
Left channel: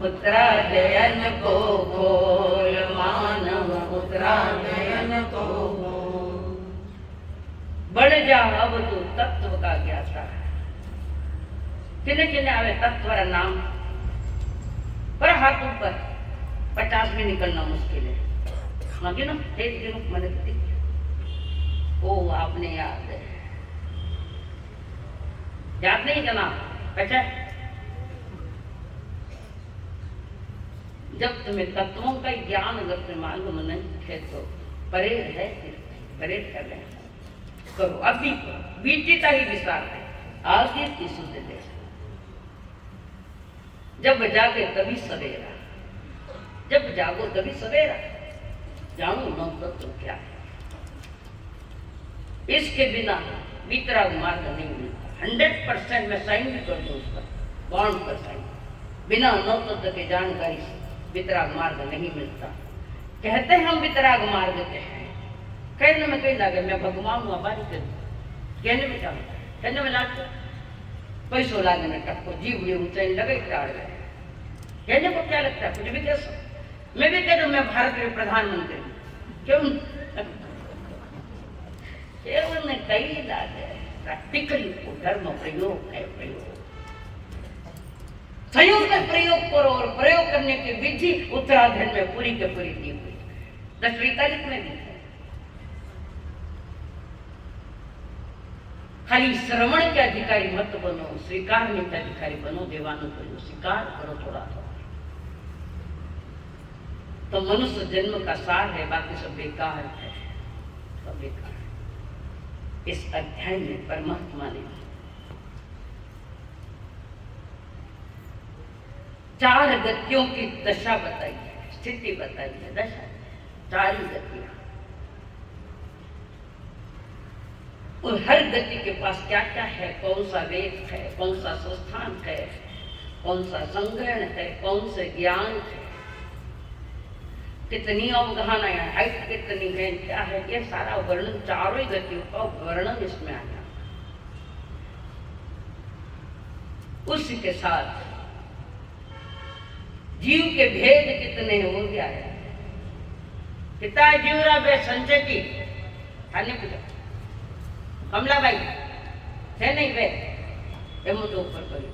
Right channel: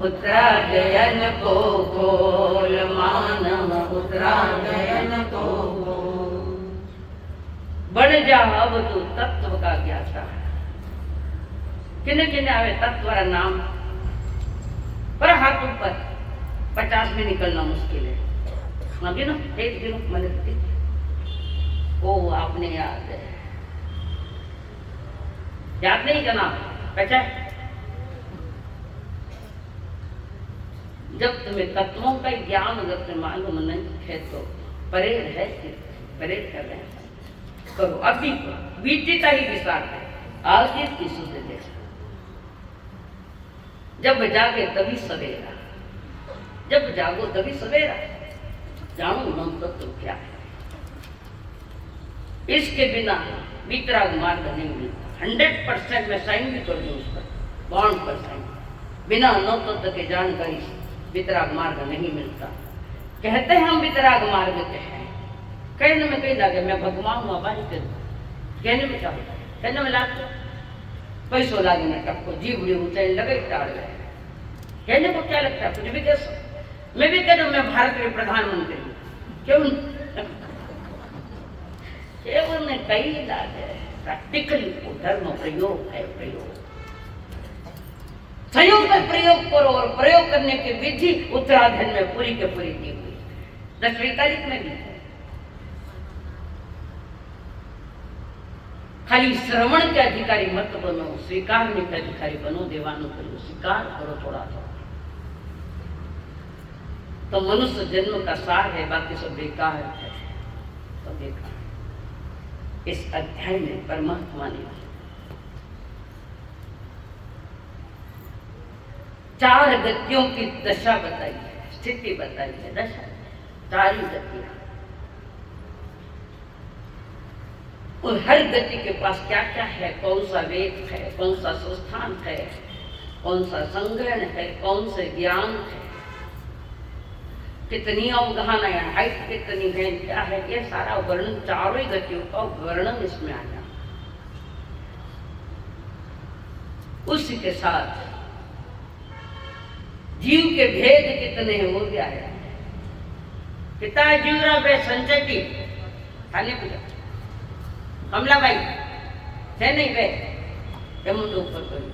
उत्तरायण को खोल मानव उत्तरायण को खोल, बढ़ जा अब तू तत्व का ज्ञाता। किन्ने किन्ने आवे तत्व नाम पर हाथ ऊपर 50 में निकलना मुश्किल है। मांगे ना एक दिन मैंने ओ आपने याद नहीं करना पचा। जब तुम्हें तत्वों का ज्ञान अगर तुम्हें मालूम नहीं है तो परेड है, परेड कर रहे हैं करो अभी बीतीता ही विशाल है आगे की सुध दे। जब जागे तभी सवेरा, जब जागो तभी सवेरा, जानो न तत्व क्या है। इसके बिना वितराग मार्ग नहीं मिलता। 100% मैं साइन भी कर दूं उस पर, बॉन्ड पर साइन। बिना नौ तत्व के जानकारी से वितराग मार्ग नहीं मिलता। कहते हैं हम वितराग मार्ग के हैं, कहने में कहीं लगे मैं भगवान हूँ बारी कर, कहने में क्या होता है, कहने में लागे पैसों लागे में टपको जीवड़ी ऊंचाई लगे टाड़ गए, कहने को क्या लगता है कुछ भी कह सकते। मैं भी कह रहा हूँ मैं भारत के प्रधानमंत्री हूँ, क्यों केवल ने कई लागे प्रैक्टिकली धर्म प्रयोग है। प्रयोग संयोग में प्रयोग करो और प्रयोग करने की विधि उत्तराधन में पूरी के पूरी दी हुई 10वीं तारीख में भी है। खाली श्रवण के अधिकारी मत बनो, स्वीकार के अधिकारी बनो। देवानो करो, स्वीकार करो थोड़ा थोड़ा, तो मनुष्य जन्म का सार है, बाकी सब बेकार है, सब बेकार। इस अध्याय में परमात्मा ने 4 गतियों की दशा बताई है, स्थिति बताई है। दशा 4 गतियां, और हर गति के पास क्या क्या है, कौन सा वेद है, कौन सा संस्थान है, कौन सा संग्रहण है, कौन से ज्ञान है, कितनी अवगहना है, हाइट कितनी है, क्या है, ये सारा वर्णन 4 गतियों का वर्णन इसमें आया। उसी के साथ जीव के भेद कितने हो गया है। पिता जीवरा वे संजय की खाने पूजा कमला भाई थे नहीं वे मुझे ऊपर करो।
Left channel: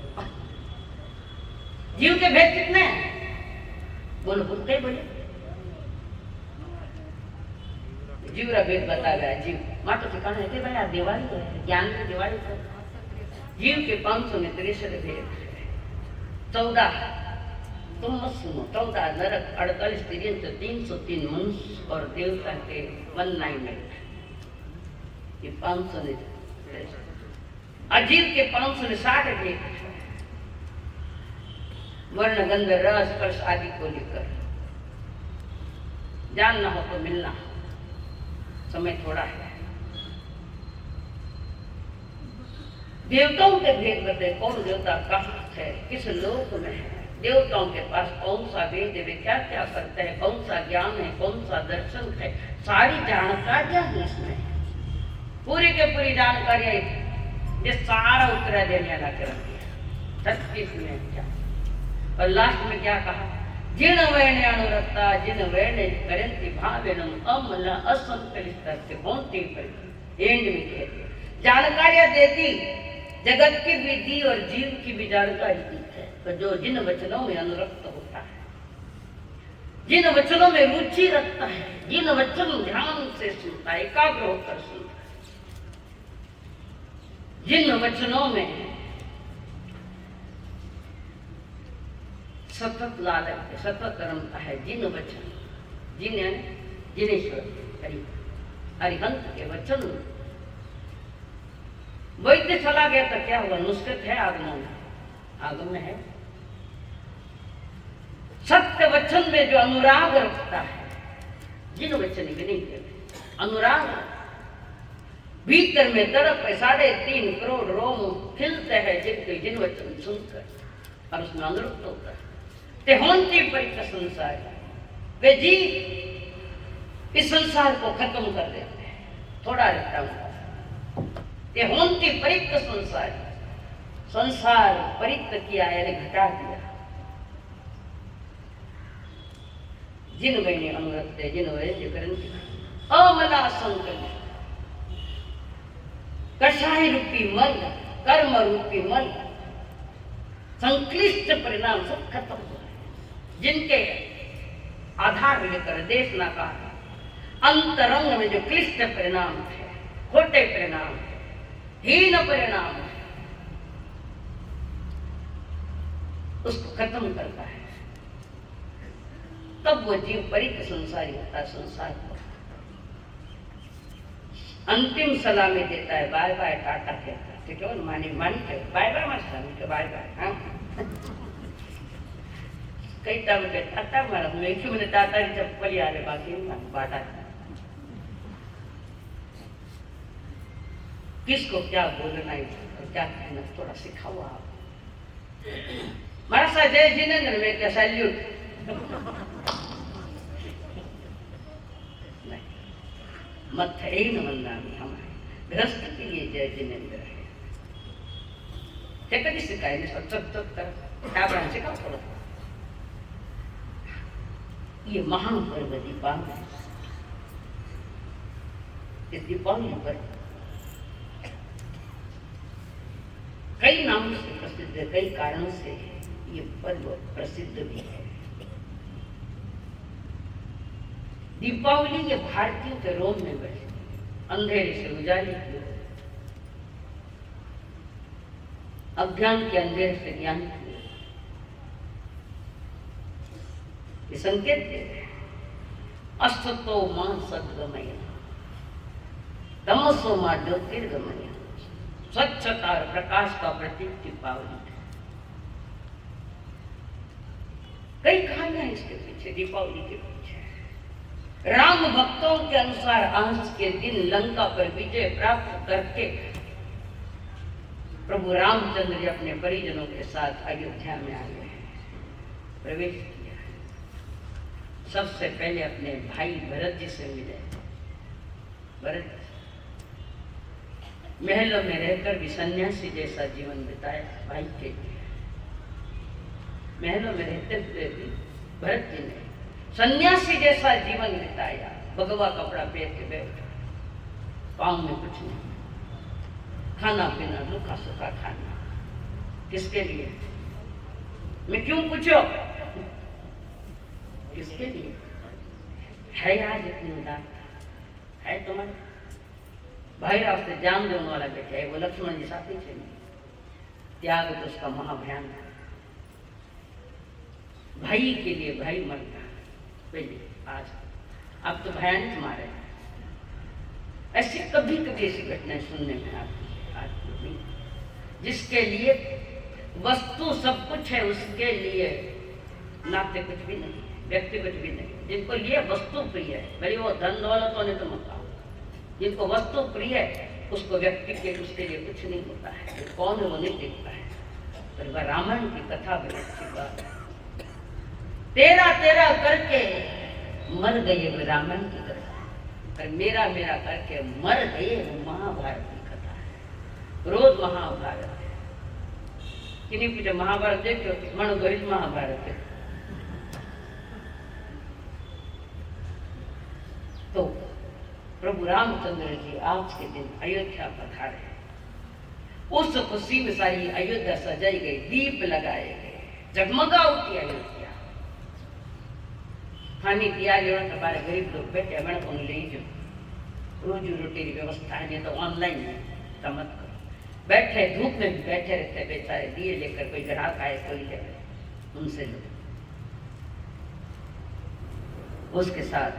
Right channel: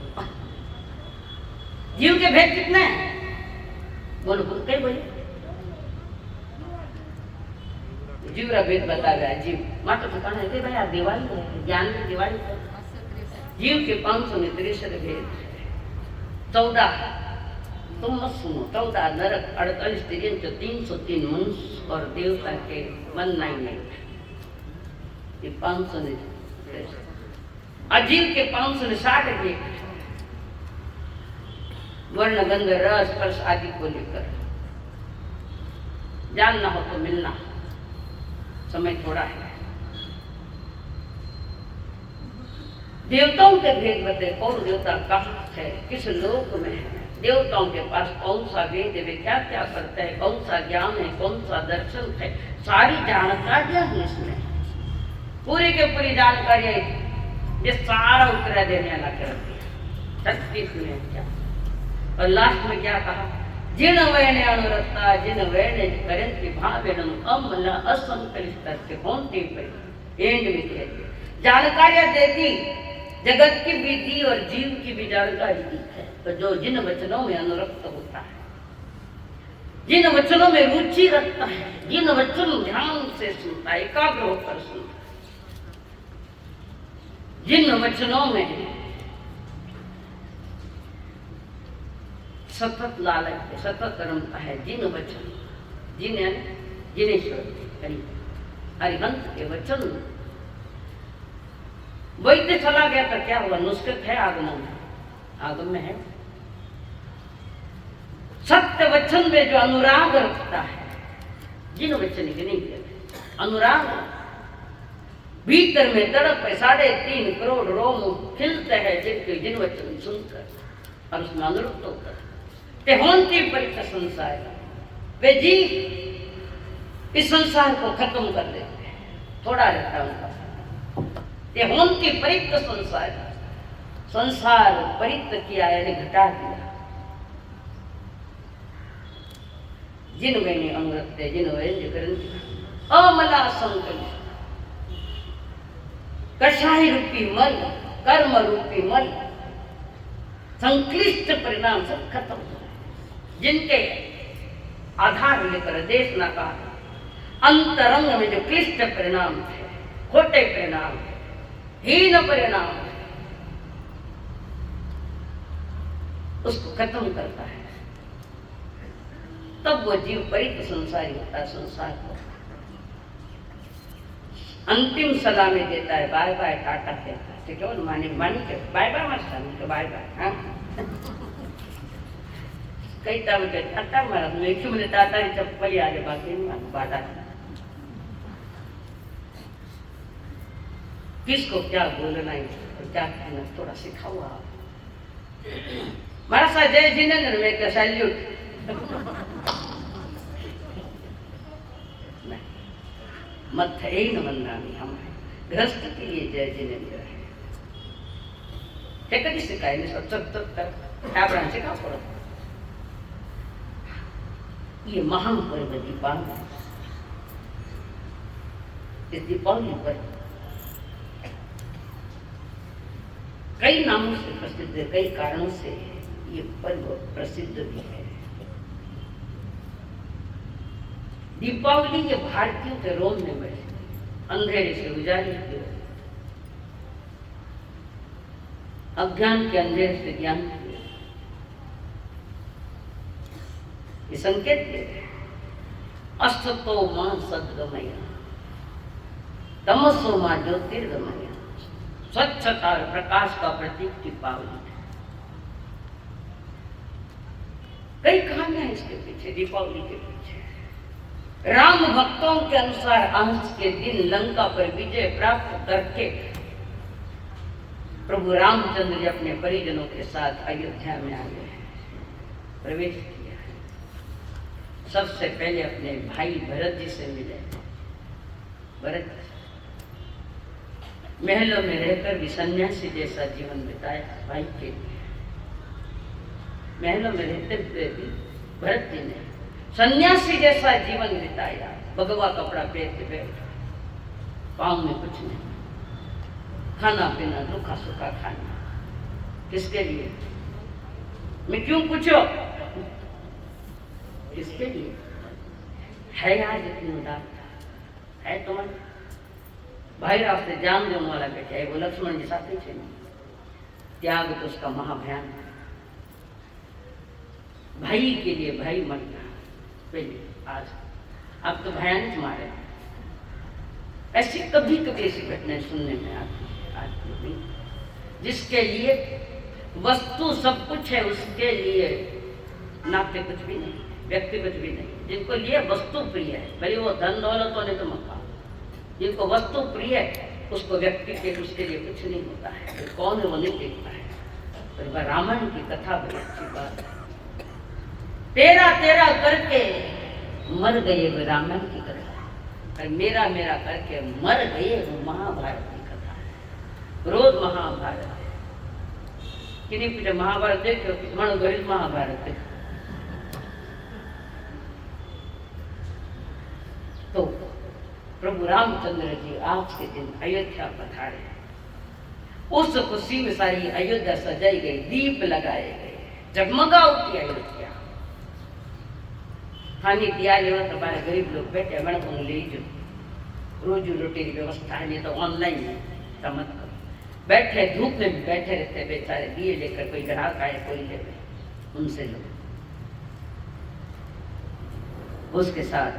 जीव के भेद कितने हैं बोलो, बोलते बोले जीवरा भेद बता गया। जीव माँ तो ठिकाना है भाई, आज दिवाली है, ज्ञान की दिवाली है। जीव के 563 भेद, 14 तुम मत सुनो, 14 नरक, 48 तिर्यंच, 303 मनुष्य और देवता के 198, ये 563। अजीव के 560 भेद, वर्ण गंध रस स्पर्श आदि को लेकर। जानना हो तो मिलना, समय थोड़ा है। देवताओं के भेद बताए, कौन देवता कहाँ है, किस लोक में है, देवताओं के पास कौन सा वेद वे क्या क्या करते हैं, कौन सा ज्ञान है, कौन सा दर्शन है, सारी जानकारियां हैं इसमें। पूरी के पूरी जानकारी आई ये सारा उत्तर देने लगा कर दिया 36 में क्या और लास्ट में क्या कहा जिन वेणे अनुरक्ता जिन वेणे करंती भावेनम अमला असंकलित होंते पर एंड में कह दिया जानकारियां दे दी जगत की भी दी और जीव की भी जानकारी दी है तो जो जिन वचनों में अनुरक्त होता है जिन वचनों में रुचि रखता है जिन वचन ध्यान से सुनता है एकाग्र होकर सुनता है जिन वचनों में सतत लालच सतत रमता है जिन वचन जिनेश्वर अरिहंत के वचन वैद्य चला गया तो क्या हुआ नुस्खत है आगम में है सत्य वचन में जो अनुराग रखता है जिन वचन के नहीं कहते अनुराग भीतर में तड़प है 3.5 करोड़ रोम खिलते हैं जिन वचन सुनकर और उसमें अनुरक्त होता है ते होंती परित संसार वे जी इस संसार को खत्म कर देते हैं थोड़ा रहता उनका ते होंती परित संसार परित किया यानी घटा दिया जिन मैंने अनुरक्त जिन वैद्य ग्रंथि अमला संकल्प कषाय रूपी मन कर्म रूपी मन संक्लिष्ट परिणाम सब खत्म हो गए जिनके आधार लेकर देश ना का अंतरंग में जो क्लिष्ट परिणाम थे खोटे परिणाम हीन परिणाम उसको खत्म करता है तब वो जीव परित संसारी होता है संसार को अंतिम सलामी देता है बाय बाय टाटा कहता है ठीक है मानी के बाय बाय मत तो बाय बाय कई टाइम के टाटा महाराज में क्यों मैंने टाटा की चप्पल याद है बाकी बाटा किसको क्या बोलना है और क्या कहना थोड़ा सिखाओ आप महाराज साहब जय जिनेंद्र में क्या सैल्यूट मत है ही न बनना नहीं हमारे गृहस्थ के लिए जय जिनेंद्र है कभी सिखाए नहीं सब सिखा थोड़ा ये महान पर्व दीपावली इस दीपावली पर कई नामों से प्रसिद्ध है कई कारणों से ये पर्व प्रसिद्ध भी है दीपावली के भारतीयों के रोम में बैठे अंधेरे से उजाले की ओर अज्ञान के अंधेरे से ज्ञान की ओर ये संकेत है अस्ततो मां सद्गमय तमसो मां ज्योतिर्गमय स्वच्छता और प्रकाश का प्रतीक दीपावली कई कहानियां इसके पीछे दीपावली के पीछे राम भक्तों के अनुसार आज के दिन लंका पर विजय प्राप्त करके प्रभु रामचंद्र जी अपने परिजनों के साथ अयोध्या में आ गए प्रवेश किया सबसे पहले अपने भाई भरत जी से मिले भरत महलों में रहकर भी सन्यासी जैसा जीवन बिताया भाई के महलों में रहते हुए भी भरत जी ने सन्यासी जैसा जीवन बिताया भगवा कपड़ा पहन के बैठ पाँव में कुछ नहीं खाना पीना रूखा सूखा खाना किसके लिए मैं क्यों पूछो किसके लिए है आज इतनी उदारता है तुम्हारे भाई रास्ते जान देने वाला बेटा है वो लक्ष्मण जी साथ ही चाहिए त्याग तो उसका महाभयान है भाई के लिए भाई मरना पहले आज अब तो भयानक मारे ऐसी कभी कभी ऐसी घटनाएं सुनने में आती है आज नहीं जिसके लिए वस्तु सब कुछ है उसके लिए नाते कुछ भी नहीं व्यक्ति कुछ भी नहीं जिनको लिए वस्तु प्रिय है भले वो धन दौलत होने तो मत जिनको वस्तु प्रिय है उसको व्यक्ति के उसके लिए कुछ नहीं होता है तो कौन है वो नहीं देखता है पर वह रामायण की कथा बड़ी अच्छी बात है तेरा करके मर गए वो रामायण की कथा पर मेरा मेरा करके मर गए, वो महाभारत की कथा है। रोज महाभारत है। किन्हीं पूछे महाभारत देखो, मनु गणित महाभारत है। तो प्रभु रामचंद्र जी आज के दिन अयोध्या पधारे। उस खुशी में सारी अयोध्या सजाई गई, दीप लगाए गए, जगमगा उठी अयोध्या। खानी तैयारी हो तुम्हारे गरीब लोग बैठे मैंने को ले जो रोजी रोटी की व्यवस्था है, नहीं तो ऑनलाइन है, समझ करो। बैठे धूप में भी बैठे रहते बेचारे, दिए लेकर, कोई ग्राहक आए कोई लेकर, उनसे लो। उसके साथ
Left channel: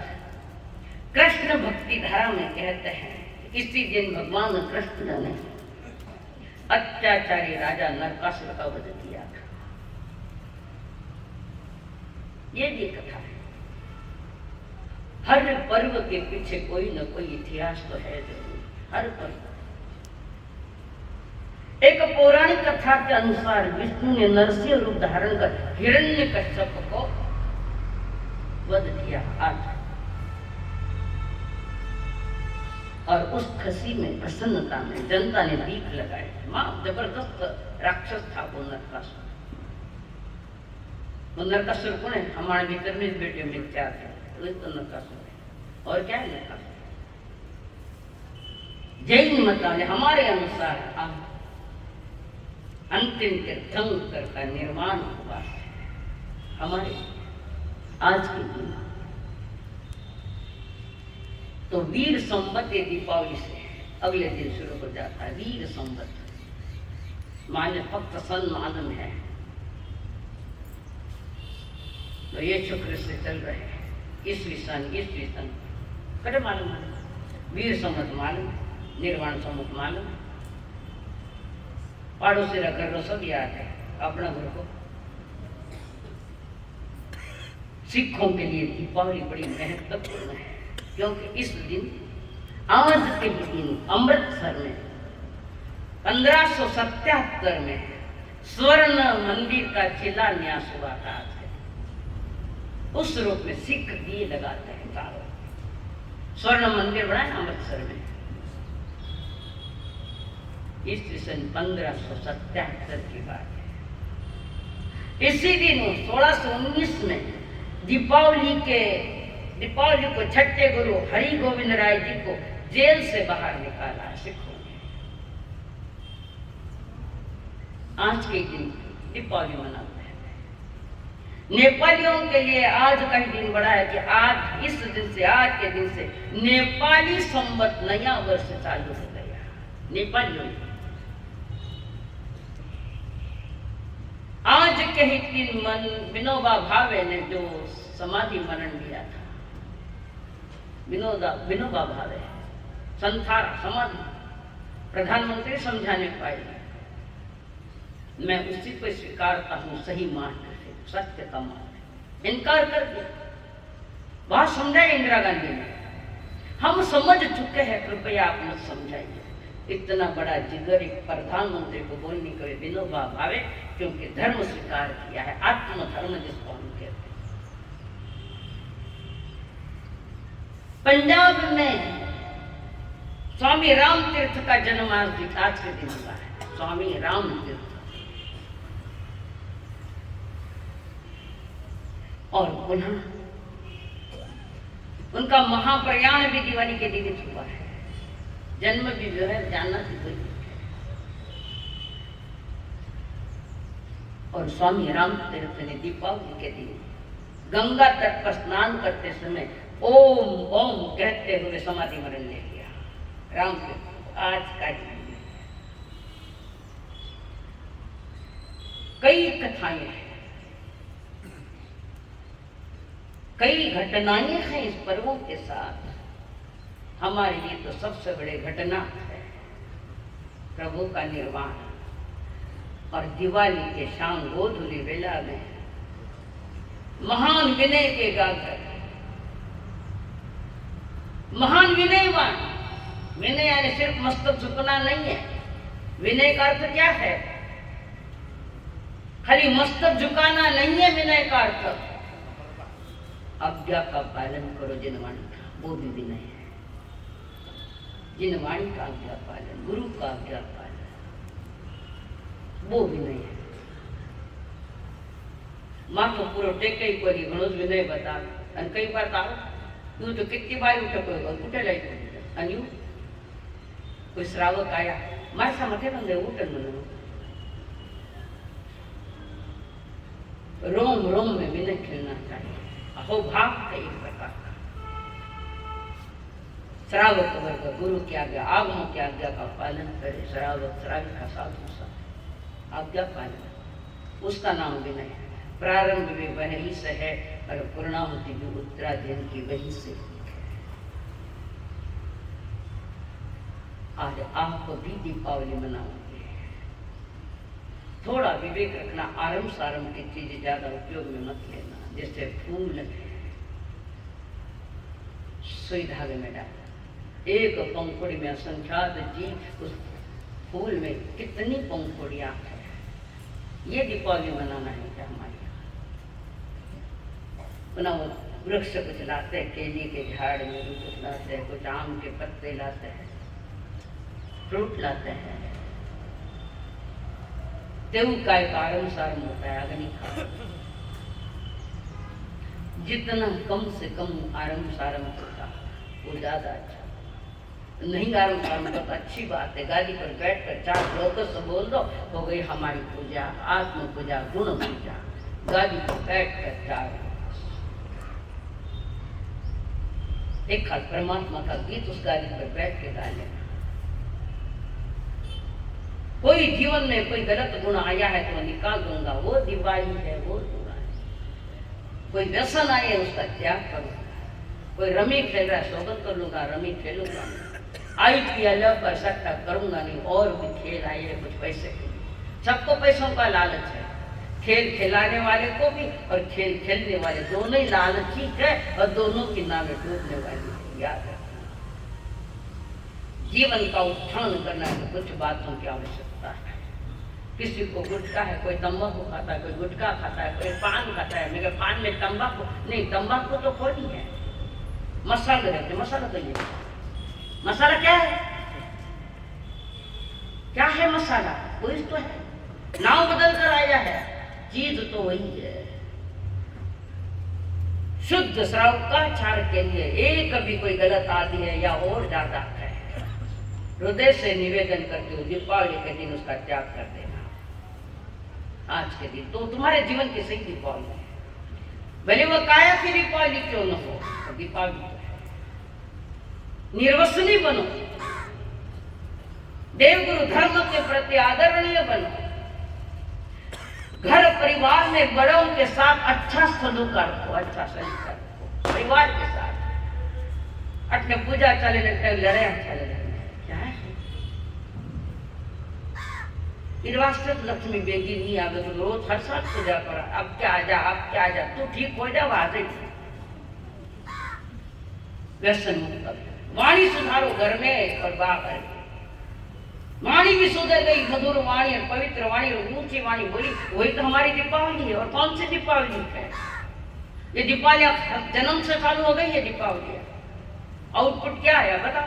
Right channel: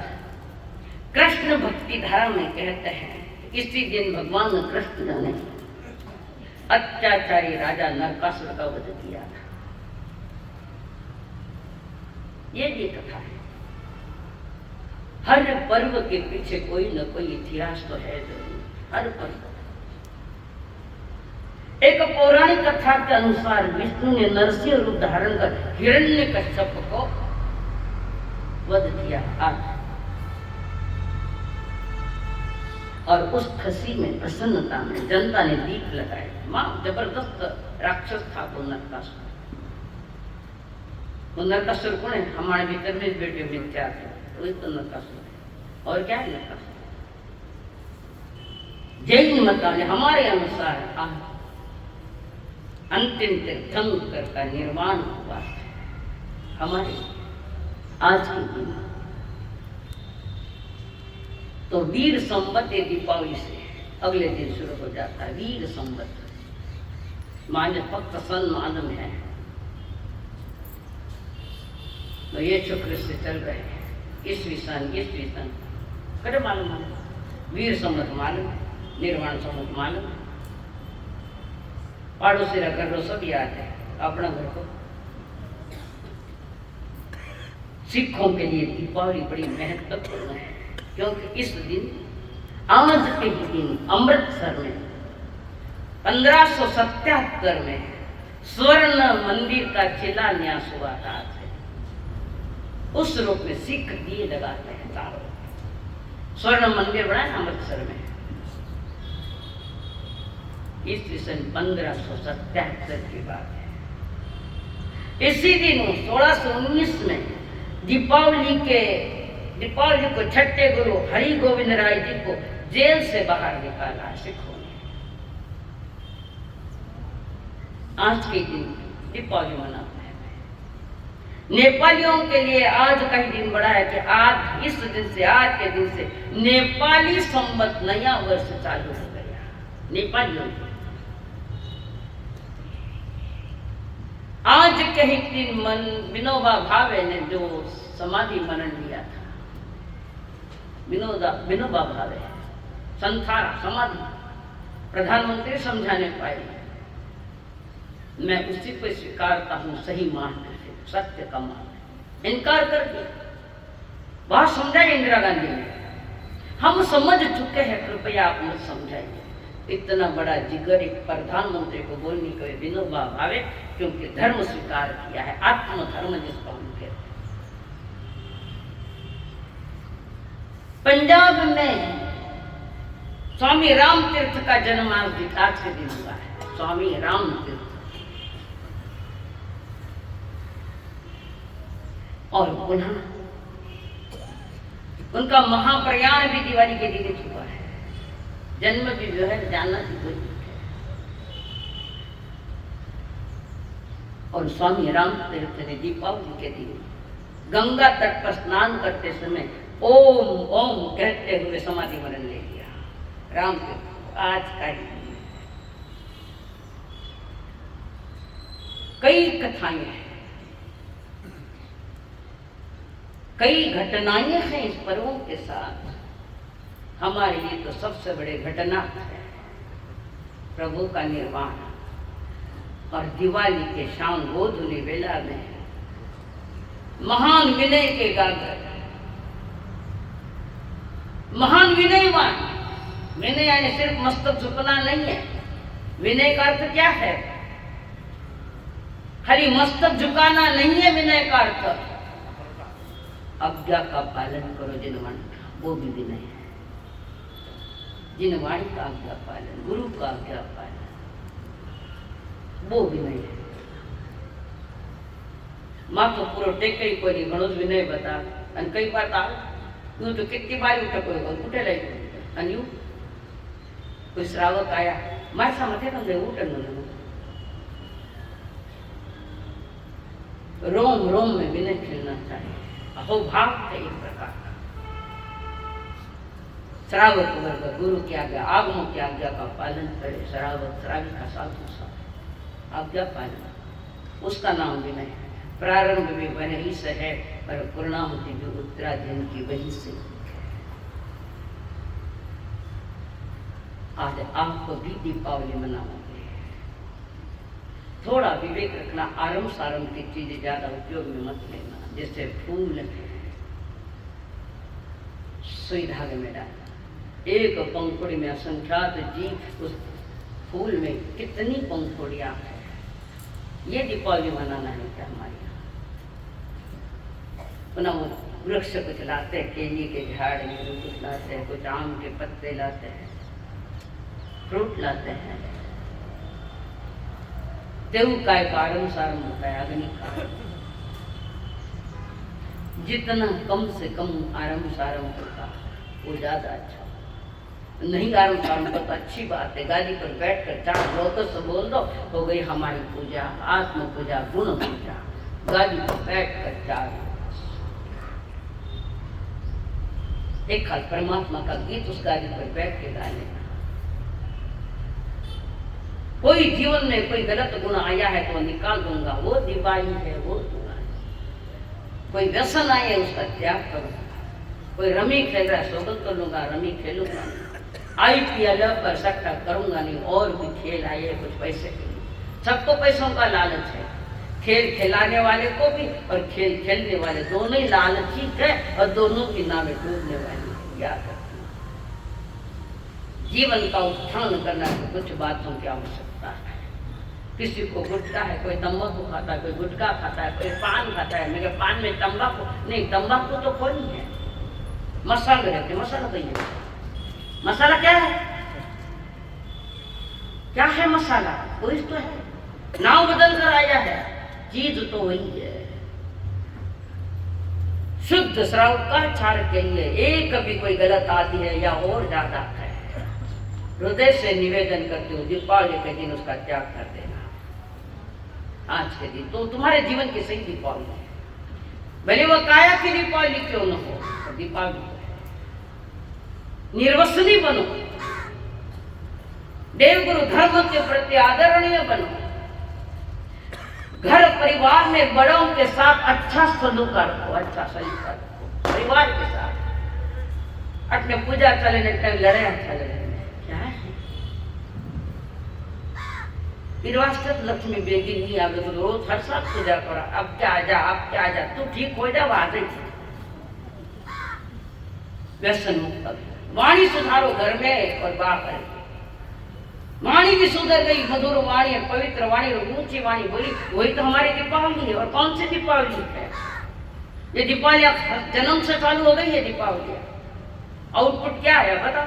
कृष्ण भक्ति धारा में कहते हैं इसी दिन भगवान कृष्ण ने अत्याचारी राजा नरकासुर का वध किया था। ये भी कथा है। हर पर्व के पीछे कोई न कोई इतिहास तो है जरूर। हर पर्व एक पौराणिक कथा के अनुसार विष्णु ने नरसिंह रूप धारण कर हिरण्यकश्यप को वध किया आज। और उस खुशी में, प्रसन्नता में जनता ने दीप लगाए। मां जबरदस्त राक्षस था वो नरकासुर। वो नरकासुर कौन है? हमारे भीतर में बेटे मिथ्या थे, वही तो नरकासुर है। और क्या है नरकासुर? जैन मत ने हमारे अनुसार अंतिम तीर्थंकर का निर्माण हुआ है हमारे आज के दिन। तो वीर संवत दीपावली से अगले दिन शुरू हो जाता है। वीर संवत मान्य फक्त सम्मान में है, तो ये शुक्र से चल रहे हैं। ईस्वी सन करे मालूम है, वीर संवत मालूम है, निर्वाण संवत मालूम है। पड़ोसी का घर सब याद है, अपना घर को। सिखों के लिए दीपावली बड़ी महत्वपूर्ण है, क्योंकि इस दिन आज के दिन अमृतसर में 1577 में स्वर्ण मंदिर का शिलान्यास हुआ था। उस रूप में सिख दिए लगाते हैं चारों। स्वर्ण मंदिर बना है अमृतसर में, ईस्वी सन 1577 की बात है। इसी दिन 1619 में दीपावली को छठे गुरु हरि गोविंद राय जी को जेल से बाहर निकाला सिखों ने। आज के दिन दीपावली मनाते हैं। नेपालियों के लिए आज का ही दिन बड़ा है कि आज इस दिन से, आज के दिन से नेपाली संवत नया वर्ष चालू हो गया। नेपालियों आज के ही दिन विनोबा भावे ने जो समाधि मनन लिया था, विनोबा भावे संथारा समाधि प्रधानमंत्री समझाने पाए। मैं उसी को स्वीकारता हूँ सही मान कर, सत्य का मान। इनकार कर दिया, बात समझाई इंदिरा गांधी ने। हम समझ चुके हैं, कृपया आप मत समझाइए। इतना बड़ा जिगर एक प्रधानमंत्री को बोलने के विनोबा भावे, क्योंकि धर्म स्वीकार किया है, आत्मधर्म जिसको हम कहते हैं। पंजाब में स्वामी राम तीर्थ का जन्म आज के दिन हुआ है। स्वामी राम तीर्थ, और पुनः उनका महाप्रयाण भी दिवाली के दिन हुआ है। जन्म भी जो है जाना भी वही है। और स्वामी राम तीर्थ ने दीपावली के दिन गंगा तट पर स्नान करते समय ओम ओम कहते हुए समाधि मरण ले लिया। राम तीर्थ आज का दिन। कई कथाएं हैं, कई घटनाएं हैं इस पर्वों के साथ। हमारे लिए तो सबसे बड़ी घटना है प्रभु का निर्वाण। और दिवाली के शाम गोधूली वेला में महान विनय के गागर, महान विनयवान। विनय यानी सिर्फ मस्तक झुकना नहीं है। विनय का अर्थ क्या है? खाली मस्तक झुकाना नहीं है विनय का अर्थ। आज्ञा का पालन करो जिनवान, वो भी विनय है। जिन वाणी का आज्ञा पालन, गुरु का आज्ञा पालन, वो विनय है। मां तो पूरा टेके ही कोई घणो ज विनय बता अन कई बार यूं तो कितनी बार उठे कोई उठे लाई अन यूं कोई श्रावक आया मारे सा मथे न दे उठन मन रोम रोम में विनय खेलना चाहिए। अहोभाव है एक प्रकार का। श्रावक वर्ग गुरु की आज्ञा, आगमों की आज्ञा का पालन करे। श्रावक श्राविका साधु सा आज्ञा पालन, उसका नाम विनय है। प्रारंभ में वही से है और पूर्णाहुति जो उत्तराधीन की वही से। आज आप भी दीपावली मनाओगे, थोड़ा विवेक रखना। आरंभ सारंभ की चीजें ज्यादा उपयोग में मत लेना। जैसे फूल सुई धागे में डाल, एक पंखुड़ी में असंख्यात जीव, उस फूल में कितनी पंखुड़ियां हैं। ये दीपावली मनाना है क्या हमारे यहाँ? पुनः वृक्ष कुछ लाते हैं, केले के झाड़ में कुछ लाते हैं, कुछ आम के पत्ते लाते हैं, फ्रूट लाते हैं। देव का एक आरंभ सारंभ होता है, अग्नि का। जितना कम से कम आरंभ सारंभ होता वो ज्यादा अच्छा। नहीं आरंभ सारंभ तो अच्छी बात है। गादी पर बैठकर 4 लोगों से बोल दो, हो गई हमारी पूजा, आत्म पूजा, गुण पूजा। गादी पर बैठकर 4 एक खाल परमात्मा का गीत उस गादी पर बैठ के गा लेना। कोई जीवन में कोई गलत गुण आया है तो निकाल दूंगा, वो दिवाली है, वो दूंगा। कोई व्यसन आए उसका त्याग करूंगा। कोई रमी खेल रहा है, सोबत कर लूंगा, रमी खेलूंगा। IPL पर सट्टा करूंगा नहीं। और भी खेल आए कुछ पैसे, सबको पैसों का लालच है। खेल खिलाने वाले को भी और खेल खेलने वाले दोनों ही लालची है और दोनों की नावें डूबने वाली है। याद रखना, जीवन का उत्थान करना है कुछ बातों की आवश्यकता है। किसी को गुटखा है, कोई तंबाकू खाता है, कोई गुटखा खाता है, कोई पान खाता है। मेरे पान में तंबाकू नहीं, तंबाकू तो कोई नहीं है। मसाला रखते, मसाला तो ये मसाला क्या है? क्या है मसाला? वही तो है, नाम बदल कर आया है, चीज तो वही है। शुद्ध श्रावकाचार के लिए एक भी कोई गलत आदि है या और ज्यादा है, हृदय से निवेदन करते हो दीपावली के दिन उसका त्याग कर देना। आज के दिन तो तुम्हारे जीवन की सही दीपावली है। भले वो काया की दीपावली क्यों न हो, तो दीपावली तो है। निर्वसनी बनो, देवगुरु धर्म के प्रति आदरणीय बनो, घर परिवार में बड़ों के साथ अच्छा सलूक रखो, अच्छा सलूक रखो परिवार के साथ। अपने पूजा चले लड़े चले क्या है? निर्वासित लक्ष्मी बेगी नहीं आवे तो रोज हर साल पूजा करो। अब क्या आ जा, अब क्या आ जा, तू ठीक हो जा, आज ही व्यसन मुक्त। वाणी सुधारो घर में और बाहर। वाणी भी सुधर गई, मधुर वाणी और पवित्र वाणी और ऊंची वाणी बोली, वही तो हमारी दीपावली है। और कौन सी दीपावली है? ये दीपावली जन्म से चालू हो गई है दीपावली। आउटपुट क्या है बता?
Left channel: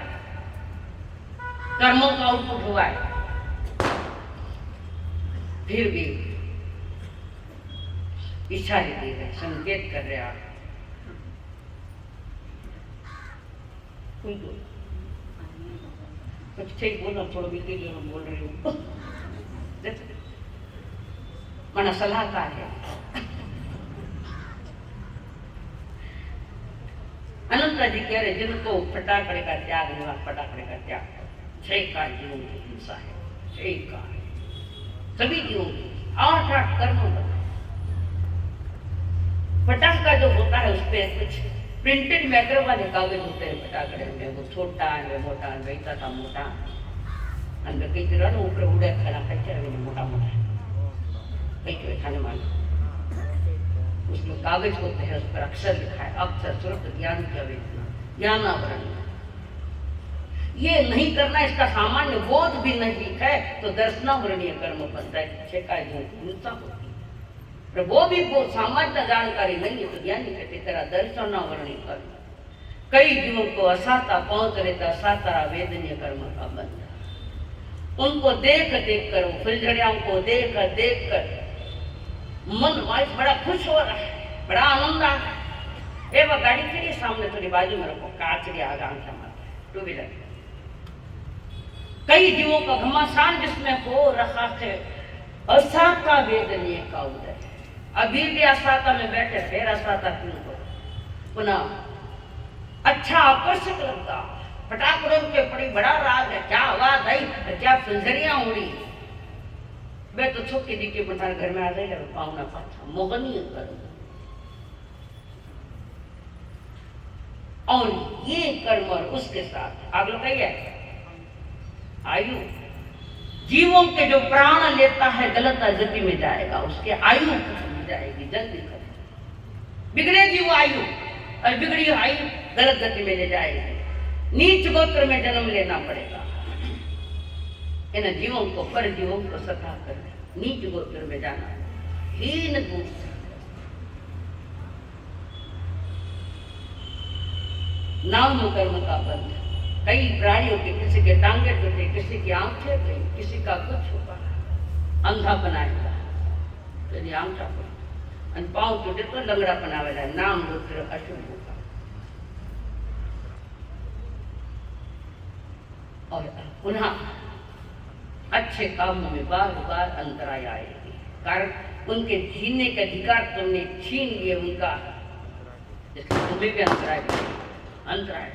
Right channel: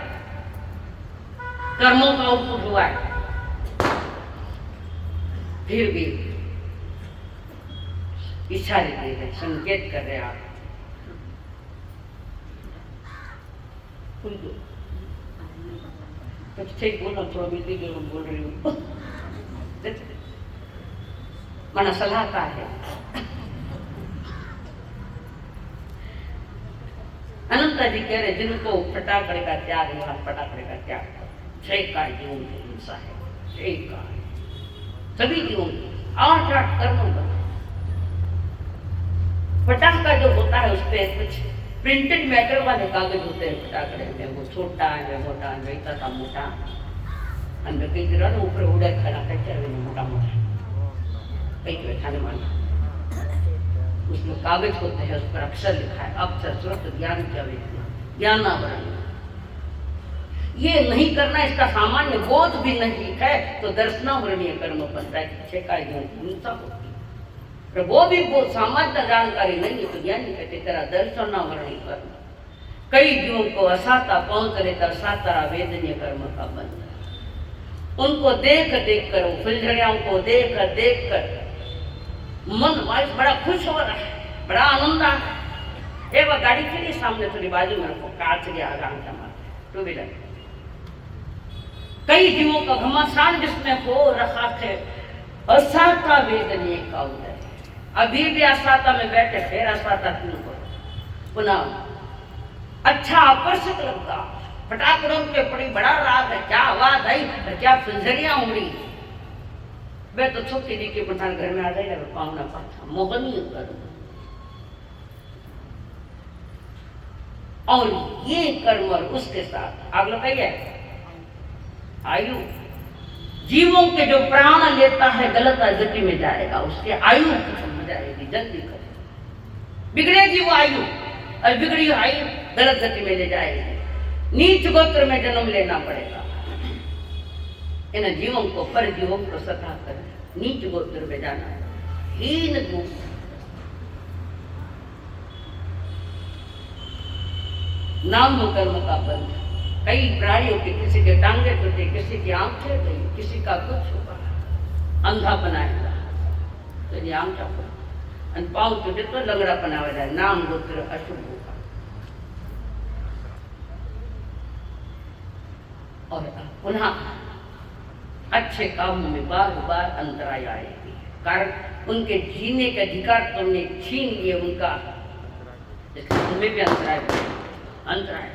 कर्मों का आउटपुट हुआ है। फिर भी इच्छा दे रहे, संकेत कर रहे आप। कुछ ठीक बोलो, थोड़ा मिलती जरूर बोल रही हूँ। मना सलाहकार है। अनंता जी कह रहे जिनको फटाकड़े का त्याग है, फटाकड़े का त्याग करो। 6 का जीवन की हिंसा है, 6 का सभी जीवन की 8 कर्मों का। फटाका जो होता है उस पर कुछ प्रिंटेड मैटर वाले कागज होते हैं फटाकड़े में, वो छोटा है मोटा वैसा था मोटा अंदर कई तरह ऊपर उड़ा खड़ा है मोटा मोटा कई तरह खाने वाला। उसमें कागज होते हैं, उस पर अक्षर लिखा है, अक्षर स्रोत ज्ञान क्या वेदना ज्ञानावरण। ये नहीं करना, इसका सामान्य बोध भी नहीं है तो दर्शनावरणीय कर्म बनता है। शिकायत हिंसा होती है, पर वो भी सामान्य जानकारी नहीं है तो ज्ञानी कहते तेरा दर्शनावरणीय कर्म। कई जीवों को असाता पहुंच रहता सातारा वेदनीय कर्म का बंध। उनको देख देख कर, वो फुलझड़ियाओं को देख देख कर मन वाइस बड़ा खुश हो रहा है, बड़ा आनंद आ रहा है। ए वह गाड़ी खड़ी सामने थोड़ी बाजू में रखो, कांच के आगे टू व्हीलर। कई जीवों का घमासान जिसमें हो रहा है, असाता वेदनीय का उदय। अभी भी असाता में बैठे, फिर असाता क्यों करो? पुनः अच्छा आकर्षक लगता, फटाकड़ों के बड़ी बड़ा राग है, क्या आवाज आई और क्या फुलझड़ियां उड़ी। वे तो छोटी दी के पठान घर में आ गई, पावना पाछा मोहनीय कर्म। और ये कर्म और उसके साथ आप लोग कहिए आयु, जीवों के जो प्राण लेता है गलत गति में जाएगा, उसके आयु खत्म हो जाएगी, जल्दी खत्म बिगड़ेगी वो आयु, और बिगड़ी आयु गलत गति में ले जाएगी। नीच गोत्र में जन्म लेना पड़ेगा। इन जीवों को, पर जीवों को सता कर नीच गोत्र में जाना, हीन गोत्र। नाम कर्म का बंध। कई प्राणियों के, किसी के टांगे टूटे, किसी की आंखें गई, किसी का कुछ हुआ, अंधा बनाएगा तो ये आंखा फूट, पाँव टूटे तो लंगड़ा बनावा जाए, नाम गोत्र अशुभ होगा। और पुनः अच्छे कामों में बार बार अंतराय आएगी, कारण उनके जीने का अधिकार तुमने छीन लिए उनका, इसलिए तुम्हें भी अंतराय।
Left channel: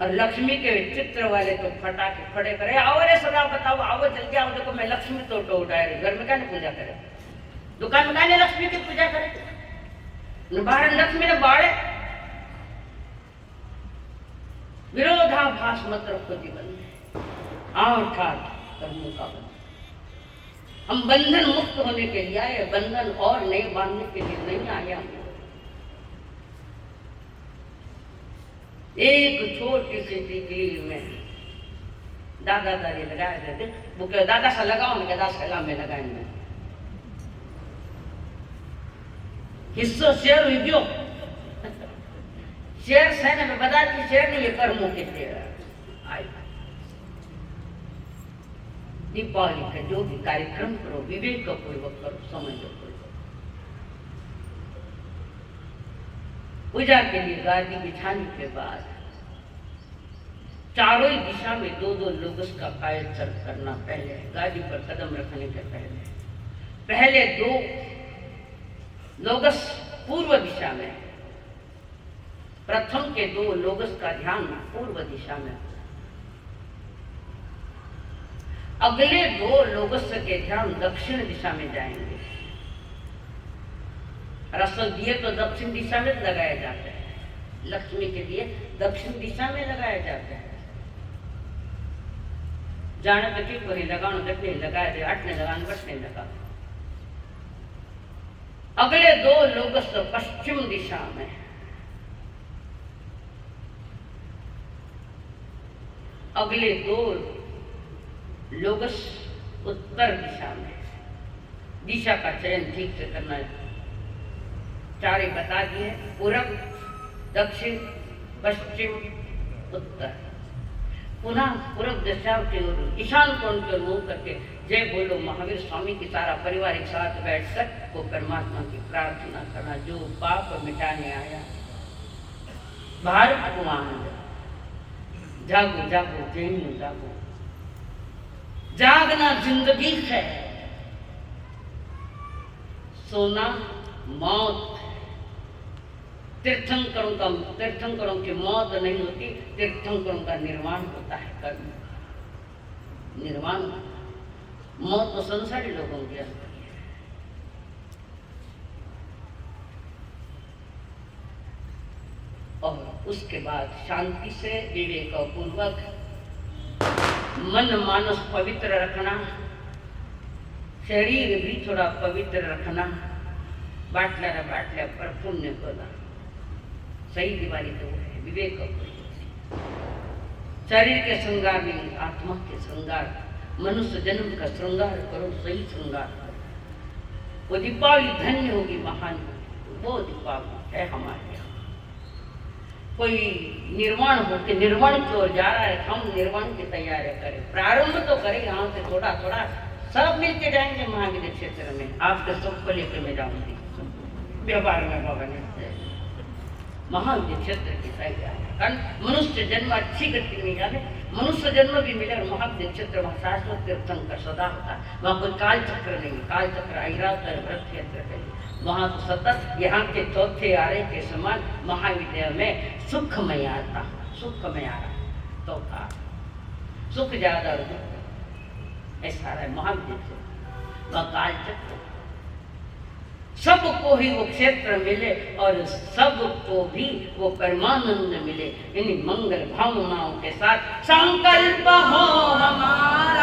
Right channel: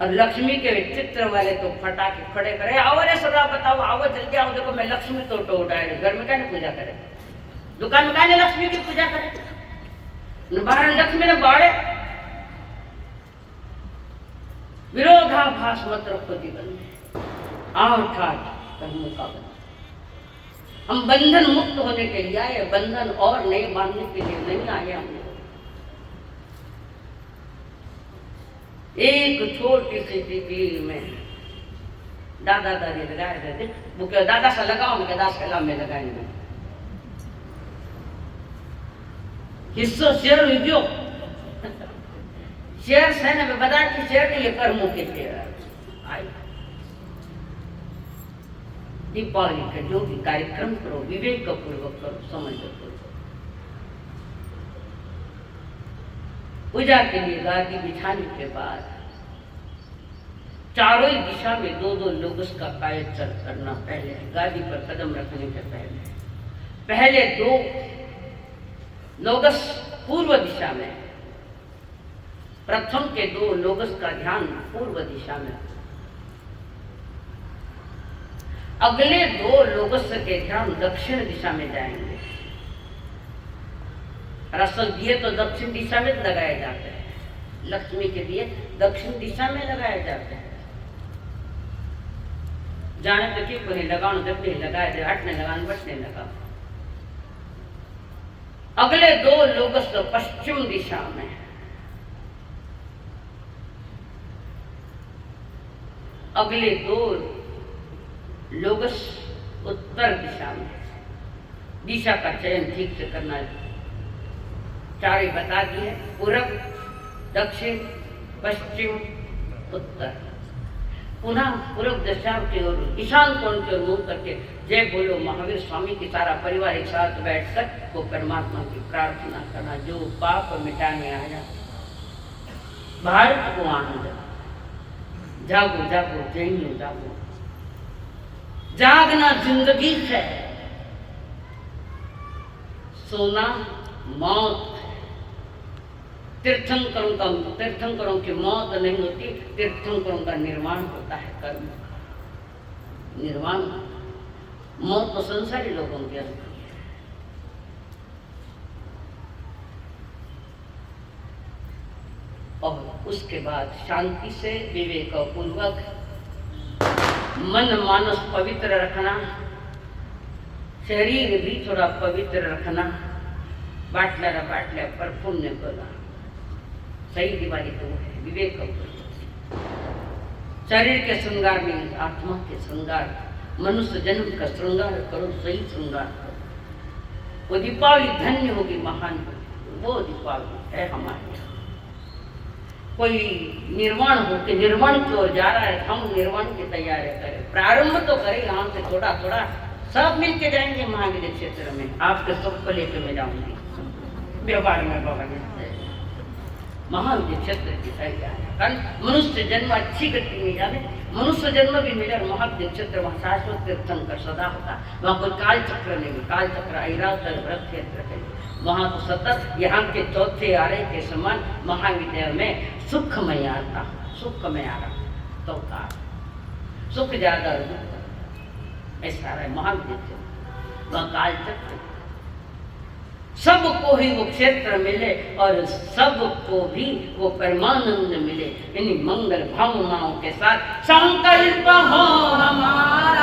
और लक्ष्मी के चित्र वाले तो फटाके खड़े करे, आओ रे सदा बताओ, आओ जल्दी आओ, देखो मैं लक्ष्मी तो उठाए, घर में क्या नहीं पूजा करे, दुकान में क्या नहीं लक्ष्मी की पूजा करे, बाहर लक्ष्मी ने बाड़े। विरोधाभास मत रखो जीवन में, आठ कर्मों का बंधन। हम बंधन मुक्त होने के लिए आए, बंधन और नए बांधने के लिए नहीं आए हम। एक छोटी सी टिकली में दादा दादी लगाए थे, वो क्या दादा सा लगाओ, मैं दादा सलाम में लगाएंगे हिस्सों शेयर हुई शेयर सेना में बता कि शेयर नहीं, ये कर्मों के शेयर। दीपावली का जो भी कार्यक्रम करो विवेक पूर्वक करो, समझ पूर्वक। पूजा के लिए गादी बिछाने के बाद चारों ही दिशा में दो दो लोगों का कायचल करना। पहले गादी पर कदम रखने के पहले दो लोगस पूर्व दिशा में, प्रथम के दो लोगस का ध्यान पूर्व दिशा में, अगले दो लोगस के ध्यान दक्षिण दिशा में जाएंगे। रसल दिए तो दक्षिण दिशा में लगाए जाते हैं, लक्ष्मी के दिए दक्षिण दिशा में लगाए जाते हैं। जाने तो क्यों नहीं लगाओ, जब नहीं लगाए थे हटने लगाने बचने लगा। अगले दो लोगस पश्चिम दिशा में, अगले दो लोगस उत्तर दिशा में। दिशा का चयन ठीक से करना है। चारे बता दिए, पूरब, दक्षिण, पश्चिम, उत्तर। पुनः पूर्व दिशा की ओर, ईशान कोण की ओर मुंह करके जय बोलो महावीर स्वामी की सारा परिवार एक साथ बैठकर वो परमात्मा की प्रार्थना करना, जो पाप मिटाने आया भारत को आनंद। जागो जागो जैन जागो, जागना जिंदगी है, सोना मौत। तीर्थंकरों की मौत नहीं होती, तीर्थंकरों का निर्माण होता है, कर्म निर्माण। मौत तो संसारी लोगों की होती है। और उसके बाद शांति से विवेक पूर्वक मन मानस पवित्र रखना, शरीर भी थोड़ा पवित्र रखना, बाटल्या पर पुण्य करना। सही दिवाली तो है विवेक। शरीर के श्रृंगार में आत्मा के श्रृंगार, मनुष्य जन्म का श्रृंगार करो, सही श्रृंगार करो। वो दीपावली धन्य होगी, महान होगी। वो दीपावली है हमारे यहाँ। कोई निर्वाण हो के निर्वाण की ओर जा रहा है, हम निर्वाण की तैयारी करें, प्रारंभ तो करें यहाँ से थोड़ा थोड़ा, सब मिलके जाएंगे महावीर क्षेत्र में। आपके सुख को लेकर मैं जाऊंगी व्यवहार में भवन महावीर क्षेत्र की तैयारी। कारण मनुष्य जन्म अच्छी गति में जाने, मनुष्य जन्म भी मिले और महावीर क्षेत्र वहाँ शाश्वत तीर्थंकर सदा होता, वहाँ कोई काल चक्र नहीं, काल चक्र ऐरावत व्रत क्षेत्र है वहाँ तो सतत यहाँ के चौथे आरे के समान महाविद्यालय में सुखमय आता, सुखमय आ रहा तो था सुख ज्यादा ऐसा है महाविद्यालय। वह काल चक्र सबको ही वो क्षेत्र मिले और सबको भी वो परमानंद मिले। इन मंगल भावनाओं के साथ संकल्प हो हमारा